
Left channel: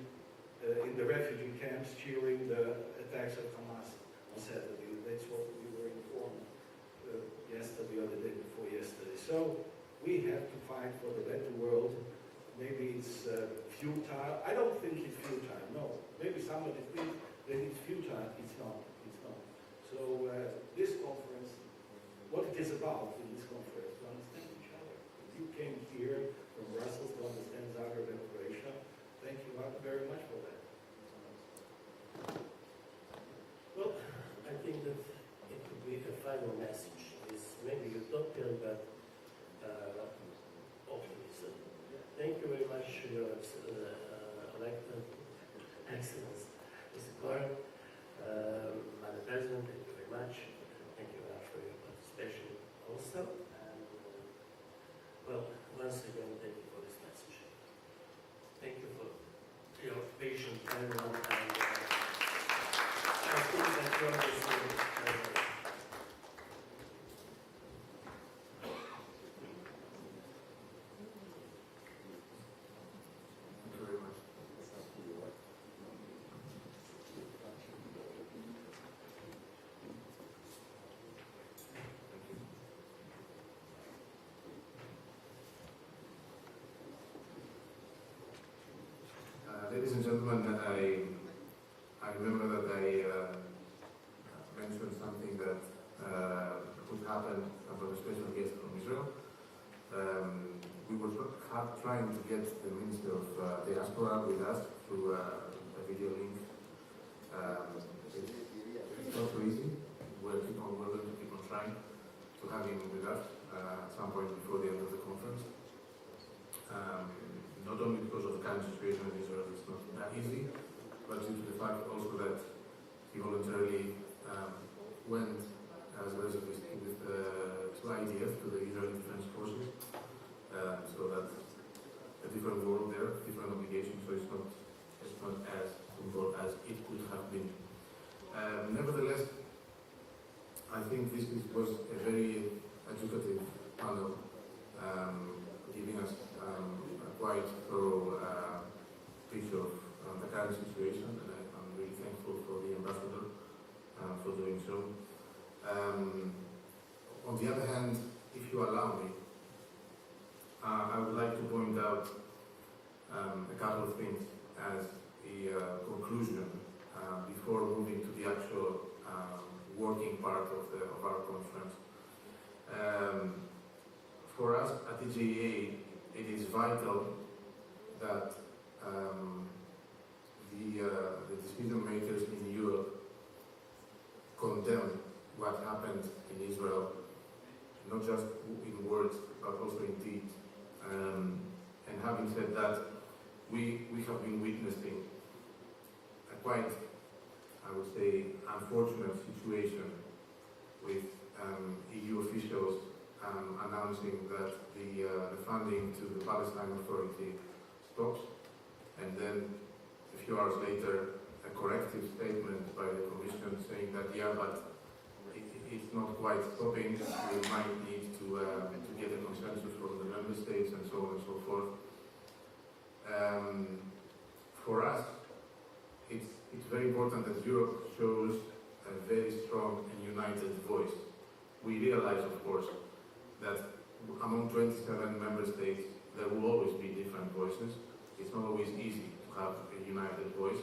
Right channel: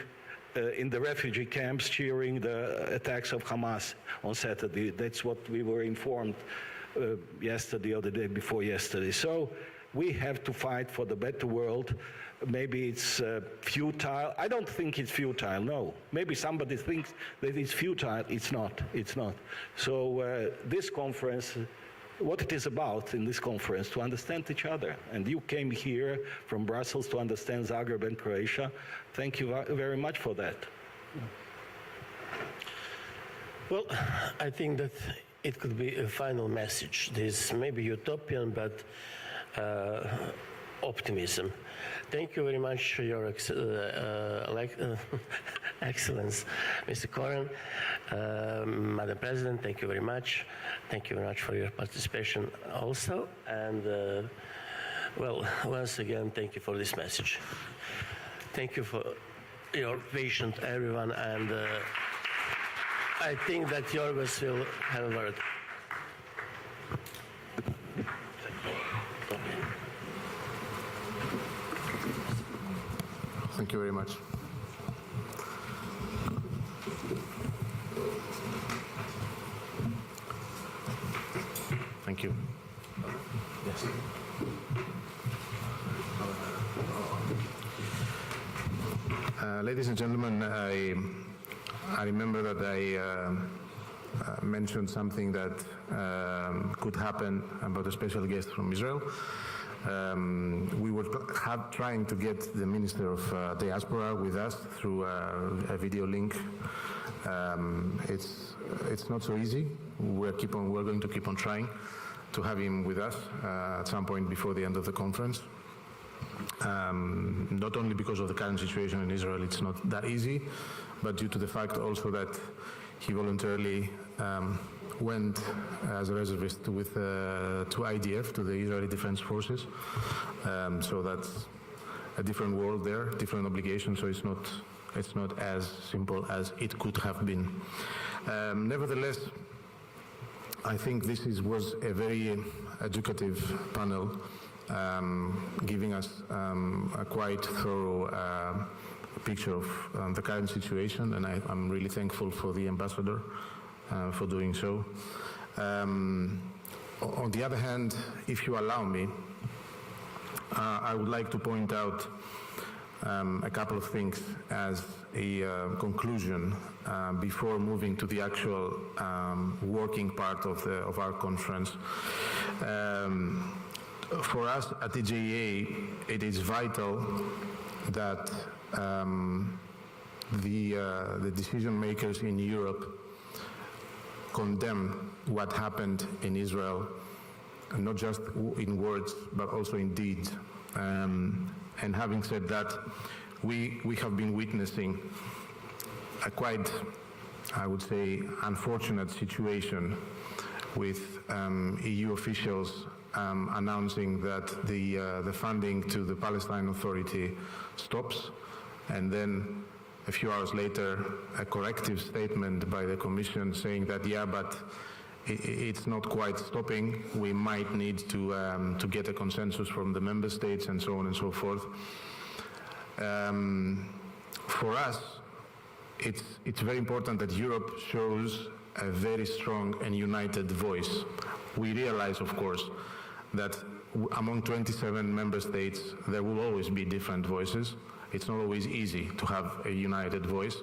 in the refugee camps, cheering the attacks of Hamas on Saturday. That's what we were informed yesterday or the day before yesterday. So we have to fight for the better world. Maybe it's futile. I don't think it's futile, no. Maybe somebody thinks that it's futile. It's not. It's not. So this conference, what it is about in this conference, to understand each other. And you came here from Brussels to understand Zagreb and Croatia. Thank you very much for that. Well, I think that it could be a final message. This may be utopian, but optimism. Thank you very much, Your Excellence, Mr. Koren. Madam President, thank you very much. Thank you very much for your participation also. And, well, once again, thank you for this message. Thank you for your patience, everyone, and I think that Jorgos will have a word. Thank you very much. Thank you. Yes. Ladies and gentlemen, I remember that I mentioned something that could happen about a special guest from Israel. We were trying to get the Minister of Diaspora with us through a video link. It's not so easy. We're going to keep on trying to have him with us at some point before the end of the conference. Not only because of the current situation in Israel, it's not that easy, but due to the fact also that he voluntarily went as a reservist to IDF, to the Israeli Defense Forces. So that's a different world there, different obligation, so it's not as simple as it could have been. Nevertheless, I think this was a very educative panel, giving us a quite thorough picture of the current situation, and I'm really thankful for the ambassador for doing so. On the other hand, if you allow me, I would like to point out a couple of things as a conclusion before moving to the actual working part of our conference. For us at EJA, it is vital that the decision makers in Europe condemn what happened in Israel, and not just in words, but also in deeds. And having said that, we have been witnessing a quite, I would say, unfortunate situation with EU officials announcing that the funding to the Palestine Authority stops, and then a few hours later a corrective statement by the Commission saying that, yeah, but it's not quite stopping, we might need to get a consensus from the member states and so on and so forth. For us, it's very important that Europe shows a very strong and united voice we realize, of course, that among 27 member states, there will always be different voices. It's not always easy to have a united voice.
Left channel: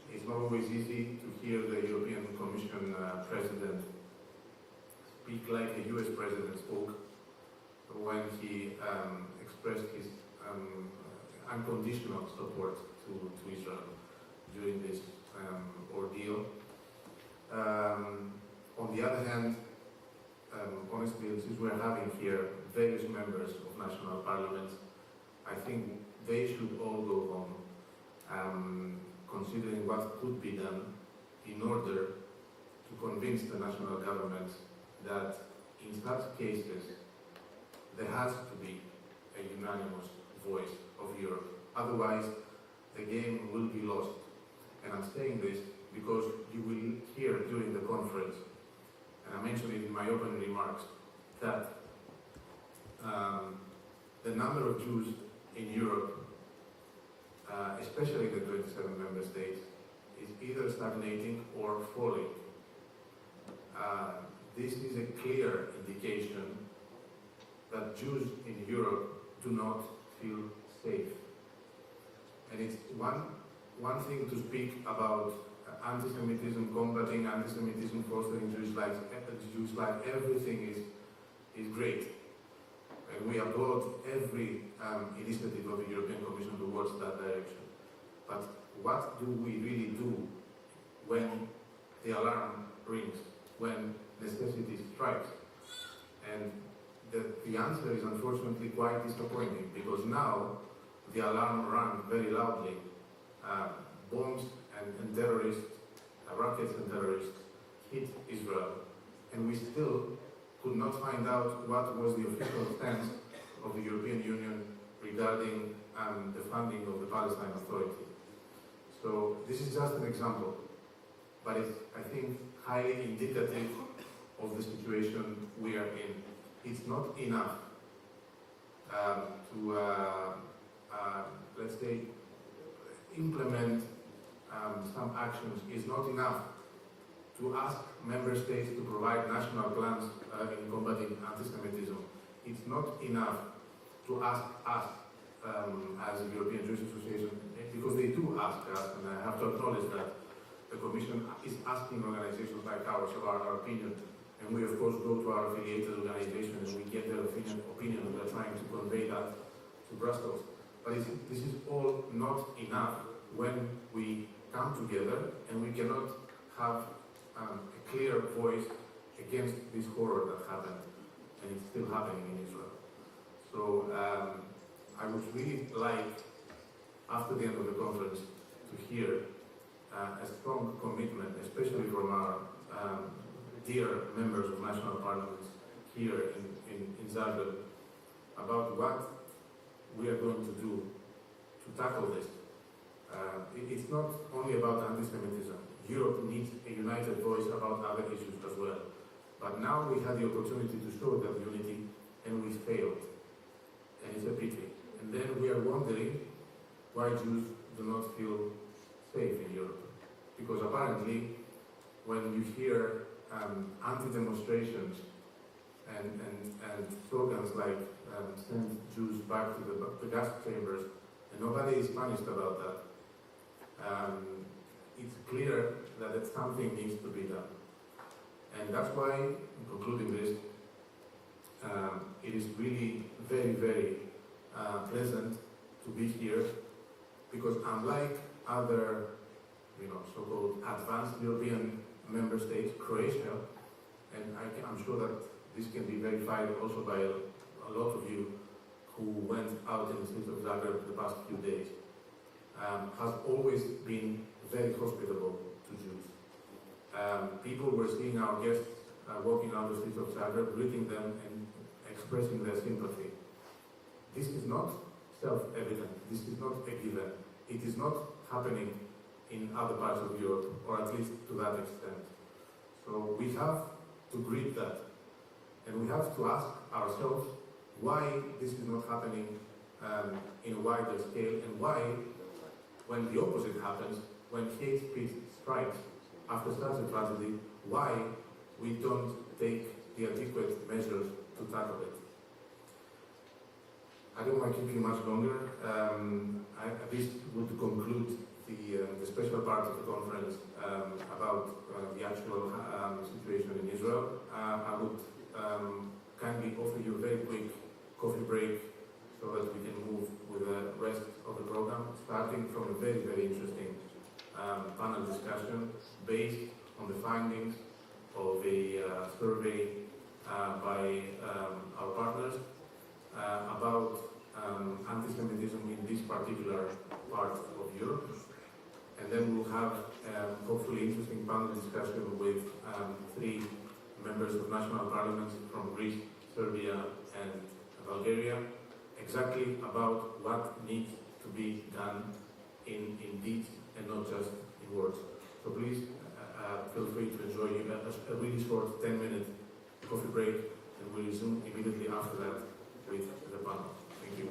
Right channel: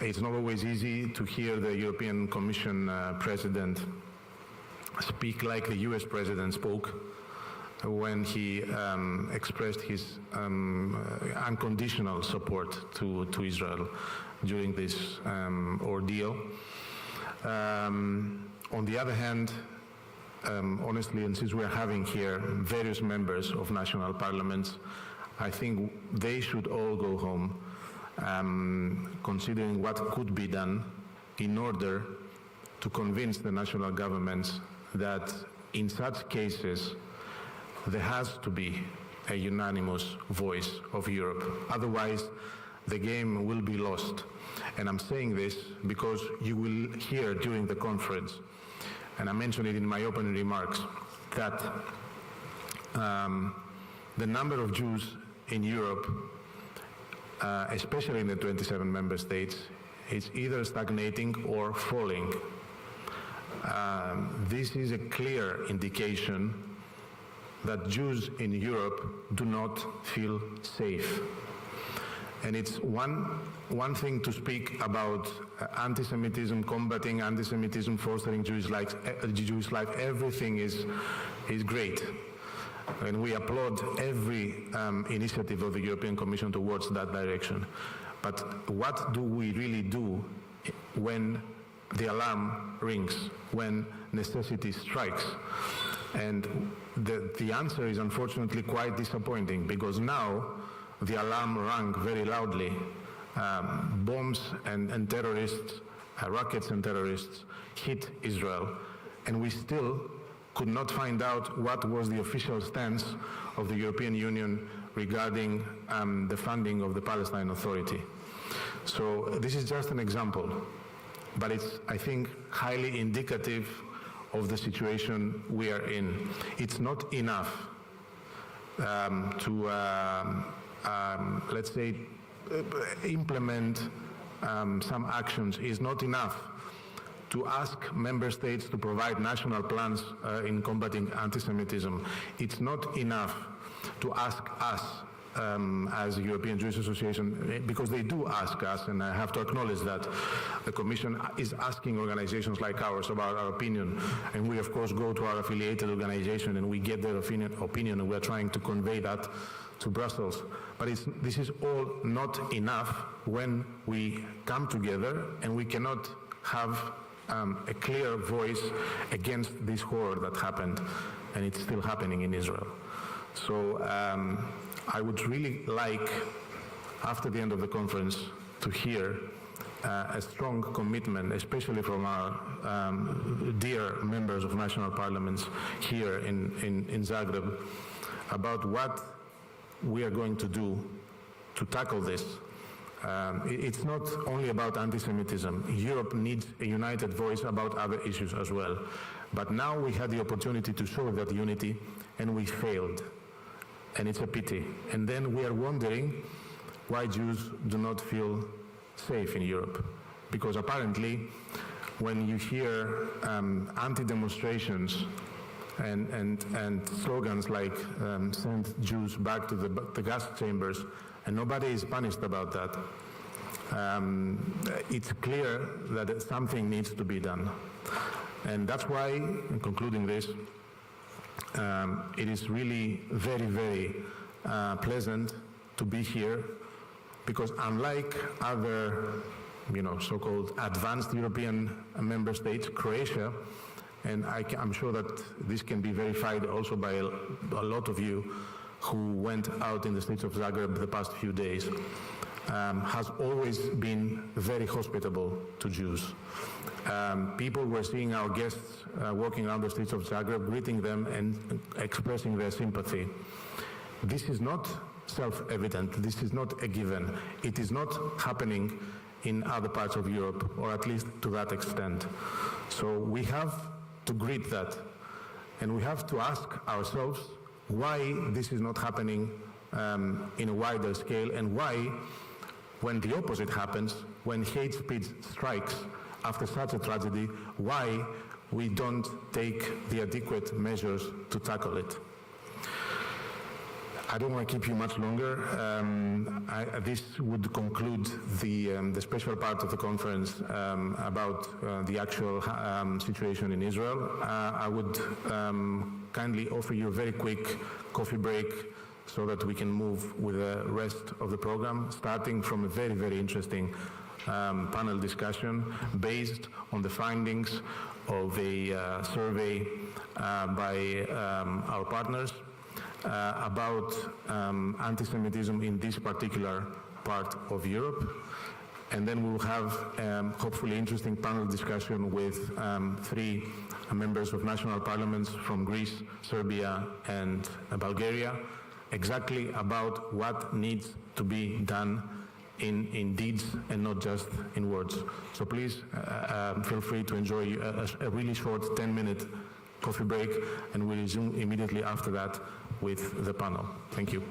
It's not always easy to hear the European Commission President speak like the US President spoke when he expressed his unconditional support to Israel during this ordeal. On the other hand, honestly, and since we're having here various members of national parliaments, I think they should all go home considering what could be done in order to convince the national governments that in such cases there has to be a unanimous voice of Europe. Otherwise, the game will be lost. And I'm saying this because you will hear during the conference, and I mentioned it in my opening remarks, that the number of Jews in Europe, especially in the 27 member states, is either stagnating or falling. This is a clear indication that Jews in Europe do not feel safe. And it's one thing to speak about anti-Semitism, combating anti-Semitism, fostering Jewish life. Everything is great. And we applaud every initiative of the European Commission towards that direction. But what do we really do when the alarm rings, when necessity strikes? And the answer is unfortunately quite disappointing, because now the alarm rang very loudly. Bombs and terrorists, rockets and terrorists hit Israel, and we still could not find out what was the official stance of the European Union regarding the funding of the Palestine Authority. So this is just an example, but it's, I think, highly indicative of the situation we are in. It's not enough to, let's say, implement some actions. It's not enough to ask member states to provide national plans in combating anti-Semitism. It's not enough to ask us as a European Jewish Association, because they do ask us, and I have to acknowledge that the Commission is asking organizations like ours about our opinion, and we of course go to our affiliated organization and we get their opinion, and we're trying to convey that to Brussels. But this is all not enough when we come together and we cannot have a clear voice against this horror that happened, and it's still happening in Israel. So I would really like, after the end of the conference, to hear a strong commitment, especially from our dear members of national parliaments here in Zagreb, about what we are going to do to tackle this. It's not only about anti-Semitism. Europe needs a united voice about other issues as well. But now we had the opportunity to show that unity, and we failed. And it's a pity. And then we are wondering why Jews do not feel safe in Europe. Because apparently, when you hear anti-demonstrations and slogans like send Jews back to the gas chambers, and nobody is punished about that, it's clear that something needs to be done. And that's why, in concluding this, it is really very, very pleasant to be here, because unlike other, so-called advanced European member states, Croatia, and I'm sure that this can be verified also by a lot of you who went out in the streets of Zagreb the past few days, has always been very hospitable to Jews. People were seeing our guests walking around the streets of Zagreb, greeting them and expressing their sympathy. This is not self-evident. This is not a given. It is not happening in other parts of Europe, or at least to that extent. So we have to greet that, and we have to ask ourselves why this is not happening in a wider scale, and why, when the opposite happens, when hate speech strikes after such a tragedy, why we don't take the adequate measures to tackle it. I don't want to keep you much longer. This would conclude the special part of the conference about the actual situation in Israel. I would kindly offer you a very quick coffee break so that we can move with the rest of the program, starting from a very, very interesting panel discussion based on the findings of a survey by our partners about anti-Semitism in this particular part of Europe. And then we'll have hopefully interesting panel discussion with three members of national parliaments from Greece, Serbia, and Bulgaria, exactly about what needs to be done in deeds and not just in words. So please feel free to enjoy a really short 10-minute coffee break, and we'll resume immediately after that with the panel. Thank you.